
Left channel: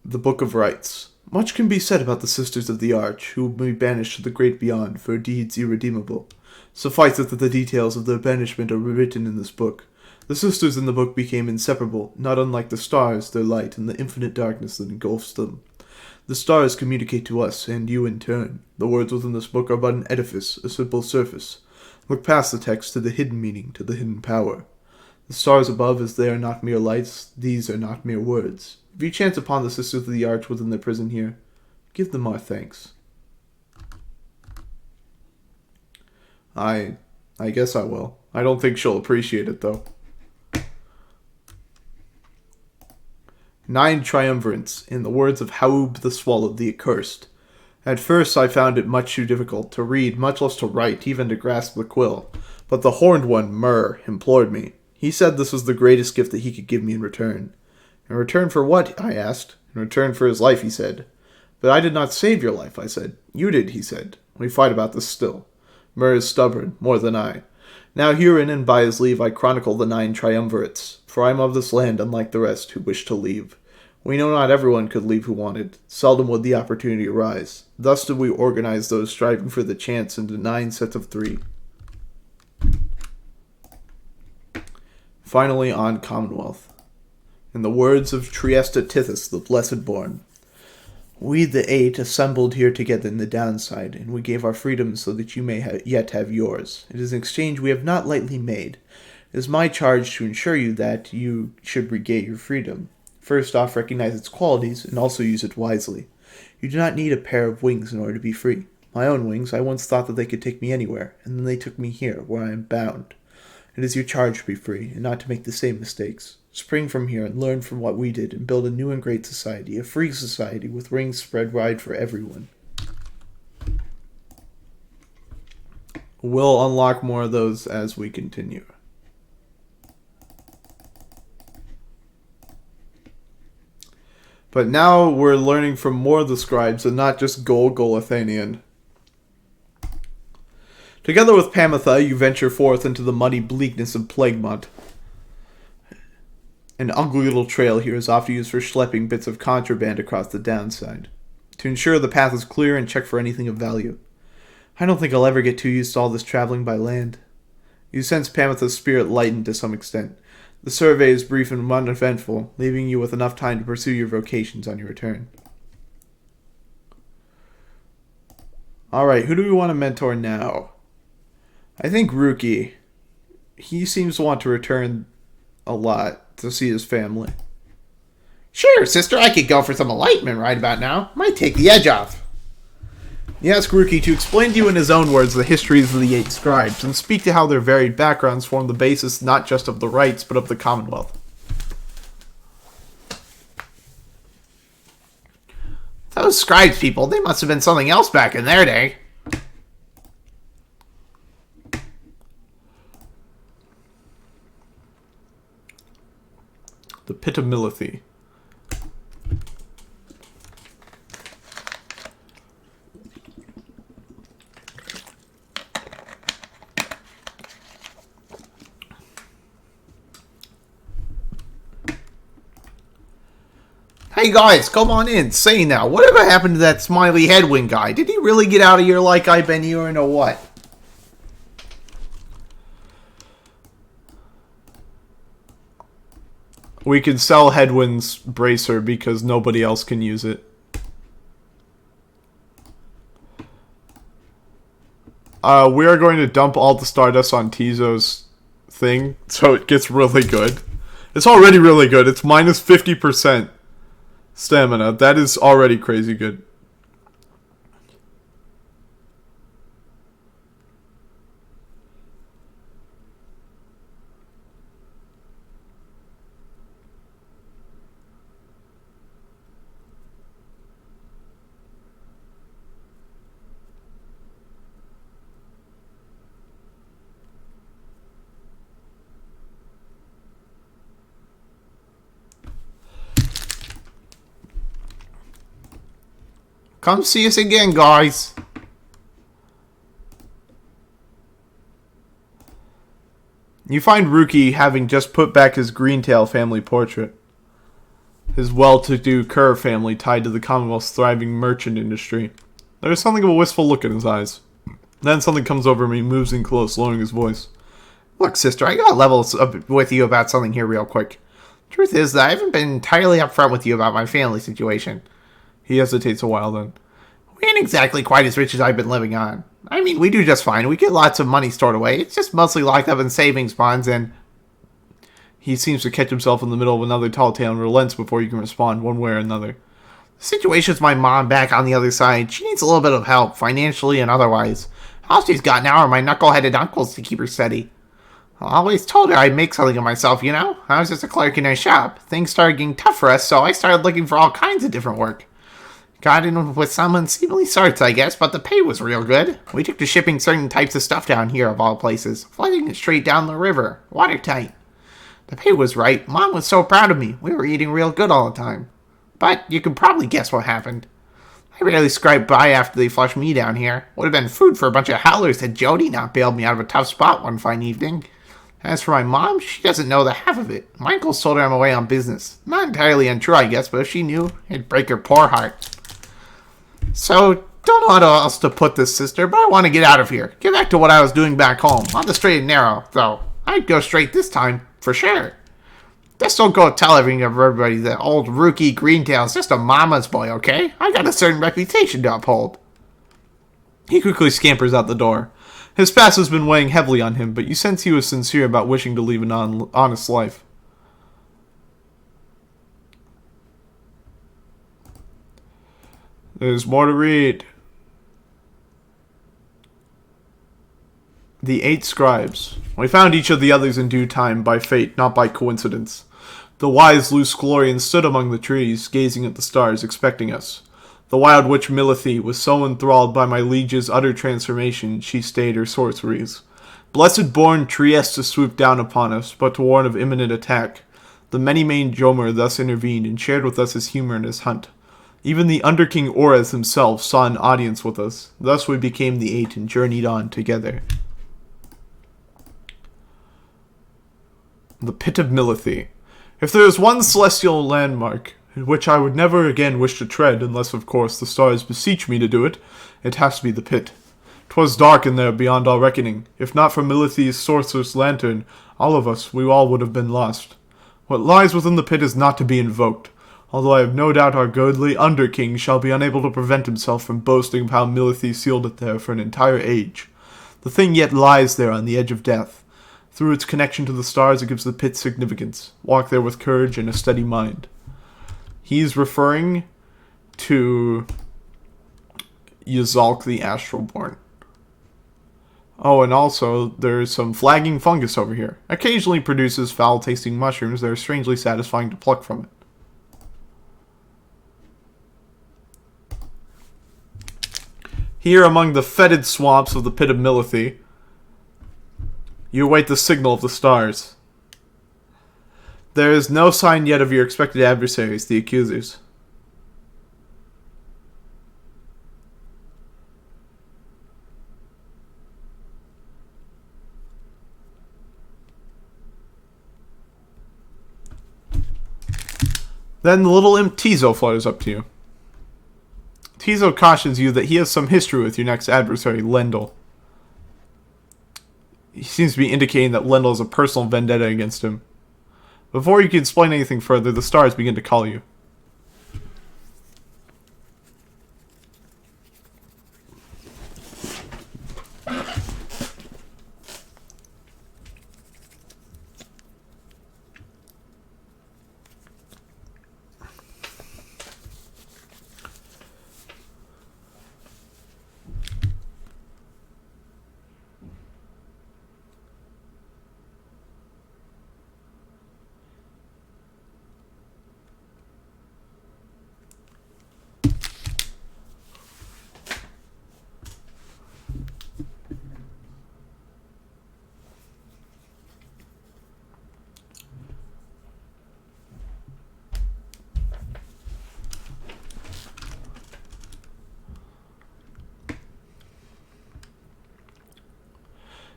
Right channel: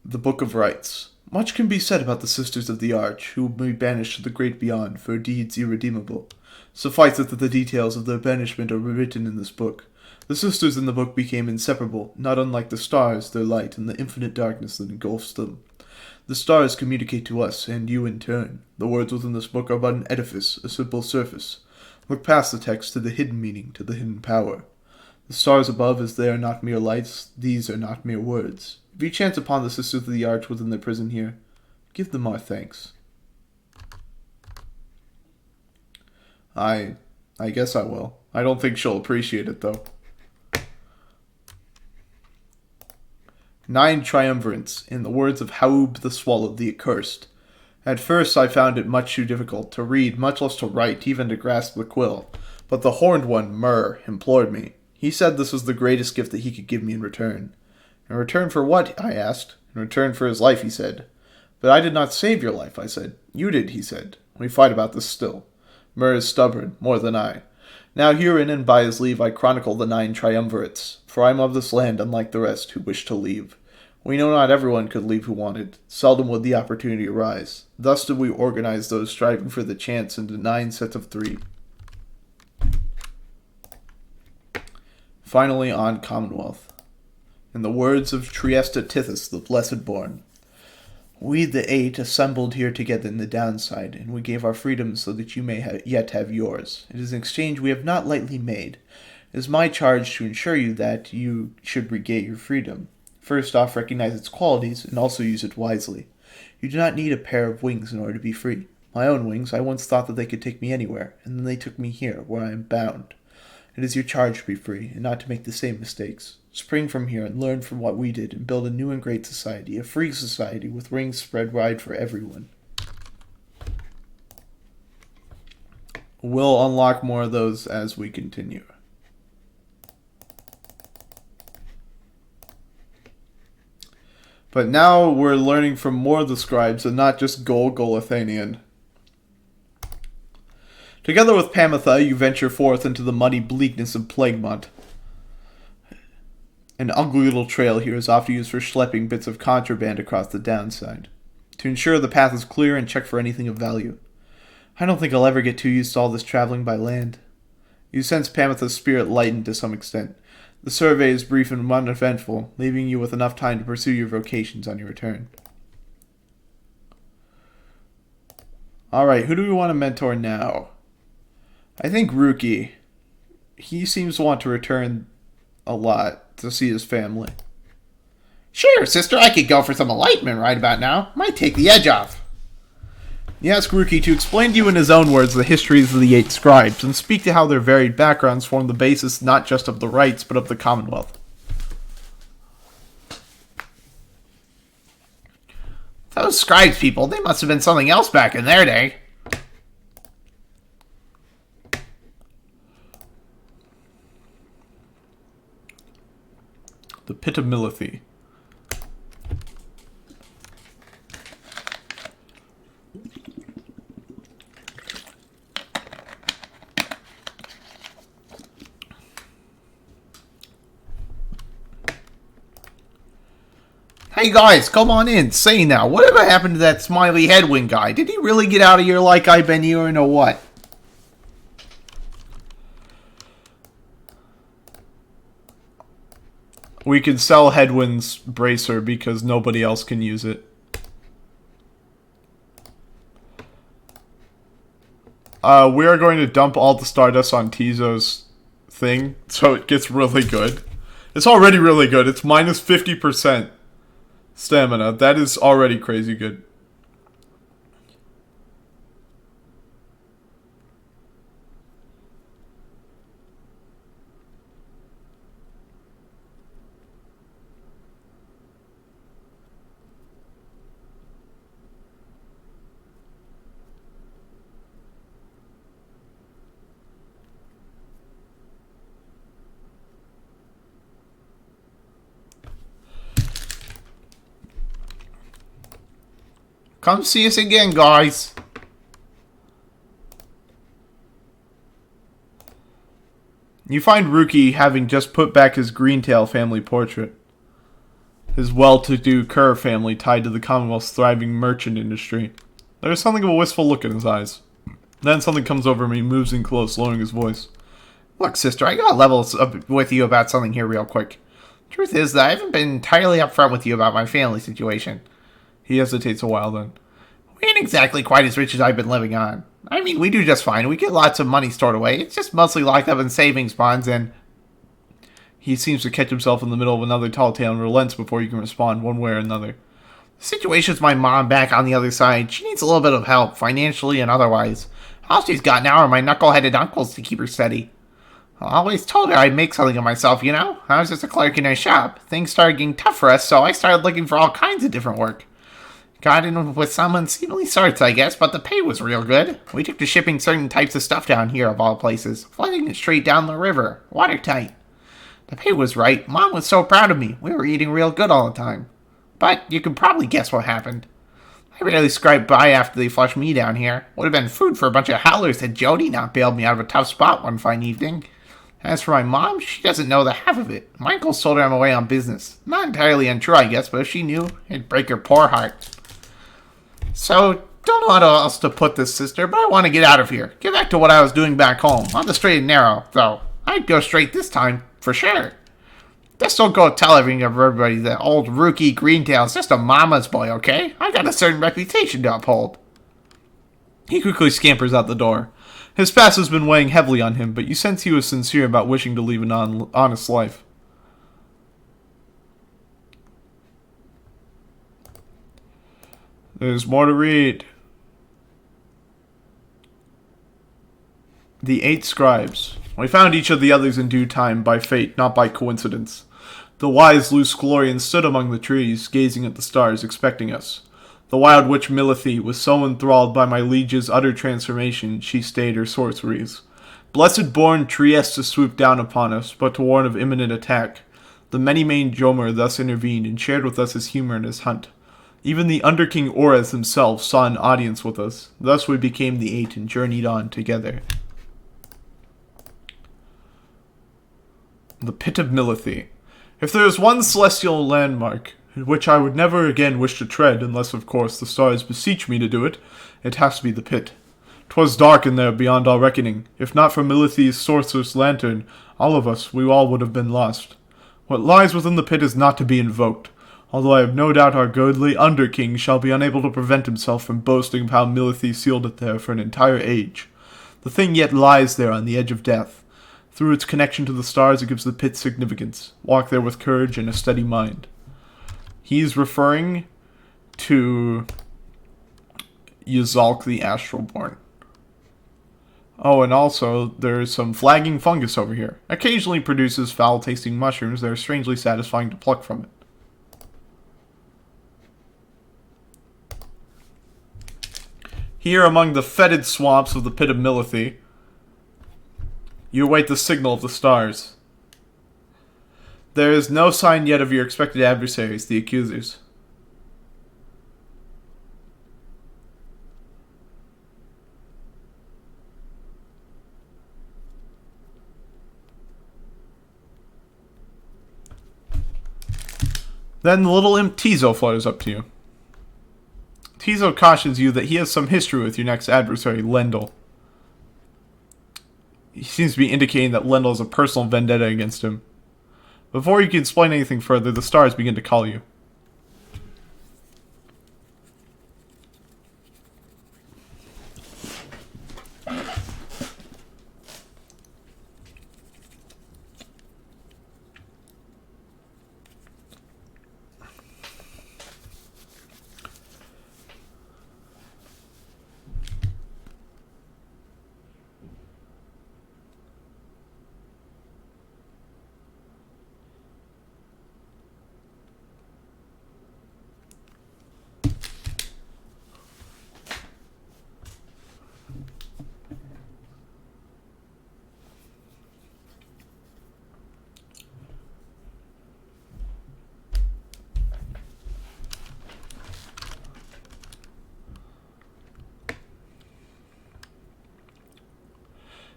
The Book of Rites. Much can be said about the Sisters of the Arch, who will be banished to the great beyond for deeds irredeemable. Suffice it that the details of their banishment are written in this book. The sisters in the book became inseparable, not unlike the stars, their light, and the infinite darkness that engulfs them. The stars communicate to us, and you in turn. The words within this book are but an edifice, a simple surface. Look past the text to the hidden meaning, to the hidden power. The stars above, as they are not mere lights, these are not mere words. If you chance upon the Sisters of the Arch within their prison here, give them our thanks. I guess I will. I don't think she'll appreciate it, though. 9 Triumvirates, in the words of Haub the Swallow, the Accursed. At first I found it much too difficult to read, much less to write, even to grasp the quill. But the horned one, Mur, implored me. He said this was the greatest gift that he could give me in return. In return for what? I asked. In return for his life, he said. But I did not save your life, I said. You did, he said. We fight about this still. Mur is stubborn, more than I. Now herein and by his leave I chronicle the 9 Triumvirates, for I am of this land unlike the rest who wish to leave. We know not everyone could leave who wanted. Seldom would the opportunity arise. Thus did we organize those striving for the chance into 9 sets of 3. Finally on Commonwealth. In the words of Triesta Tithys, the Blessed Born, we the 8 assembled here together in the downside, and we gave our freedom so that you may yet have yours. It is an exchange we have not lightly made. It is my charge to ensure you that you should regain your freedom. First off, recognize its qualities, and also use it wisely. You do not need a pair of wings in order to be free. My own wings, I once thought that they could take me anywhere, and then they took me here, where I am bound. It is your charge to be free, and not to make the same mistakes. Spring from here and learn from what we did, and build a new and great society, a free society with wings spread wide for everyone. We'll unlock more of those as we continue. But now we're learning from more of the scribes and not just Golgothanian. Together with Pamitha, you venture forth into the muddy bleakness of Plaguemont. An ugly little trail here is often used for schlepping bits of contraband across the downside, to ensure the path is clear and check for anything of value. I don't think I'll ever get too used to all this traveling by land. You sense Pamitha's spirit lighten to some extent. The survey is brief and uneventful, leaving you with enough time to pursue your vocations on your return. Alright, who do we want to mentor now? I think Ruki. He seems to want to return a lot to see his family. Sure, sister, I could go for some enlightenment right about now. Might take the edge off. You ask Ruki to explain to you in his own words the histories of the 8 scribes, and speak to how their varied backgrounds form the basis not just of the rights, but of the Commonwealth. Those scribes people, they must have been something else back in their day. The Pit of Milithy. Hey guys, come on in. Say now, whatever happened to that smiley headwind guy? Did he really get out of here like I've been hearing or what? We can sell Headwind's bracer because nobody else can use it. We are going to dump all the Stardust on Tizo's thing, so it gets really good. It's already really good. It's minus 50% stamina. That is already crazy good. Come see us again, guys. You find Ruki having just put back his Greentail family portrait. His well-to-do Kerr family tied to the Commonwealth's thriving merchant industry. There is something of a wistful look in his eyes. Then something comes over him and he moves in close, lowering his voice. Look, sister, I gotta level up with you about something here real quick. Truth is that I haven't been entirely upfront with you about my family situation. He hesitates a while then. We ain't exactly quite as rich as I've been living on. I mean, we do just fine. We get lots of money stored away. It's just mostly locked up in savings bonds and... He seems to catch himself in the middle of another tall tale and relents before you can respond one way or another. The situation with my mom back on the other side. She needs a little bit of help, financially and otherwise. All she's got now are my knuckle-headed uncles to keep her steady. I always told her I'd make something of myself, you know? I was just a clerk in her shop. Things started getting tough for us, so I started looking for all kinds of different work. Got in with some unseemly sorts, I guess, but the pay was real good. We took to shipping certain types of stuff down here, of all places. Flooding it straight down the river. Watertight. The pay was right. Mom was so proud of me. We were eating real good all the time. But you can probably guess what happened. I barely scraped by after they flushed me down here. Would have been food for a bunch of howlers had Jody not bailed me out of a tough spot one fine evening. As for my mom, she doesn't know the half of it. My uncles told her I'm away on business. Not entirely untrue, I guess, but if she knew, it'd break her poor heart. So, don't know how else to put this, sister, but I want to get out of here. Get back to what I was doing back home. On the straight and narrow, though. I'd go straight this time, for sure. Just don't go tell everybody that old Ruki Greentail's just a mama's boy, okay? I got a certain reputation to uphold. He quickly scampers out the door. His past has been weighing heavily on him, but you sense he was sincere about wishing to lead an honest life. There's more to read. The 8 scribes. We found each of the others in due time, by fate, not by coincidence. The wise Lusclorian stood among the trees, gazing at the stars, expecting us. The wild witch Milithy was so enthralled by my liege's utter transformation, she stayed her sorceries. Blessed-born Trieste swooped down upon us, but to warn of imminent attack. The many-maned Jomer thus intervened and shared with us his humor and his hunt. Even the Underking Ores himself saw an audience with us. Thus we became the 8 and journeyed on together. The Pit of Milithy. If there is one celestial landmark in which I would never again wish to tread, unless of course the stars beseech me to do it, it has to be the pit. 'Twas dark in there beyond all reckoning. If not for Milithy's sorceress lantern, all of us, we all would have been lost. What lies within the pit is not to be invoked, although I have no doubt our godly under-king shall be unable to prevent himself from boasting of how Milithy sealed it there for an entire age. The thing yet lies there on the edge of death. Through its connection to the stars, it gives the pit significance. Walk there with courage and a steady mind. He's referring to Yzalk the Astralborn. Oh, and also, there's some flagging fungus over here. Occasionally produces foul-tasting mushrooms that are strangely satisfying to pluck from it. Here among the fetid swamps of the pit of Milithy, you await the signal of the stars. There is no sign yet of your expected adversaries, the accusers. Then the little imp Tizo flutters up to you. Tizo cautions you that he has some history with your next adversary, Lendl. He seems to be indicating that Lendl has a personal vendetta against him. Before you can explain anything further, the stars begin to call you.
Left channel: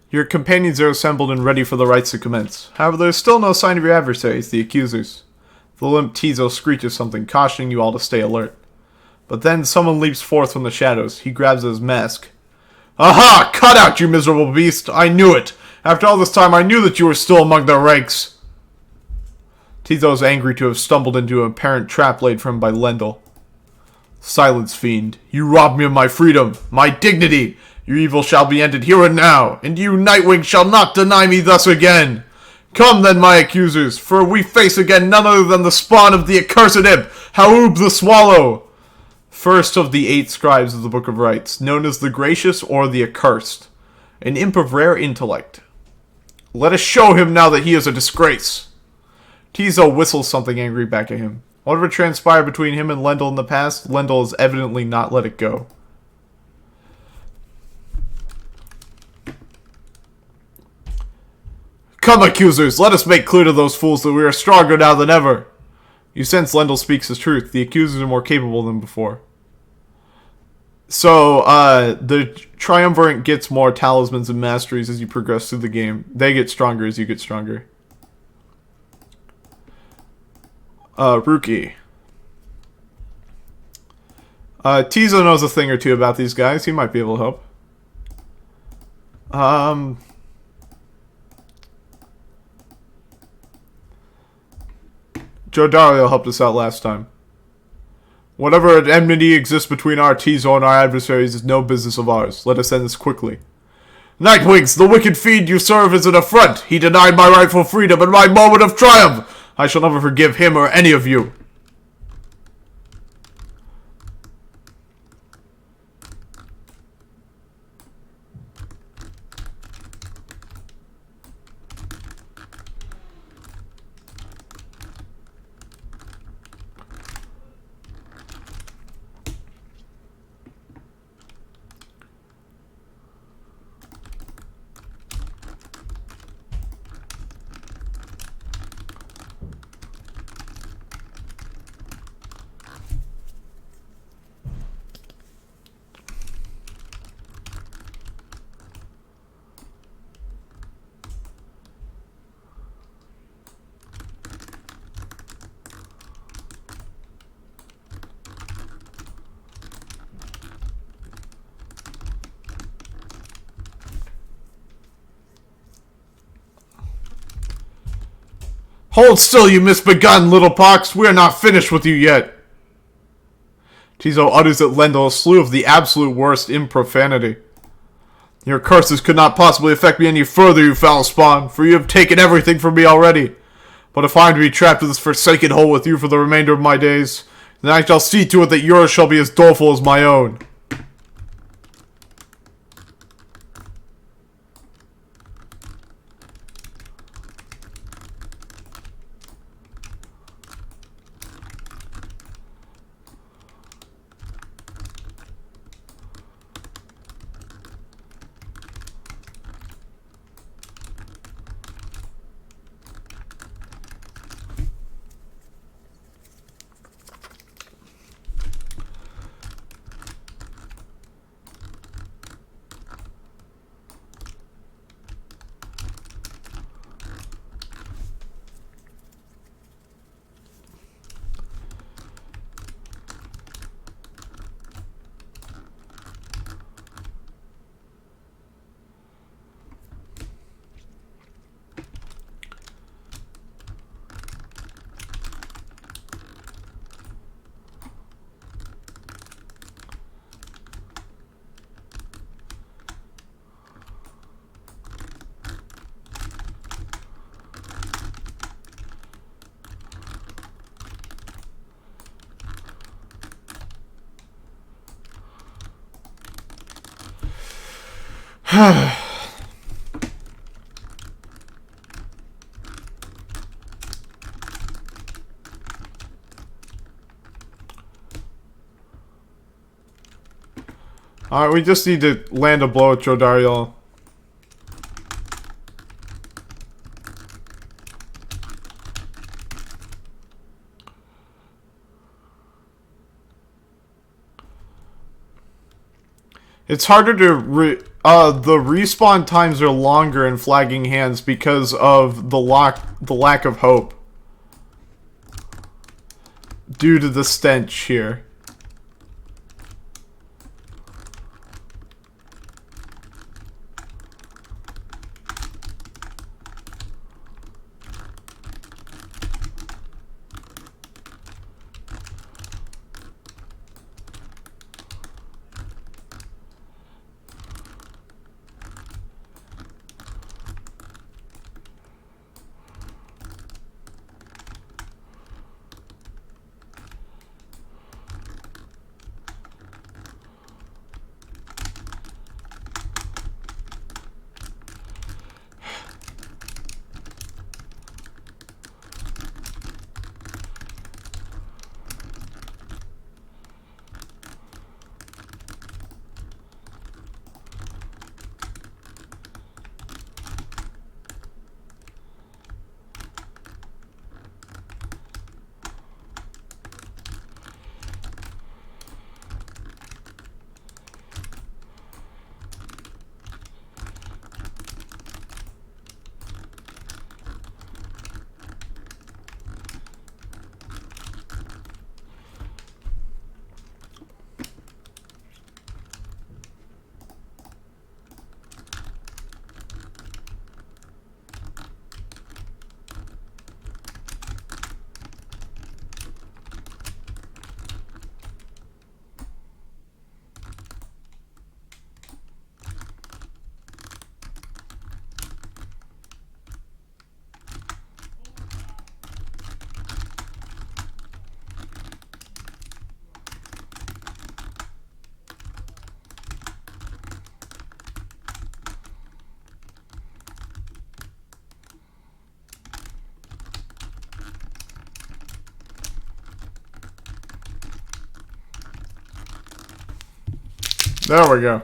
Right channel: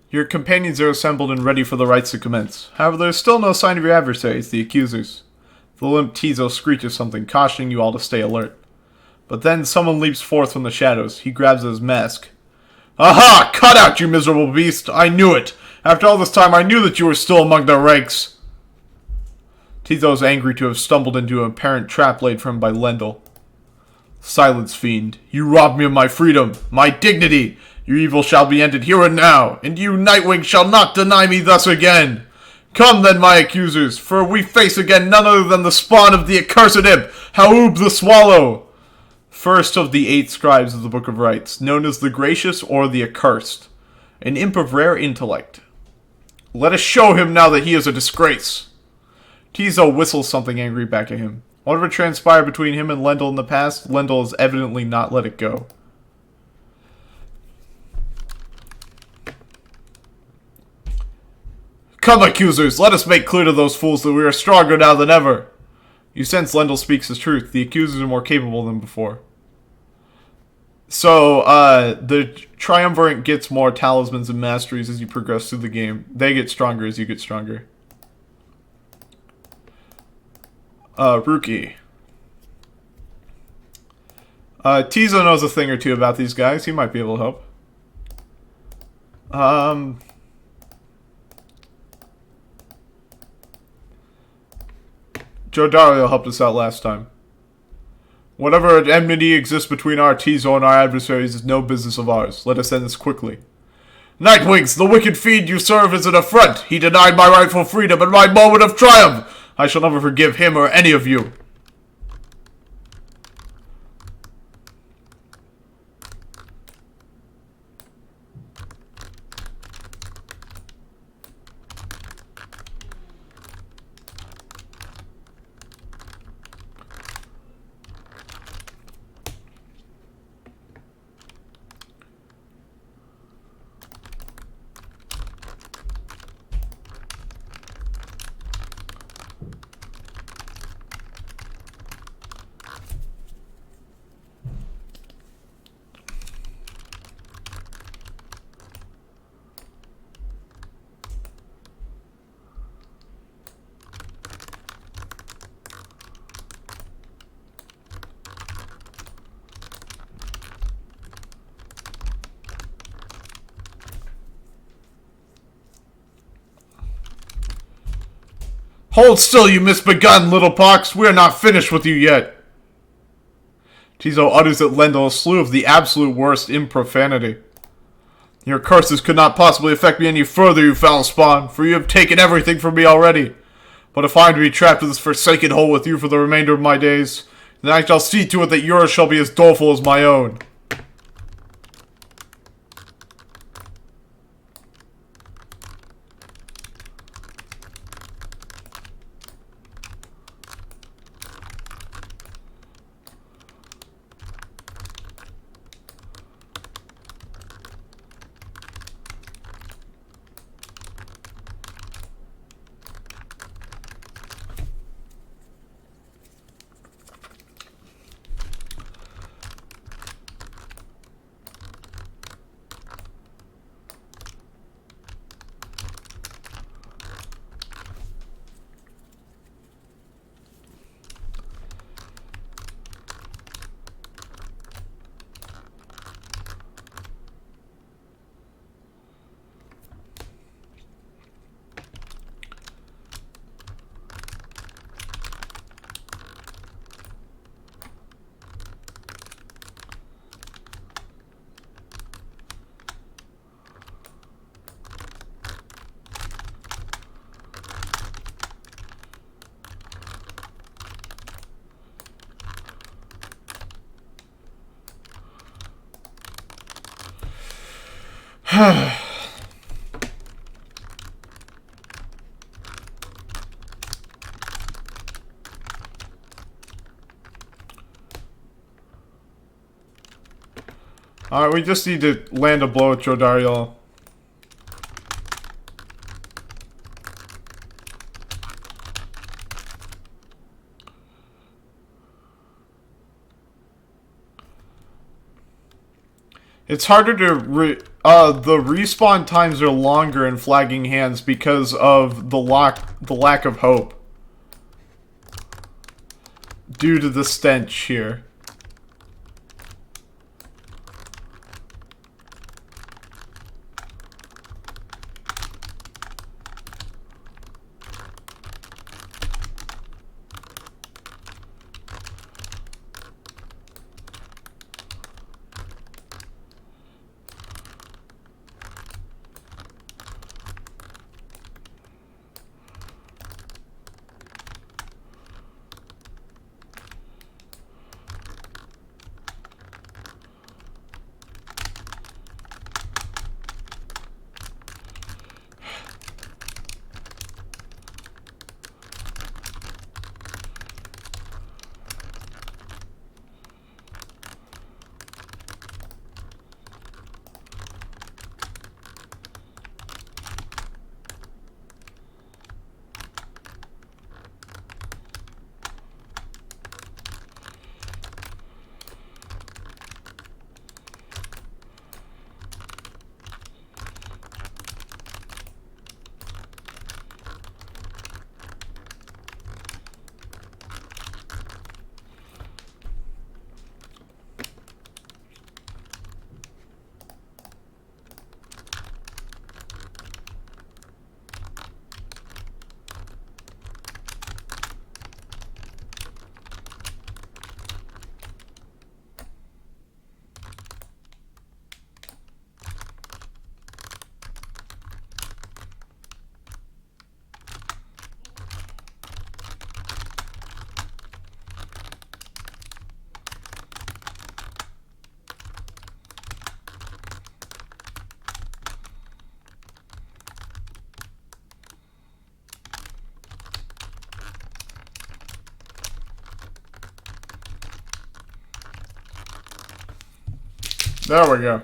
Your companions are assembled and ready for the rites to commence. However, there is still no sign of your adversaries, the accusers. The limp Tizo screeches something, cautioning you all to stay alert. But then someone leaps forth from the shadows. He grabs his mask. Aha! Cut out, you miserable beast! I knew it! After all this time, I knew that you were still among their ranks! Tizo is angry to have stumbled into an apparent trap laid for him by Lendl. Silence, fiend. You robbed me of my freedom, my dignity! Your evil shall be ended here and now, and you, Nightwing, shall not deny me thus again. Come then, my accusers, for we face again none other than the spawn of the accursed imp, Haoub the Swallow. First of the 8 scribes of the Book of Rites, known as the Gracious or the Accursed, an imp of rare intellect. Let us show him now that he is a disgrace. Tizo whistles something angry back at him. Whatever transpired between him and Lendl in the past, Lendl has evidently not let it go. Come, accusers, let us make clear to those fools that we are stronger now than ever. You sense Lendl speaks his truth. The accusers are more capable than before. So, the Triumvirate gets more talismans and masteries as you progress through the game. They get stronger as you get stronger. Rookie. Tizo knows a thing or two about these guys. He might be able to help. Joe Dario helped us out last time. Whatever enmity exists between our Tizo and our adversaries is no business of ours. Let us end this quickly. Nightwings, the wicked fiend you serve is an affront. He denied my rightful freedom and my moment of triumph. I shall never forgive him or any of you. Hold still, you misbegotten little pox. We are not finished with you yet. Tizo utters at Lendl a slew of the absolute worst in profanity. Your curses could not possibly affect me any further, you foul spawn, for you have taken everything from me already. But if I am to be trapped in this forsaken hole with you for the remainder of my days, then I shall see to it that yours shall be as doleful as my own. Alright, we just need to land a blow at Jodariel. It's harder to the respawn times are longer in flagging hands because of the lack of hope due to the stench here. There we go.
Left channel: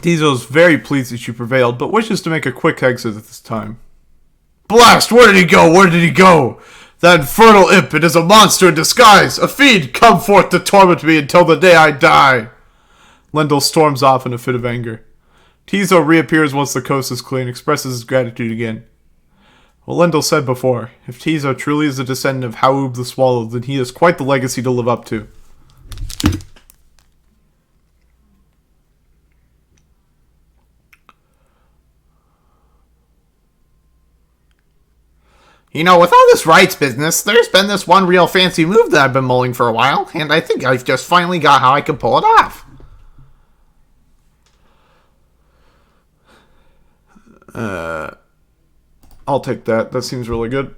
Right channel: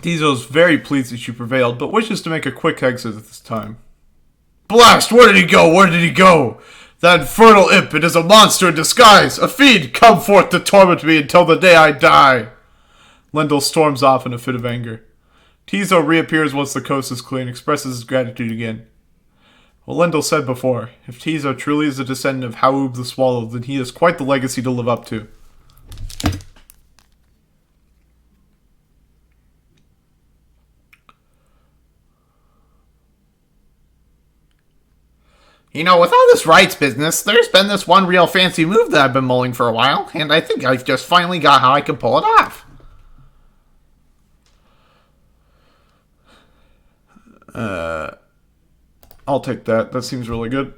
Diesel's very pleased that you prevailed, but wishes to make a quick exit at this time. Blast! Where did he go? Where did he go? That infernal imp, it is a monster in disguise! A fiend, come forth to torment me until the day I die! Lendl storms off in a fit of anger. Tizo reappears once the coast is clear and expresses his gratitude again. Well, Lendl said before, if Tizo truly is a descendant of Haub the Swallow, then he has quite the legacy to live up to. You know, with all this rights business, there's been this one real fancy move that I've been mulling for a while, and I think I've just finally got how I can pull it off. I'll take that. That seems really good.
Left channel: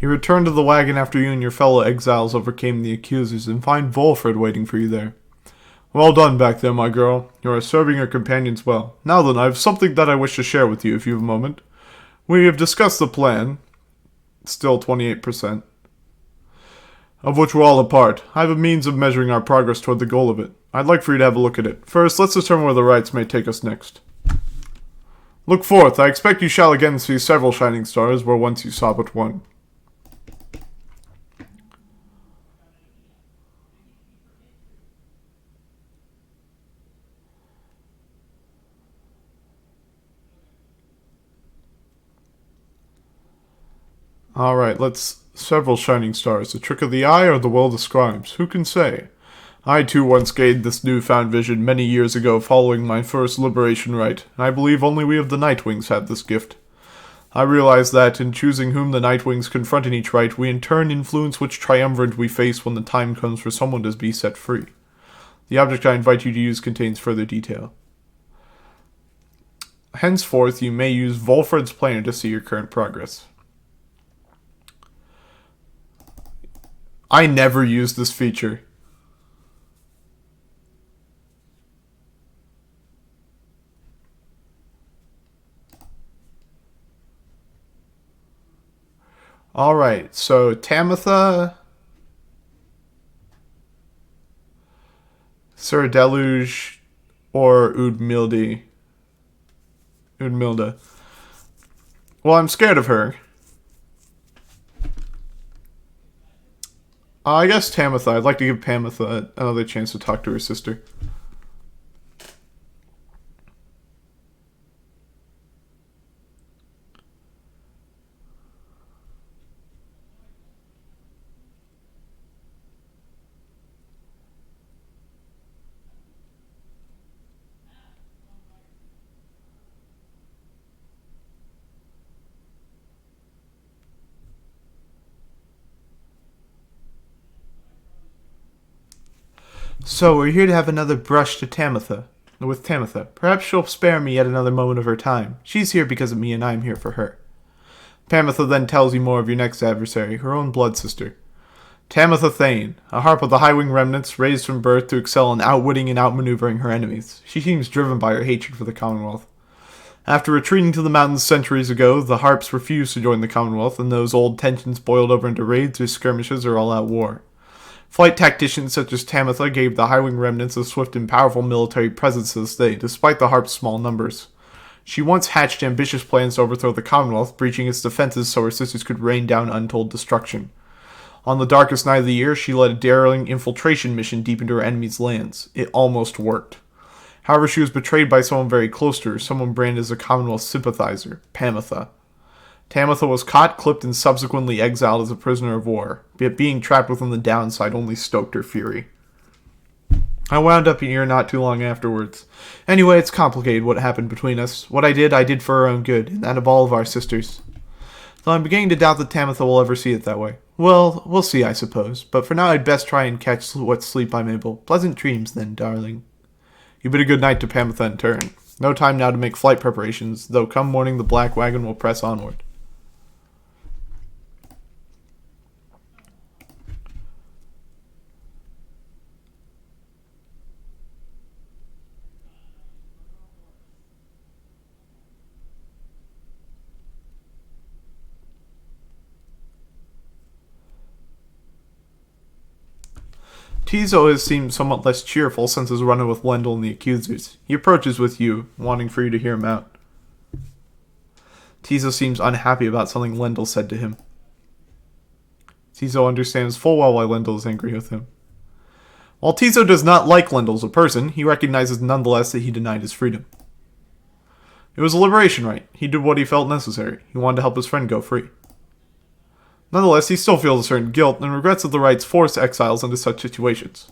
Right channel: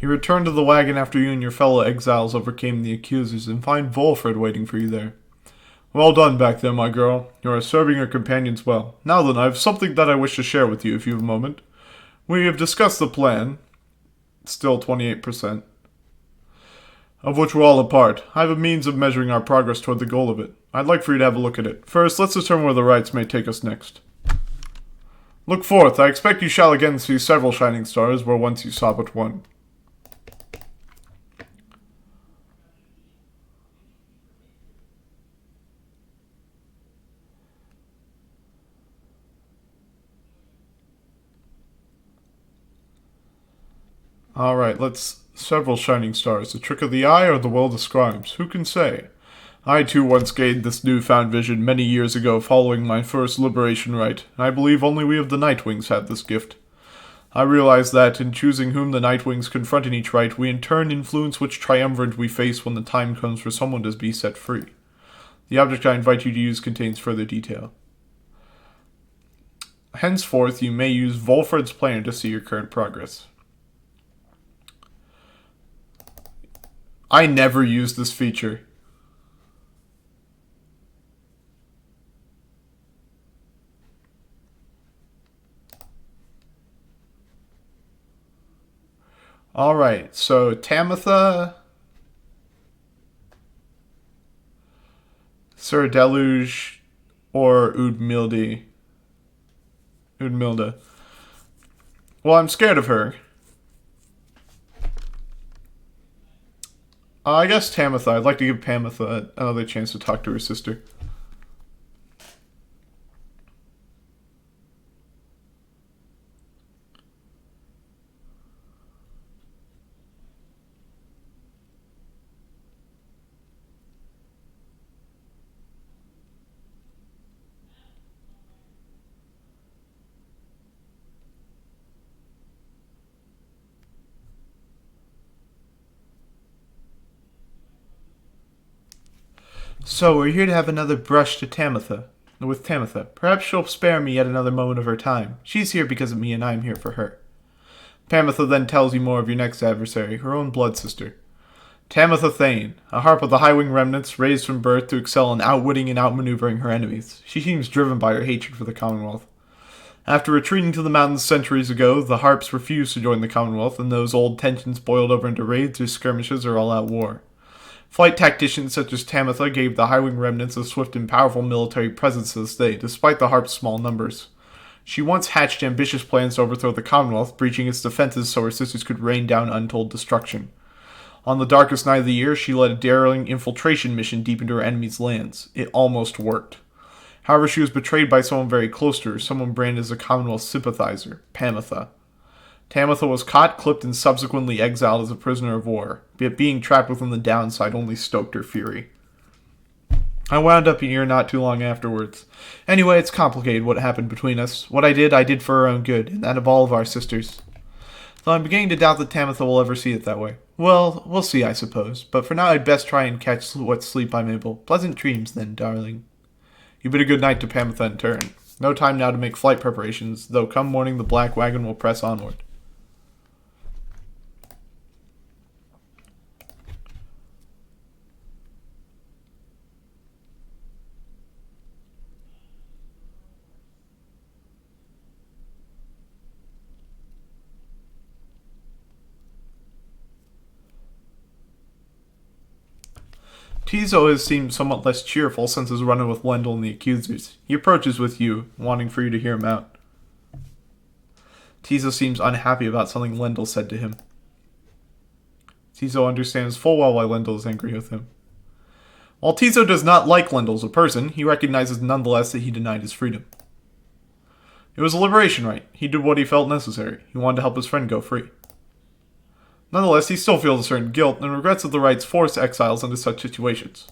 You return to the wagon after you and your fellow exiles overcame the accusers and find Volfred waiting for you there. Well done back there, my girl. You are serving your companions well. Now then, I have something that I wish to share with you if you have a moment. We have discussed the plan, still 28%, of which we're all a part. I have a means of measuring our progress toward the goal of it. I'd like for you to have a look at it. First, let's determine where the rites may take us next. Look forth. I expect you shall again see several shining stars where once you saw but one. Alright, let's... Several shining stars. The trick of the eye or the will of the scribes? Who can say? I too once gained this newfound vision many years ago following my first liberation rite. I believe only we of the Nightwings had this gift. I realize that, in choosing whom the Nightwings confront in each rite, we in turn influence which triumvirate we face when the time comes for someone to be set free. The object I invite you to use contains further detail. Henceforth, you may use Volfred's planner to see your current progress. I never used this feature. Alright, so Tamitha, Sir Deluge, or Udmilda. Well, I'm scared of her. I guess Tamitha. I'd like to give Tamitha another chance to talk to her sister. So, we're here to have another brush with Tamitha. Perhaps she'll spare me yet another moment of her time. She's here because of me, and I'm here for her. Tamitha then tells you more of your next adversary, her own blood sister. Tamitha Thane, a harp of the Highwing remnants, raised from birth to excel in outwitting and outmaneuvering her enemies. She seems driven by her hatred for the Commonwealth. After retreating to the mountains centuries ago, the harps refused to join the Commonwealth, and those old tensions boiled over into raids or skirmishes or all-out war. Flight tacticians such as Tamitha gave the Highwing remnants a swift and powerful military presence to this day, despite the harp's small numbers. She once hatched ambitious plans to overthrow the Commonwealth, breaching its defenses so her sisters could rain down untold destruction. On the darkest night of the year, she led a daring infiltration mission deep into her enemy's lands. It almost worked. However, she was betrayed by someone very close to her, someone branded as a Commonwealth sympathizer, Tamitha. Tamitha was caught, clipped, and subsequently exiled as a prisoner of war, yet being trapped within the downside only stoked her fury. I wound up here not too long afterwards. Anyway, it's complicated what happened between us. What I did for her own good, and that of all of our sisters. Though I'm beginning to doubt that Tamitha will ever see it that way. Well, we'll see, I suppose, but for now I'd best try and catch what sleep I'm able. Pleasant dreams, then, darling. You bid a good night to Tamitha in turn. No time now to make flight preparations, though come morning the black wagon will press onward. Tizo has seemed somewhat less cheerful since his run-in with Lendl and the accusers. He approaches with you, wanting for you to hear him out. Tizo seems unhappy about something Lendl said to him. Tizo understands full well why Lendl is angry with him. While Tizo does not like Lendl as a person, he recognizes nonetheless that he denied his freedom. It was a liberation right. He did what he felt necessary. He wanted to help his friend go free. Nonetheless, he still feels a certain guilt and regrets that the rights force exiles into such situations.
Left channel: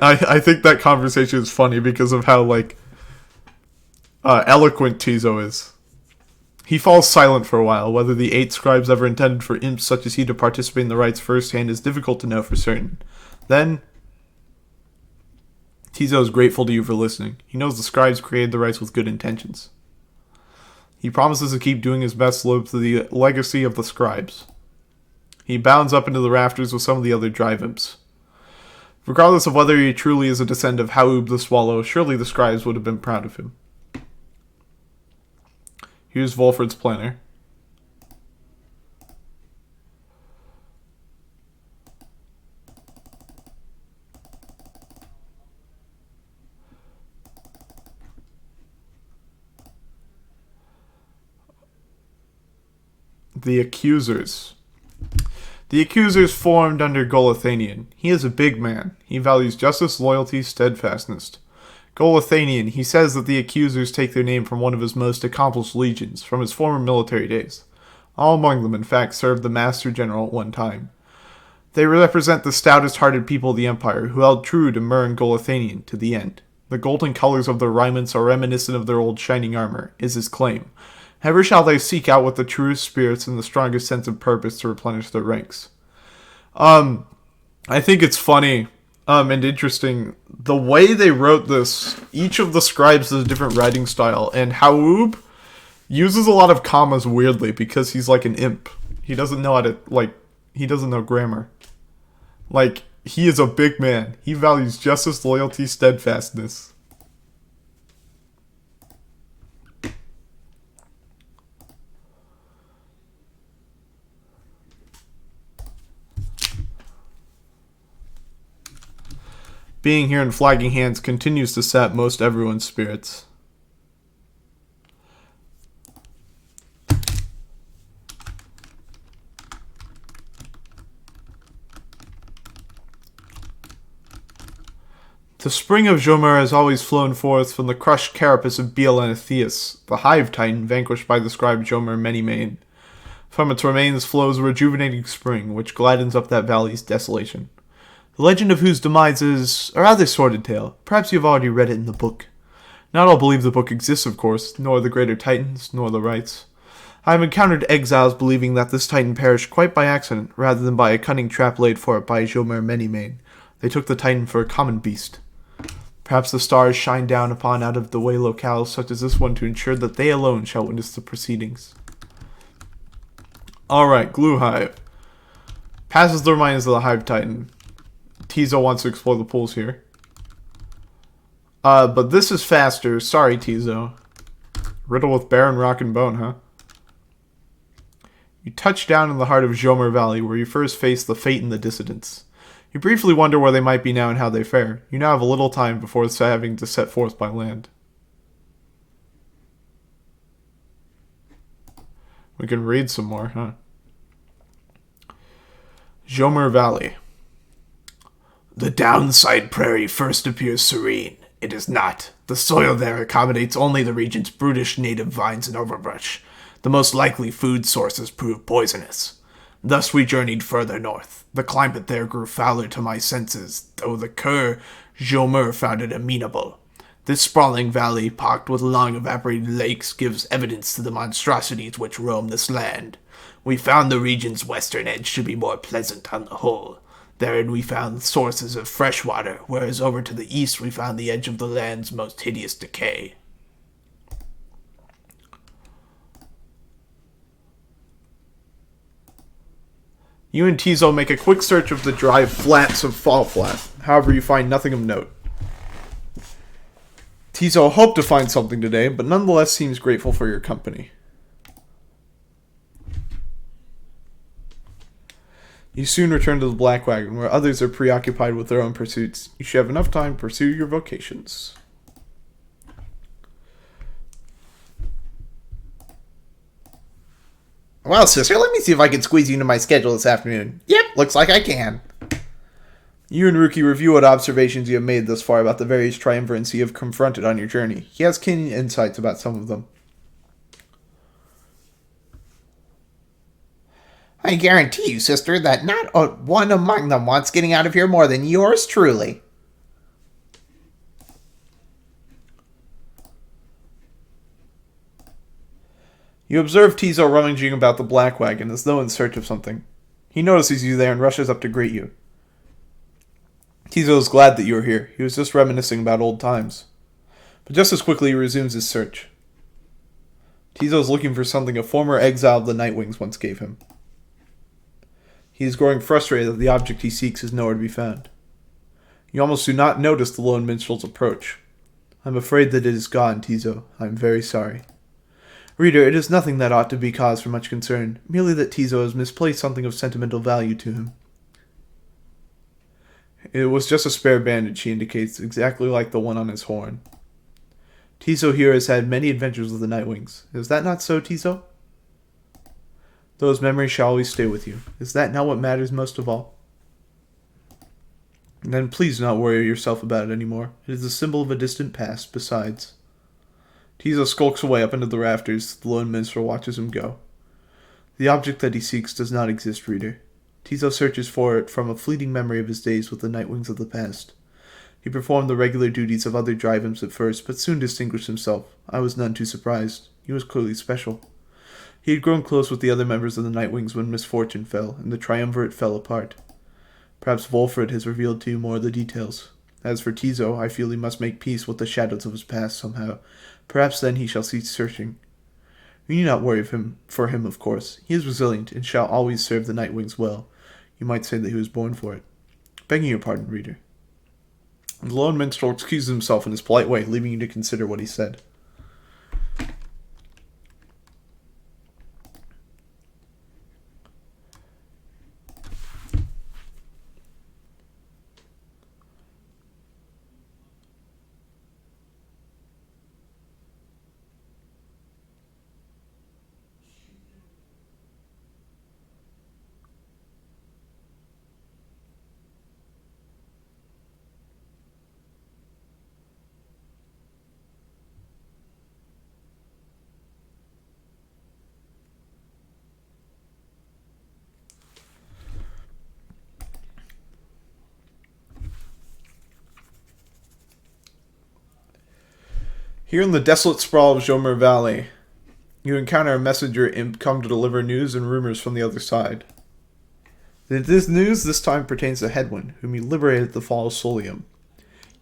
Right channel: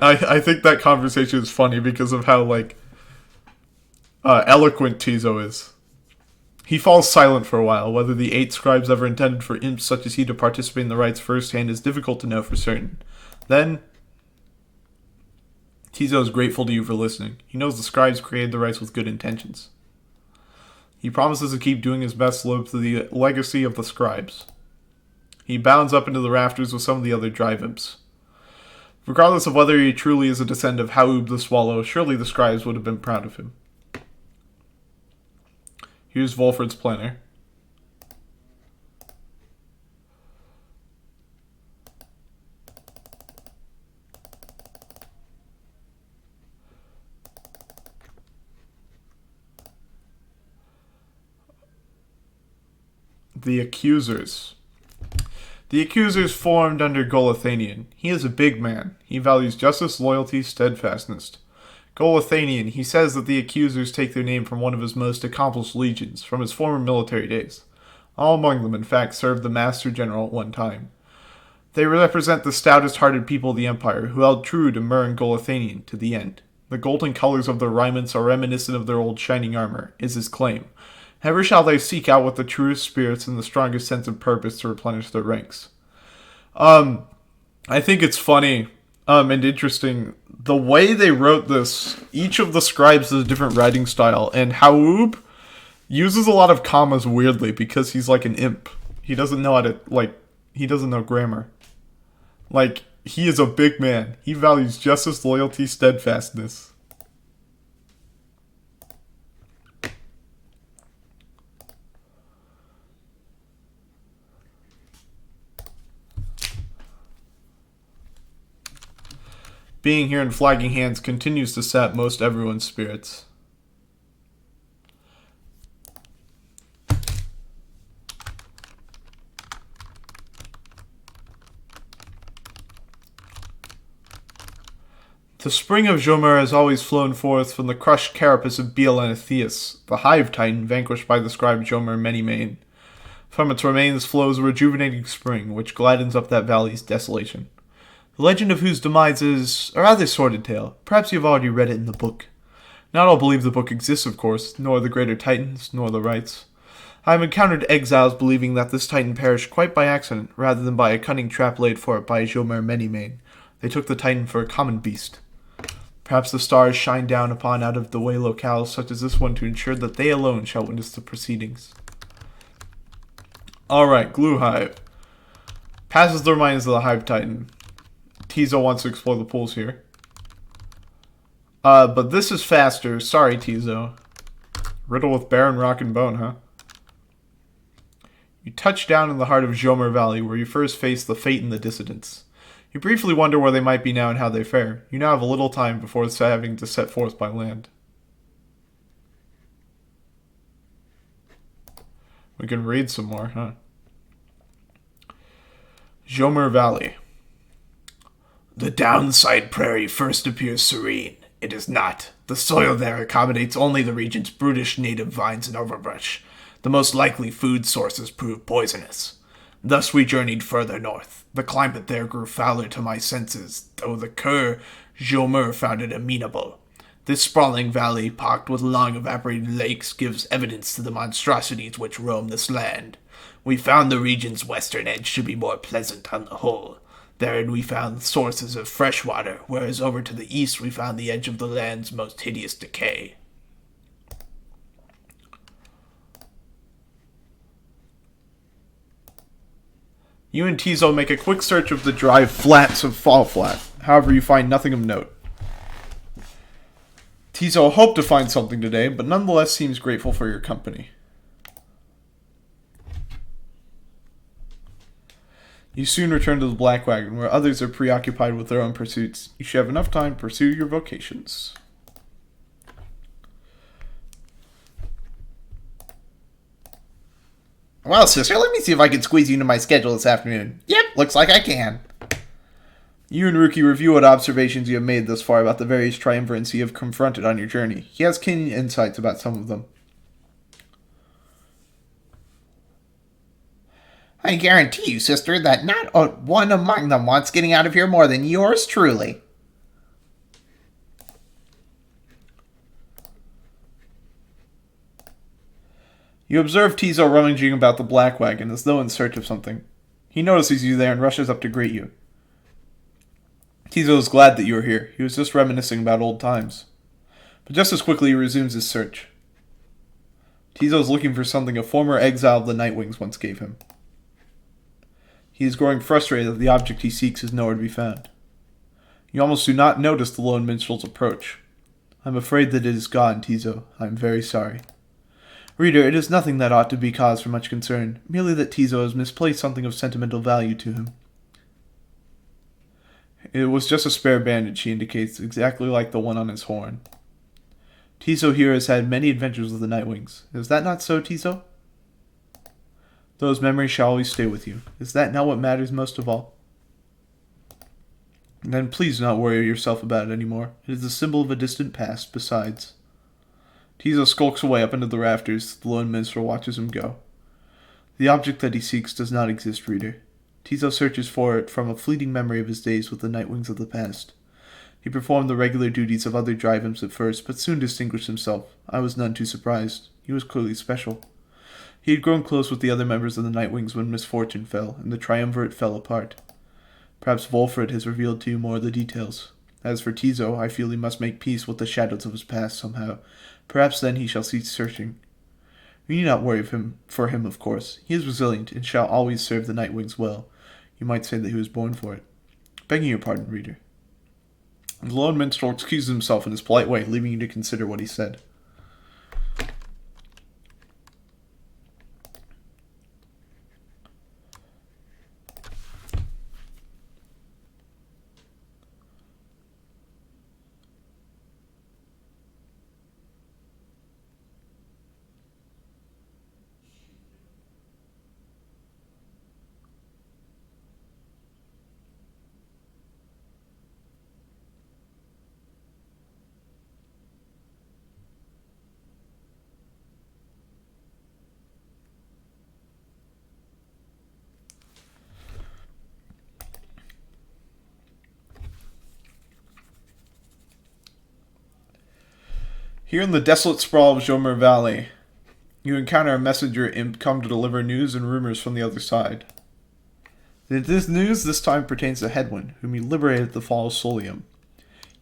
I think that conversation is funny because of how, eloquent Tizo is. He falls silent for a while. Whether the 8 scribes ever intended for imps such as he to participate in the rites firsthand is difficult to know for certain. Then, Tizo is grateful to you for listening. He knows the scribes created the rites with good intentions. He promises to keep doing his best to live to the legacy of the scribes. He bounds up into the rafters with some of the other drive imps. Regardless of whether he truly is a descendant of Haub the Swallow, surely the scribes would have been proud of him. Here's Volfred's planner. The Accusers. The Accusers formed under Golathanian. He is a big man. He values justice, loyalty, steadfastness. Golathanian, he says that the Accusers take their name from one of his most accomplished legions, from his former military days. All among them, in fact, served the Master General at one time. They represent the stoutest-hearted people of the Empire, who held true to Mur and Golathanian to the end. The golden colors of their raiments are reminiscent of their old shining armor, is his claim. Ever shall they seek out with the truest spirits and the strongest sense of purpose to replenish their ranks. I think it's funny and interesting. The way they wrote this, each of the scribes has a different writing style, and Haub uses a lot of commas weirdly because he's like an imp. He doesn't know how to, he doesn't know grammar. He is a big man. He values justice, loyalty, steadfastness. Being here in Flagging Hands continues to sap most everyone's spirits. The spring of Jomur has always flown forth from the crushed carapace of Biel and Atheus, the hive titan vanquished by the scribe Jomur Many-Mane. From its remains flows a rejuvenating spring, which gladdens up that valley's desolation. The legend of whose demise is a rather sordid tale. Perhaps you have already read it in the book. Not all believe the book exists, of course, nor the greater titans, nor the rites. I have encountered exiles believing that this titan perished quite by accident, rather than by a cunning trap laid for it by Jomur Many-Mane. They took the titan for a common beast. Perhaps the stars shine down upon out-of-the-way locales such as this one to ensure that they alone shall witness the proceedings. Alright, Glue Hive. Passes the remains of the Hive Titan. Tizo wants to explore the pools here. But this is faster. Sorry, Tizo. Riddle with Baron Rock and Bone, huh? You touch down in the heart of Jomur Valley, where you first face the Fate and the Dissidents. You briefly wonder where they might be now and how they fare. You now have a little time before having to set forth by land. We can read some more, huh? Jomur Valley. The downside prairie first appears serene. It is not. The soil there accommodates only the region's brutish native vines and overbrush. The most likely food sources prove poisonous. Thus we journeyed further north. The climate there grew fouler to my senses, though the cur Jomur found it amenable. This sprawling valley, pocked with long evaporated lakes, gives evidence to the monstrosities which roam this land. We found the region's western edge to be more pleasant on the whole. Therein we found sources of fresh water, whereas over to the east we found the edge of the land's most hideous decay. You and Tizo make a quick search of the dry flats of Fall Flat. However, you find nothing of note. Tizo hoped to find something today, but nonetheless seems grateful for your company. You soon return to the Black Wagon, where others are preoccupied with their own pursuits. You should have enough time to pursue your vocations. Well, sister, let me see if I can squeeze you into my schedule this afternoon. Yep, looks like I can. You and Ruki review what observations you have made thus far about the various triumvirates you have confronted on your journey. He has keen insights about some of them. I guarantee you, sister, that not one among them wants getting out of here more than yours truly. You observe Tizo rummaging about the Black Wagon as though in search of something. He notices you there and rushes up to greet you. Tizo is glad that you are here. He was just reminiscing about old times. But just as quickly he resumes his search. Tizo is looking for something a former exile of the Nightwings once gave him. He is growing frustrated that the object he seeks is nowhere to be found. You almost do not notice the lone minstrel's approach. I'm afraid that it is gone, Tizo. I am very sorry. Reader, it is nothing that ought to be cause for much concern, merely that Tizo has misplaced something of sentimental value to him. It was just a spare bandage, he indicates, exactly like the one on his horn. Tizo here has had many adventures with the Nightwings. Is that not so, Tizo? Those memories shall always stay with you. Is that not what matters most of all? Then please do not worry yourself about it anymore. It is a symbol of a distant past, besides. Tizo skulks away up into the rafters. The lone minstrel watches him go. The object that he seeks does not exist, reader. Tizo searches for it from a fleeting memory of his days with the Nightwings of the past. He performed the regular duties of other drive imps at first, but soon distinguished himself. I was none too surprised. He was clearly special. He had grown close with the other members of the Nightwings when misfortune fell, and the triumvirate fell apart. Perhaps Volfred has revealed to you more of the details. As for Tizo, I feel he must make peace with the shadows of his past somehow. Perhaps then he shall cease searching. You need not worry for him, of course. He is resilient, and shall always serve the Nightwings well. You might say that he was born for it. Begging your pardon, reader. The lone minstrel excuses himself in his polite way, leaving you to consider what he said. Here in the desolate sprawl of Jomer Valley, you encounter a messenger imp come to deliver news and rumors from the other side. This news this time pertains to Hedwyn, whom you liberated at the fall of Solium.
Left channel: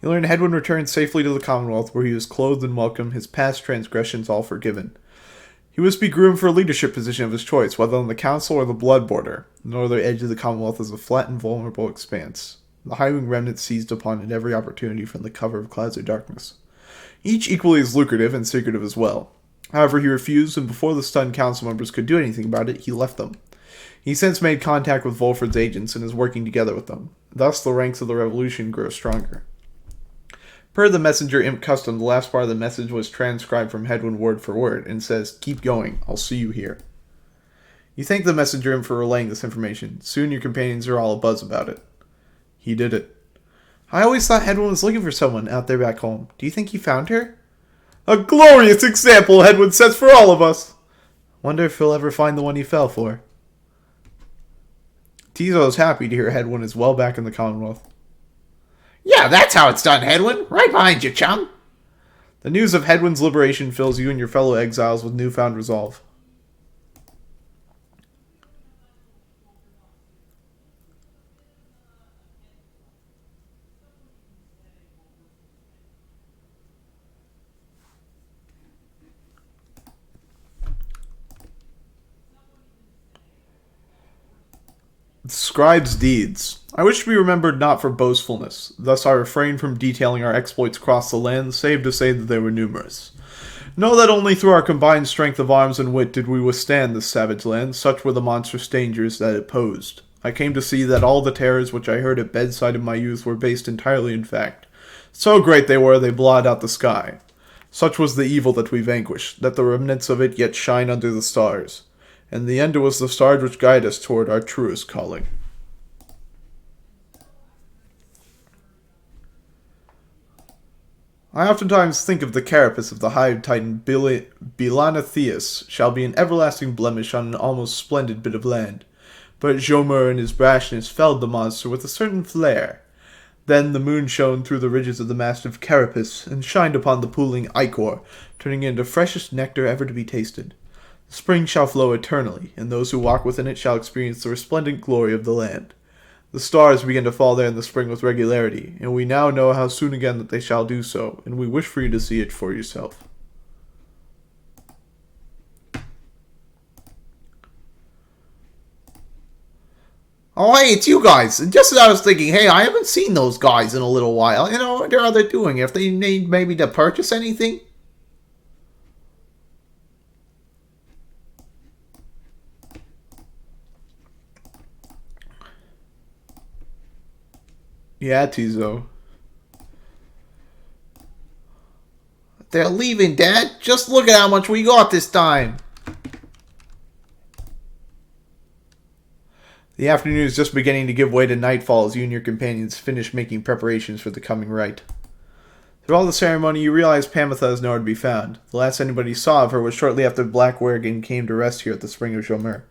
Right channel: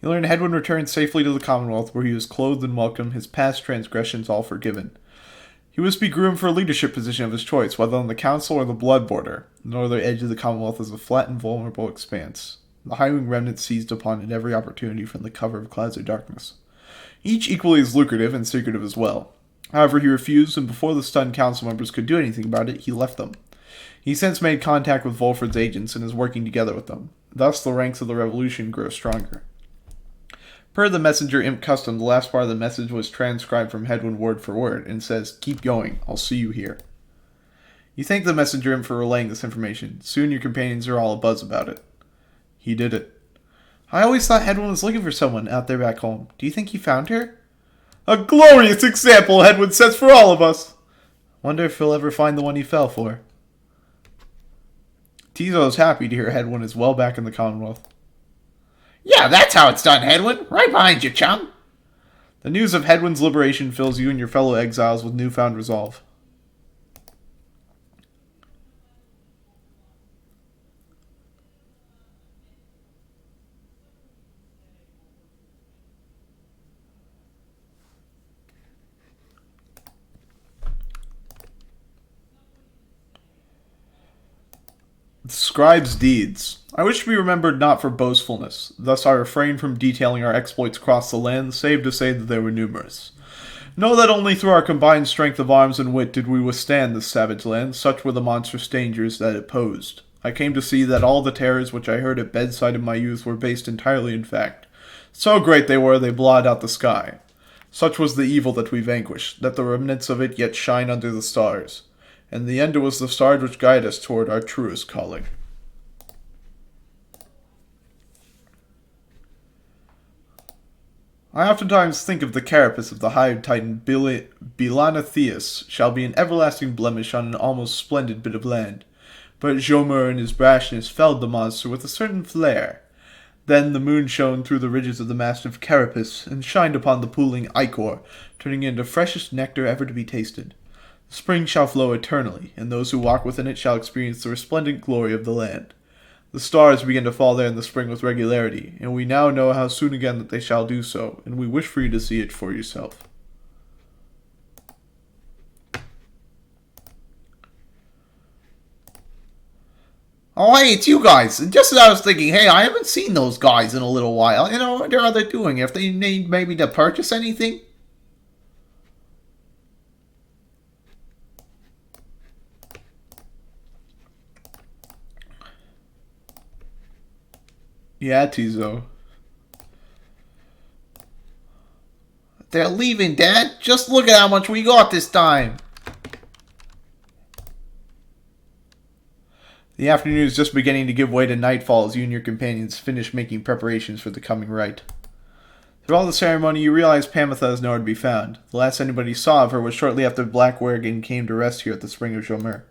You learn Hedwyn returned safely to the Commonwealth, where he was clothed and welcome, his past transgressions all forgiven. He was to be groomed for a leadership position of his choice, whether on the Council or the Blood Border. The northern edge of the Commonwealth is a flat and vulnerable expanse. The Highwing remnant seized upon it every opportunity from the cover of clouds of darkness. Each equally as lucrative and secretive as well. However, he refused, and before the stunned council members could do anything about it, he left them. He since made contact with Volfred's agents and is working together with them. Thus, the ranks of the revolution grow stronger. Per the messenger imp custom, the last part of the message was transcribed from Hedwyn word for word, and says, "Keep going, I'll see you here." You thank the messenger imp for relaying this information. Soon your companions are all abuzz about it. He did it. I always thought Hedwyn was looking for someone out there back home. Do you think he found her? A glorious example Hedwyn sets for all of us! Wonder if he'll ever find the one he fell for. Tizo is happy to hear Hedwyn is well back in the Commonwealth. Yeah, that's how it's done, Hedwyn. Right behind you, chum. The news of Hedwyn's liberation fills you and your fellow exiles with newfound resolve. The scribe's deeds. I wish to be remembered not for boastfulness. Thus I refrain from detailing our exploits across the land, save to say that they were numerous. Know that only through our combined strength of arms and wit did we withstand this savage land, such were the monstrous dangers that it posed. I came to see that all the terrors which I heard at bedside in my youth were based entirely in fact. So great they were, they blotted out the sky. Such was the evil that we vanquished, that the remnants of it yet shine under the stars. In the end it was the stars which guide us toward our truest calling. I oftentimes think of the carapace of the hive titan Bilanatheus shall be an everlasting blemish on an almost splendid bit of land. But Jomer in his brashness felled the monster with a certain flair. Then the moon shone through the ridges of the massive carapace and shined upon the pooling ichor, turning it into freshest nectar ever to be tasted. The spring shall flow eternally, and those who walk within it shall experience the resplendent glory of the land. The stars begin to fall there in the spring with regularity, and we now know how soon again that they shall do so, and we wish for you to see it for yourself. Oh, hey, it's you guys. Just as I was thinking, hey, I haven't seen those guys in a little while. What are they doing? If they need maybe to purchase anything? Yeah, Tizo. They're leaving, Dad. Just look at how much we got this time. The afternoon is just beginning to give way to nightfall as you and your companions finish making preparations for the coming rite. Through all the ceremony, you realize Pamitha is nowhere to be found. The last anybody saw of her was shortly after Black Werrigan came to rest here at the Spring of Jomer.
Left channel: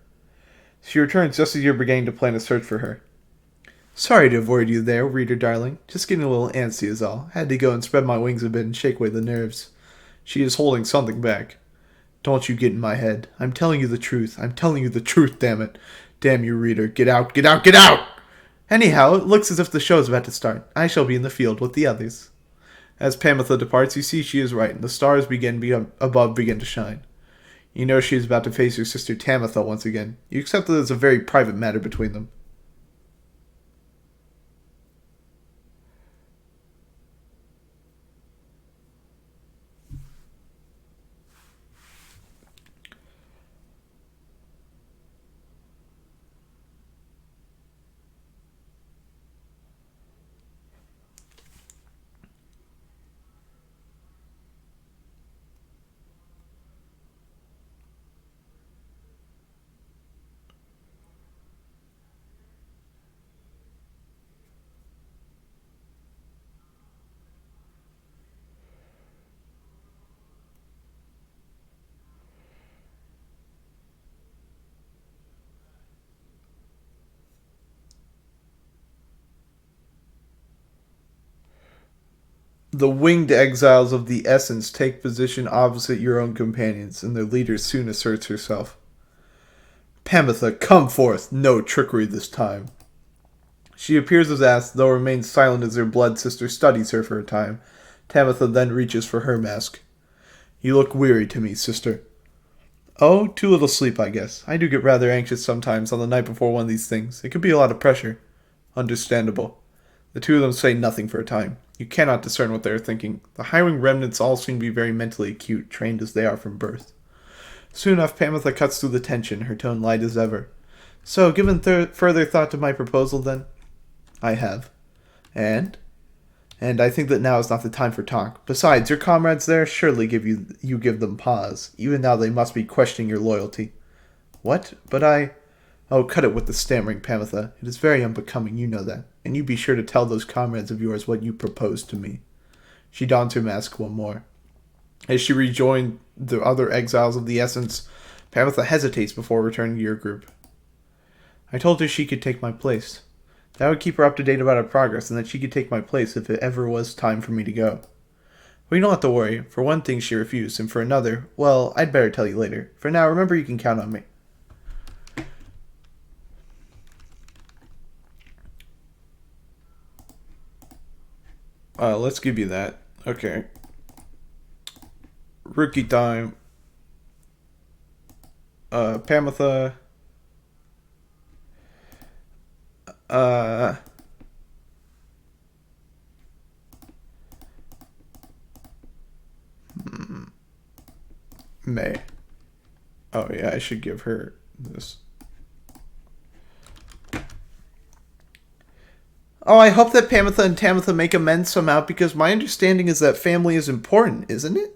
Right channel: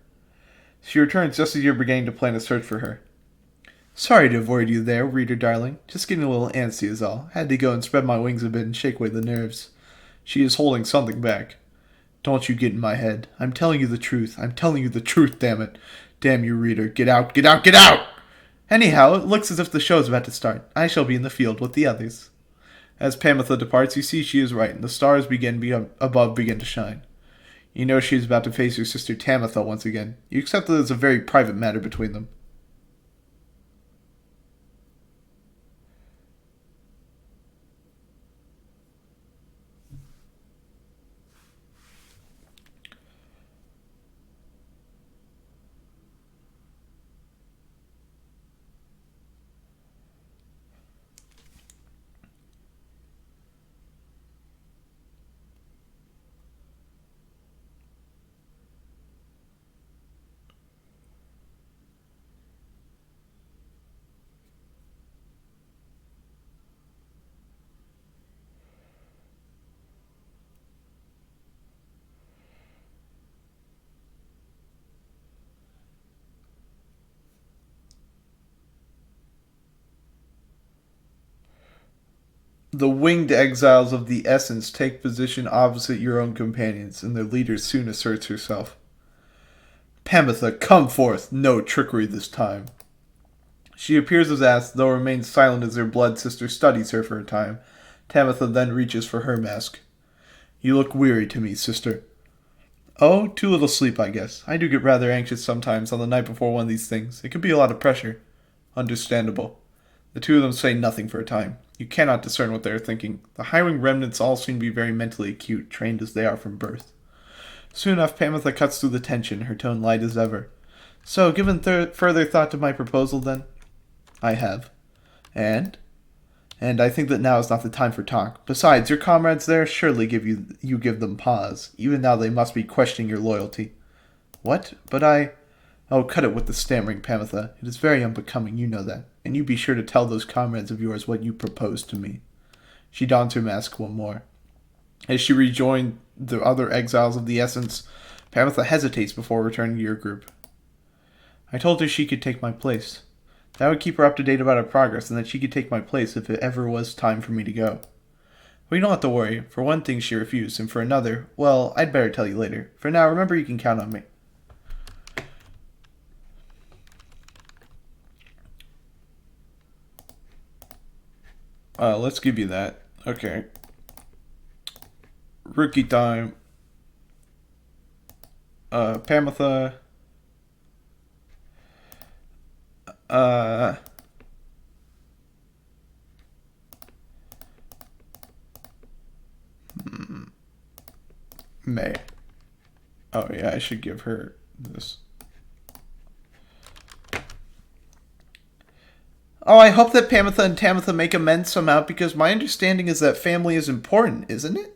She returns just as you're beginning to plan a search for her. Sorry to avoid you there, reader darling. Just getting a little antsy is all. Had to go and spread my wings a bit and shake away the nerves. She is holding something back. Don't you get in my head. I'm telling you the truth. I'm telling you the truth, damn it. Damn you, reader. Get out, get out, get out! Anyhow, it looks as if the show's about to start. I shall be in the field with the others. As Pamitha departs, you see she is right, and the stars above begin to shine. You know she is about to face your sister Tamitha once again. You accept that it's a very private matter between them. The winged exiles of the Essence take position opposite your own companions, and their leader soon asserts herself. Pamitha, come forth! No trickery this time. She appears as asked, though remains silent as her blood sister studies her for a time. Tamitha then reaches for her mask. You look weary to me, sister. Oh, too little sleep, I guess. I do get rather anxious sometimes on the night before one of these things. It can be a lot of pressure. Understandable. The two of them say nothing for a time. You cannot discern what they are thinking. The highwing remnants all seem to be very mentally acute, trained as they are from birth. Soon enough, Pamitha cuts through the tension, her tone light as ever. So, given further thought to my proposal, then? I have. And I think that now is not the time for talk. Besides, your comrades there surely you give them pause. Even now they must be questioning your loyalty. What? But I... Oh, cut it with the stammering, Pamitha. It is very unbecoming, you know that. And you be sure to tell those comrades of yours what you propose to me. She dons her mask one more. As she rejoined the other exiles of the Essence, Pamitha hesitates before returning to your group. I told her she could take my place. That would keep her up to date about our progress, and that she could take my place if it ever was time for me to go. Well, you don't have to worry. For one thing, she refused, and for another, well, I'd better tell you later. For now, remember you can count on me. Let's give you that. Okay. Rookie time. Pamitha. May. Oh yeah, I should give her this. Oh, I hope that Pamitha and Tamitha make amends somehow, because my understanding is that family is important, isn't it?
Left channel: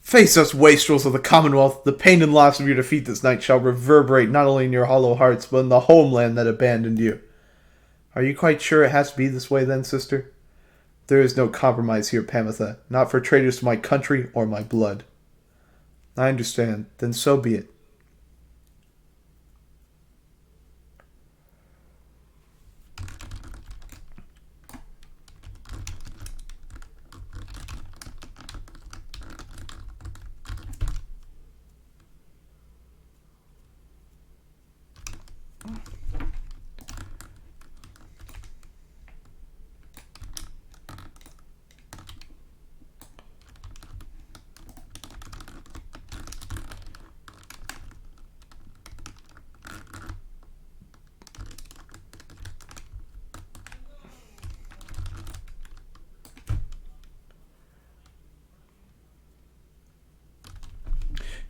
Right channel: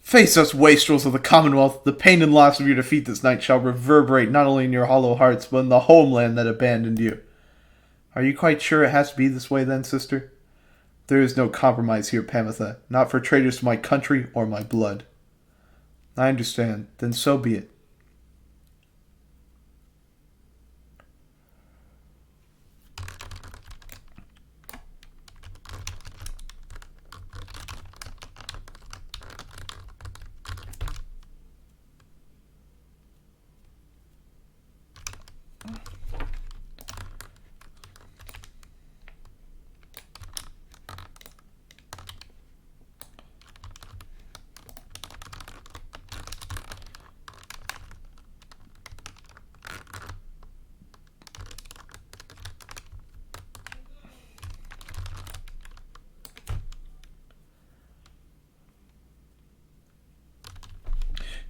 Face us, wastrels of the Commonwealth. The pain and loss of your defeat this night shall reverberate not only in your hollow hearts, but in the homeland that abandoned you. Are you quite sure it has to be this way then, sister? There is no compromise here, Pamitha, not for traitors to my country or my blood. I understand. Then so be it.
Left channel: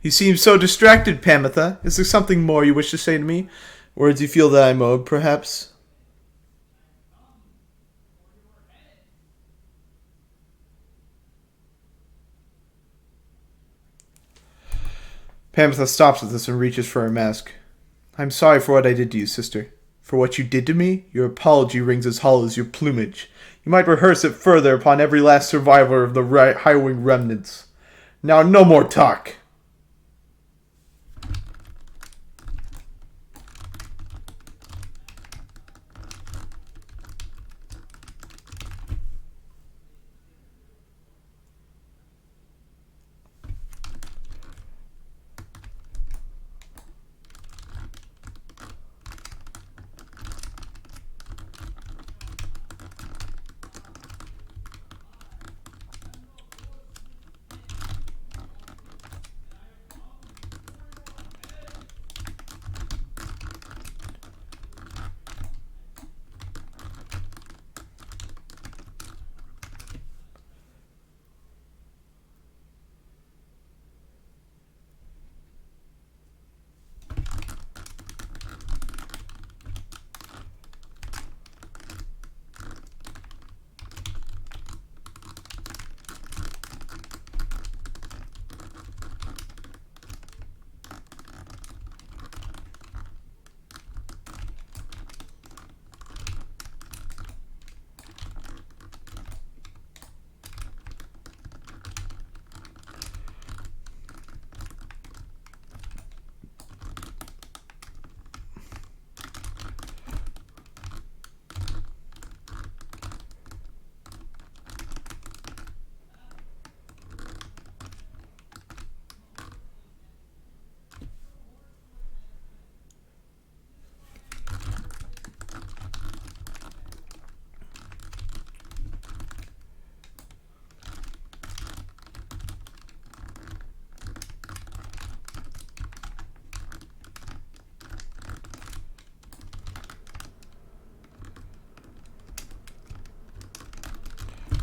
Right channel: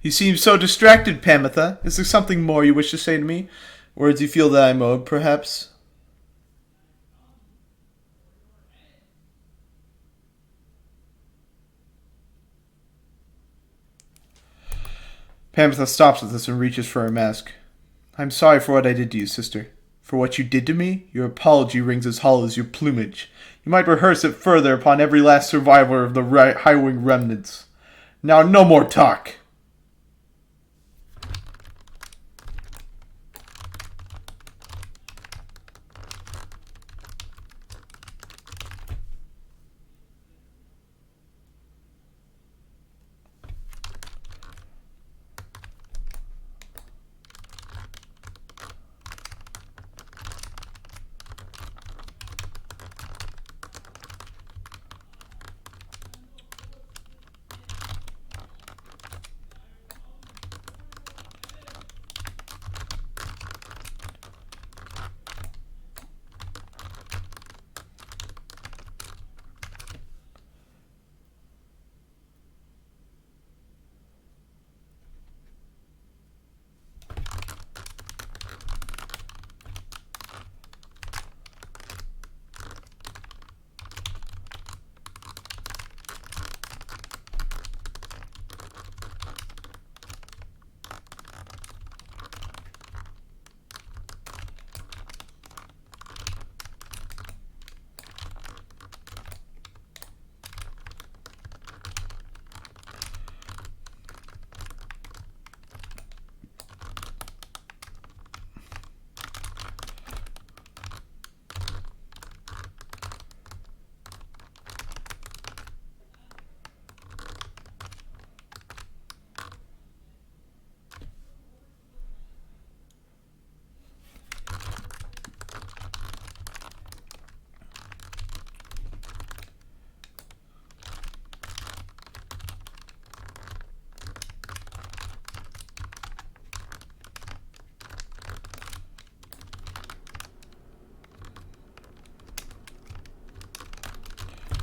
You seem so distracted, Pamitha. Is there something more you wish to say to me? Words you feel that I'm owed, perhaps? Pamitha stops at this and reaches for her mask. I'm sorry for what I did to you, sister. For what you did to me, your apology rings as hollow as your plumage. You might rehearse it further upon every last survivor of the High-Wing remnants. Now, no more talk.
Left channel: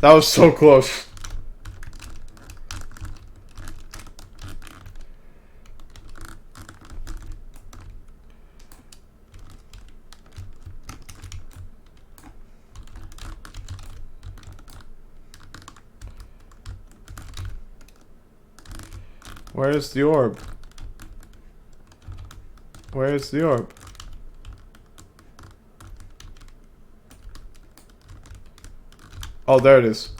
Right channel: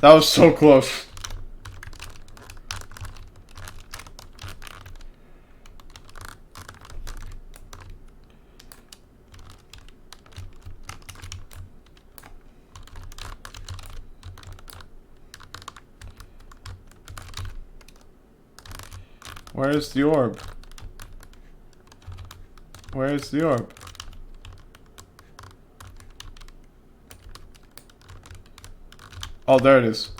That was so close. Where's the orb? Where's the orb? Oh, there it is.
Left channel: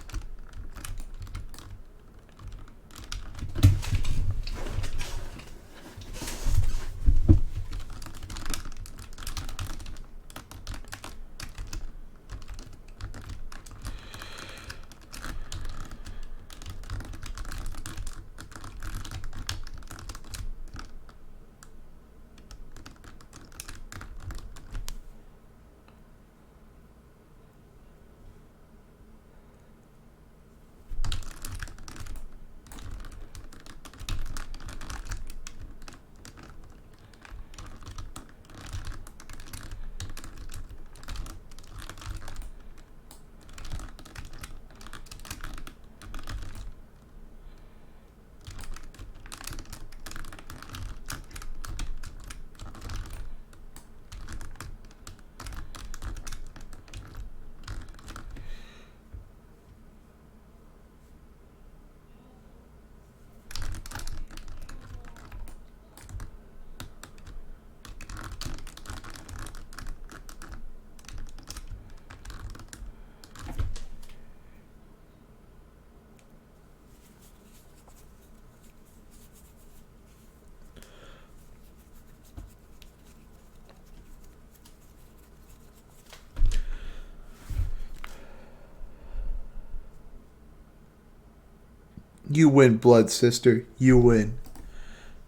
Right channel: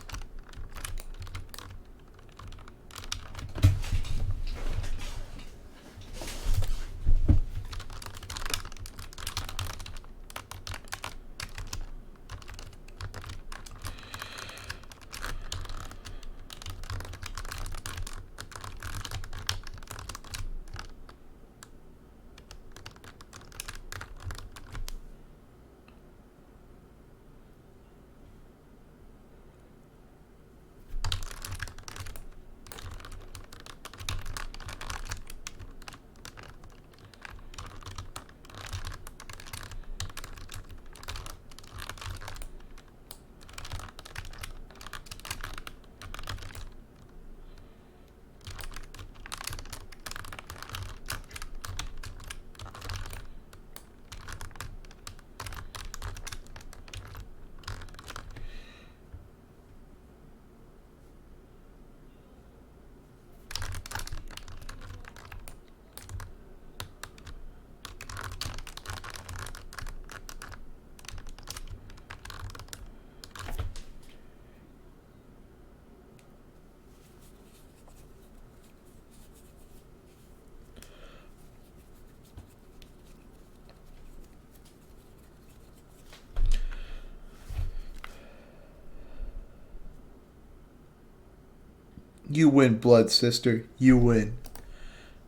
You win, blood sister. You win.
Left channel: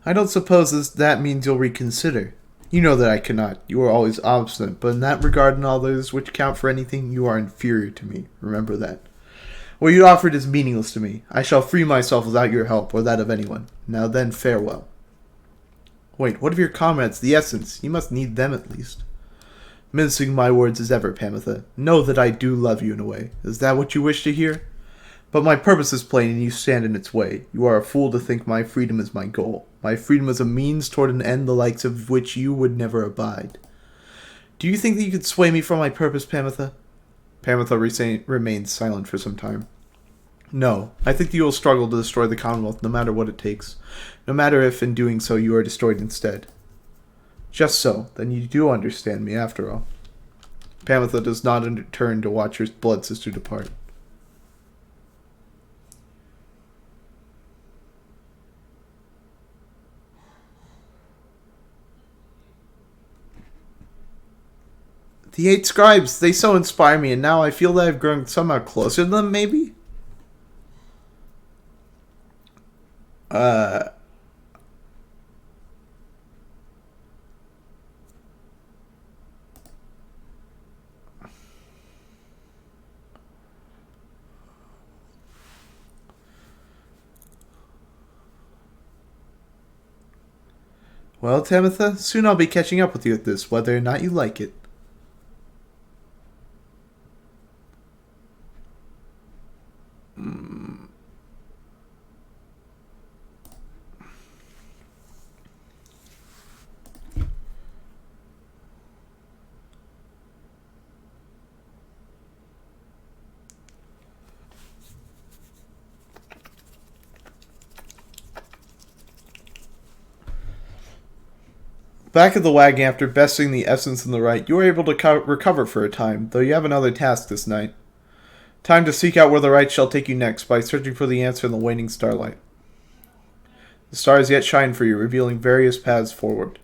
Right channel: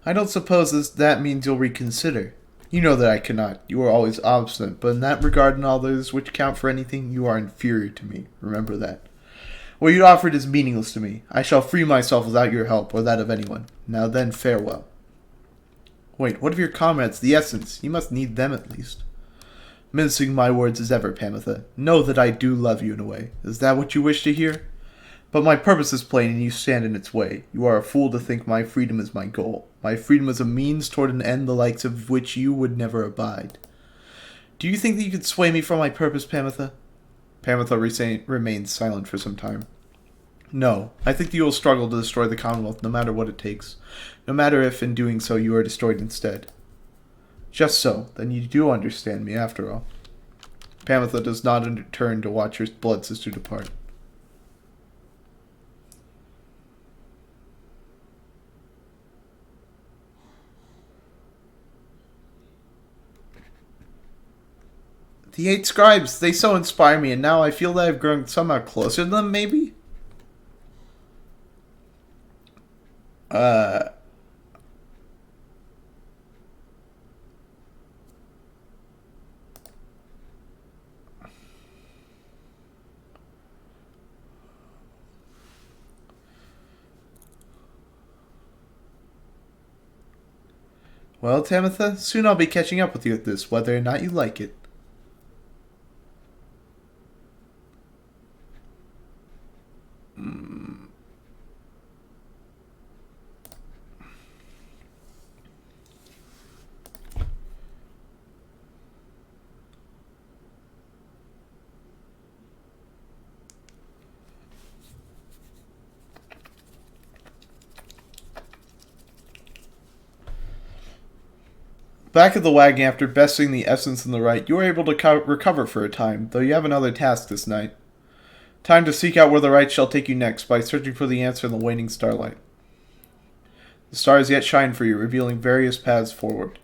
I don't suppose that means you'll reconsider. You know that I cannot. You are always obstinate, but in that regard and all those which count for anything, you are inferior to me. Remember that. What you offered is meaningless to me. I shall free myself without your help, or that of anyone. Now then, farewell. Wait, what of your comrades, the Essence? You must need them at least. Mincing my words as ever, Pamitha. Know that I do love you in a way. Is that what you wish to hear? But my purpose is plain, and you stand in its way. You are a fool to think my freedom is my goal. My freedom is a means toward an end the likes of which you would never abide. Do you think that you could sway me from my purpose, Pamitha? Pamitha remains silent for some time. No, I think that you will struggle to destroy the Commonwealth no matter what it takes. No matter if, in doing so, you are destroyed instead. Just so. Then you do understand me, after all. Pamitha does not turn to watch her blood sister depart. The 8 scribes, they so inspire me, and now I feel that I've grown somehow closer to them, maybe? Well, Tamitha, soon I'll be catching up with you at this, whether or not you like it. Back at the wagon after besting the Essence in the right, you are able to recover for a time, though you have another task this night. Time to seek out where the right shall take you next by searching for the answer in the waning starlight. The stars yet shine for you, revealing various paths forward.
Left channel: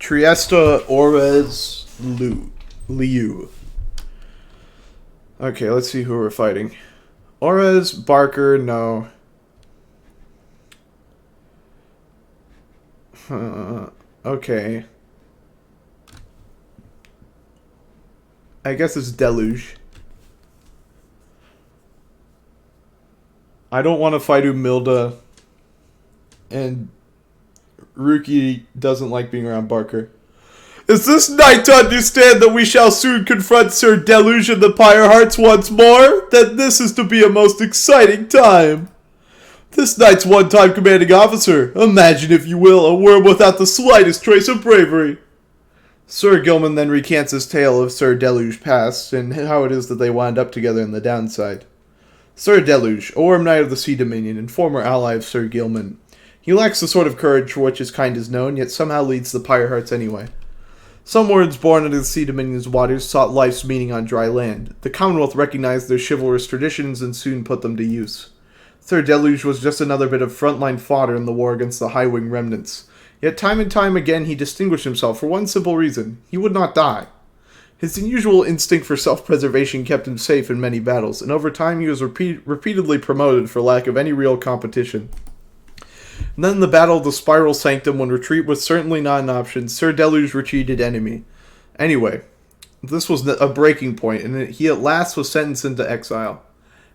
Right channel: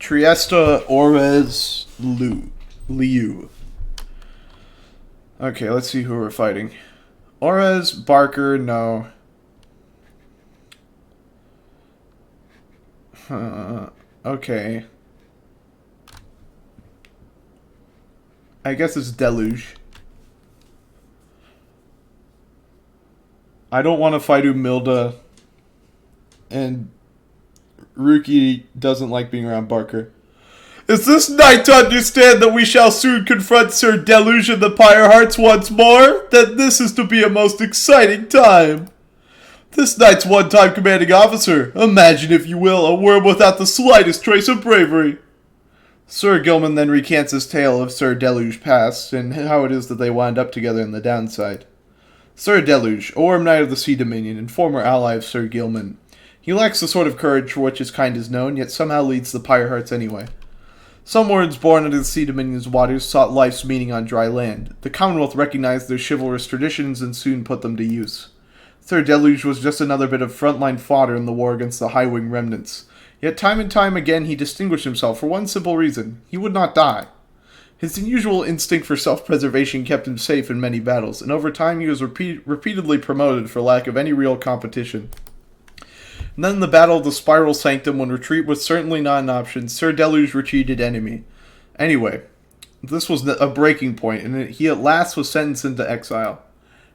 Triesta Orez Liu. Okay, let's see who we're fighting. Orez, Barker, no. Okay. I guess it's Deluge. I don't want to fight Umilda. And Ruki doesn't like being around Barker. Is this night to understand that we shall soon confront Sir Deluge and the Pyre Hearts once more? Then this is to be a most exciting time. This knight's one-time commanding officer. Imagine, if you will, a worm without the slightest trace of bravery. Sir Gilman then recants his tale of Sir Deluge's past, and how it is that they wound up together in the downside. Sir Deluge, a worm knight of the Sea Dominion, and former ally of Sir Gilman. He lacks the sort of courage for which his kind is known, yet somehow leads the Pyre Hearts anyway. Some words born under the Sea Dominion's waters sought life's meaning on dry land. The Commonwealth recognized their chivalrous traditions and soon put them to use. Sir Deluge was just another bit of frontline fodder in the war against the High-Wing remnants. Yet time and time again he distinguished himself for one simple reason. He would not die. His unusual instinct for self-preservation kept him safe in many battles, and over time he was repeatedly promoted for lack of any real competition. And then in the Battle of the Spiral Sanctum, when retreat was certainly not an option, Sir Deluge retreated enemy. Anyway, this was a breaking point, and he at last was sentenced into exile.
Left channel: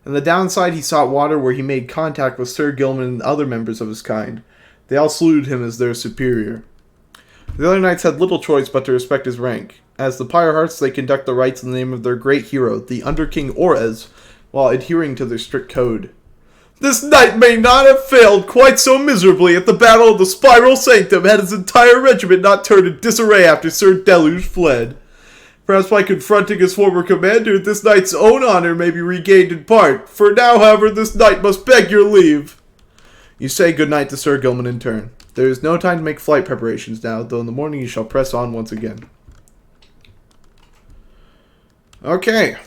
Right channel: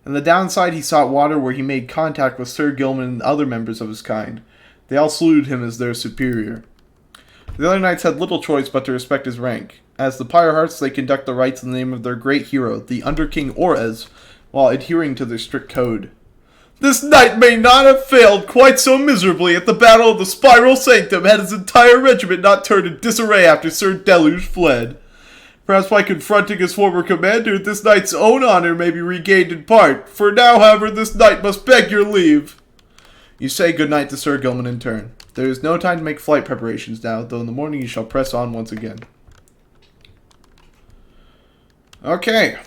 On the downside, he sought water where he made contact with Sir Gilman and other members of his kind. They all saluted him as their superior. The other knights had little choice but to respect his rank. As the Pyre Hearts, they conduct the rites in the name of their great hero, the Under King Orez, while adhering to their strict code. This knight may not have failed quite so miserably at the Battle of the Spiral Sanctum had his entire regiment not turned in disarray after Sir Deluge fled. Perhaps by confronting his former commander, this knight's own honor may be regained in part. For now, however, this knight must beg your leave. You say good night to Sir Gilman in turn. There is no time to make flight preparations now, though in the morning you shall press on once again. Okay.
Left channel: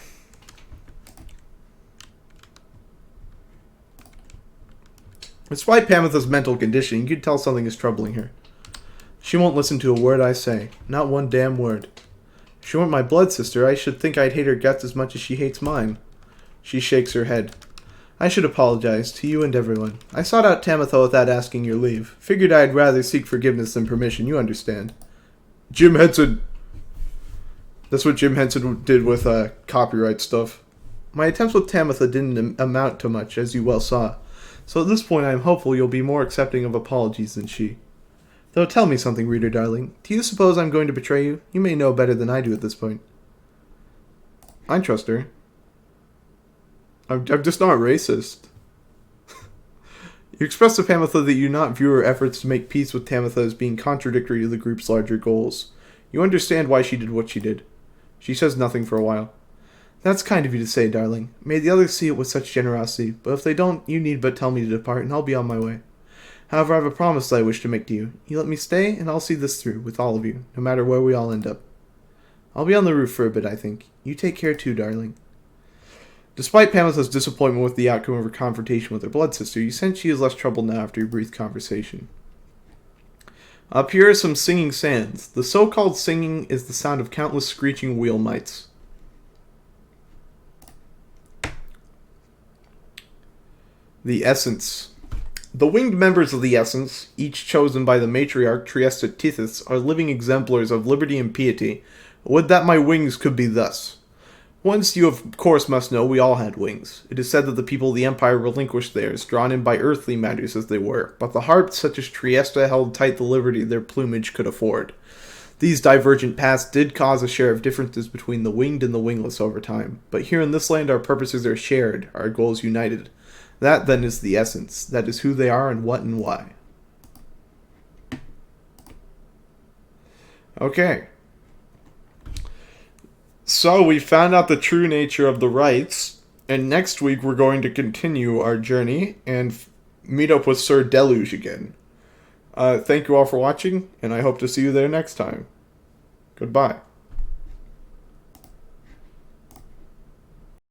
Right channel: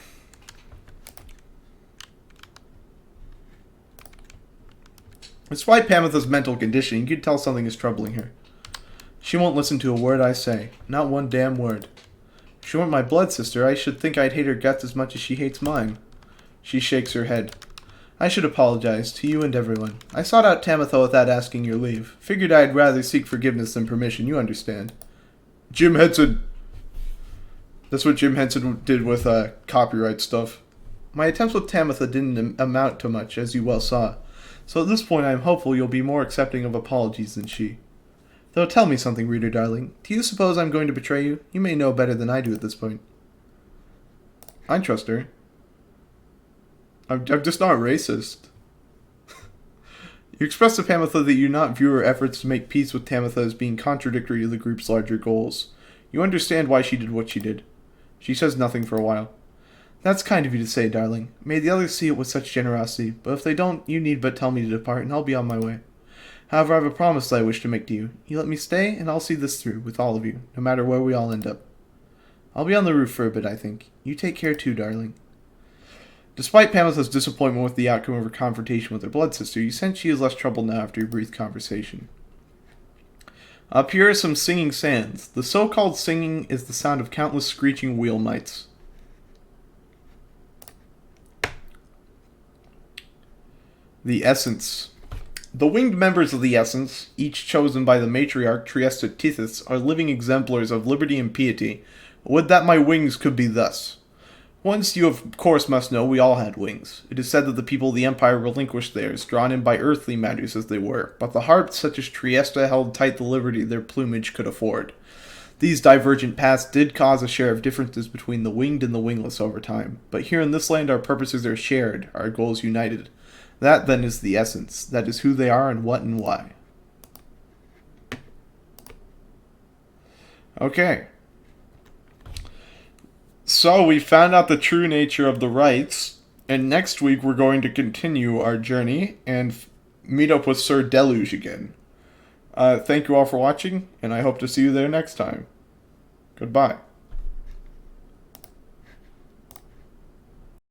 Despite Pamitha's mental condition, you can tell something is troubling her. She won't listen to a word I say. Not one damn word. If she weren't my blood sister, I should think I'd hate her guts as much as she hates mine. She shakes her head. I should apologize to you and everyone. I sought out Tamitha without asking your leave. Figured I'd rather seek forgiveness than permission, you understand. Jim Henson. That's what Jim Henson did with copyright stuff. My attempts with Tamitha didn't amount to much, as you well saw. So at this point I am hopeful you'll be more accepting of apologies than she. Though tell me something, reader darling. Do you suppose I'm going to betray you? You may know better than I do at this point. I trust her. I'm just not racist. You expressed to Tamitha that you not view her efforts to make peace with Tamitha as being contradictory to the group's larger goals. You understand why she did what she did. She says nothing for a while. That's kind of you to say, darling. May the others see it with such generosity, but if they don't, you need but tell me to depart, and I'll be on my way. However, I have a promise that I wish to make to you. You let me stay, and I'll see this through, with all of you, no matter where we all end up. I'll be on the roof for a bit, I think. You take care too, darling. Despite Tamitha's disappointment with the outcome of her confrontation with her blood sister, you sense she is less troubled now after your brief conversation. Up here are some singing sands. The so-called singing is the sound of countless screeching wheel mites. The Essence. The winged members of the Essence, each chosen by the matriarch Triesta Tithys, are living exemplars of liberty and piety. Would that my wings could be thus. Once you of course must know we all had wings. It is said that the people of the Empire relinquished theirs, drawn in by earthly matters as they were, but the hearts such as Triesta held tight the liberty their plumage could afford. These divergent paths did cause a share of differences between the winged and the wingless over time, but here in this land our purposes are shared, our goals united. That then is the essence, that is who they are and what and why. Okay. So we found out the true nature of the rites, and next week we're going to continue our journey and meet up with Sir Deluge again. Thank you all for watching, and I hope to see you there next time. Goodbye.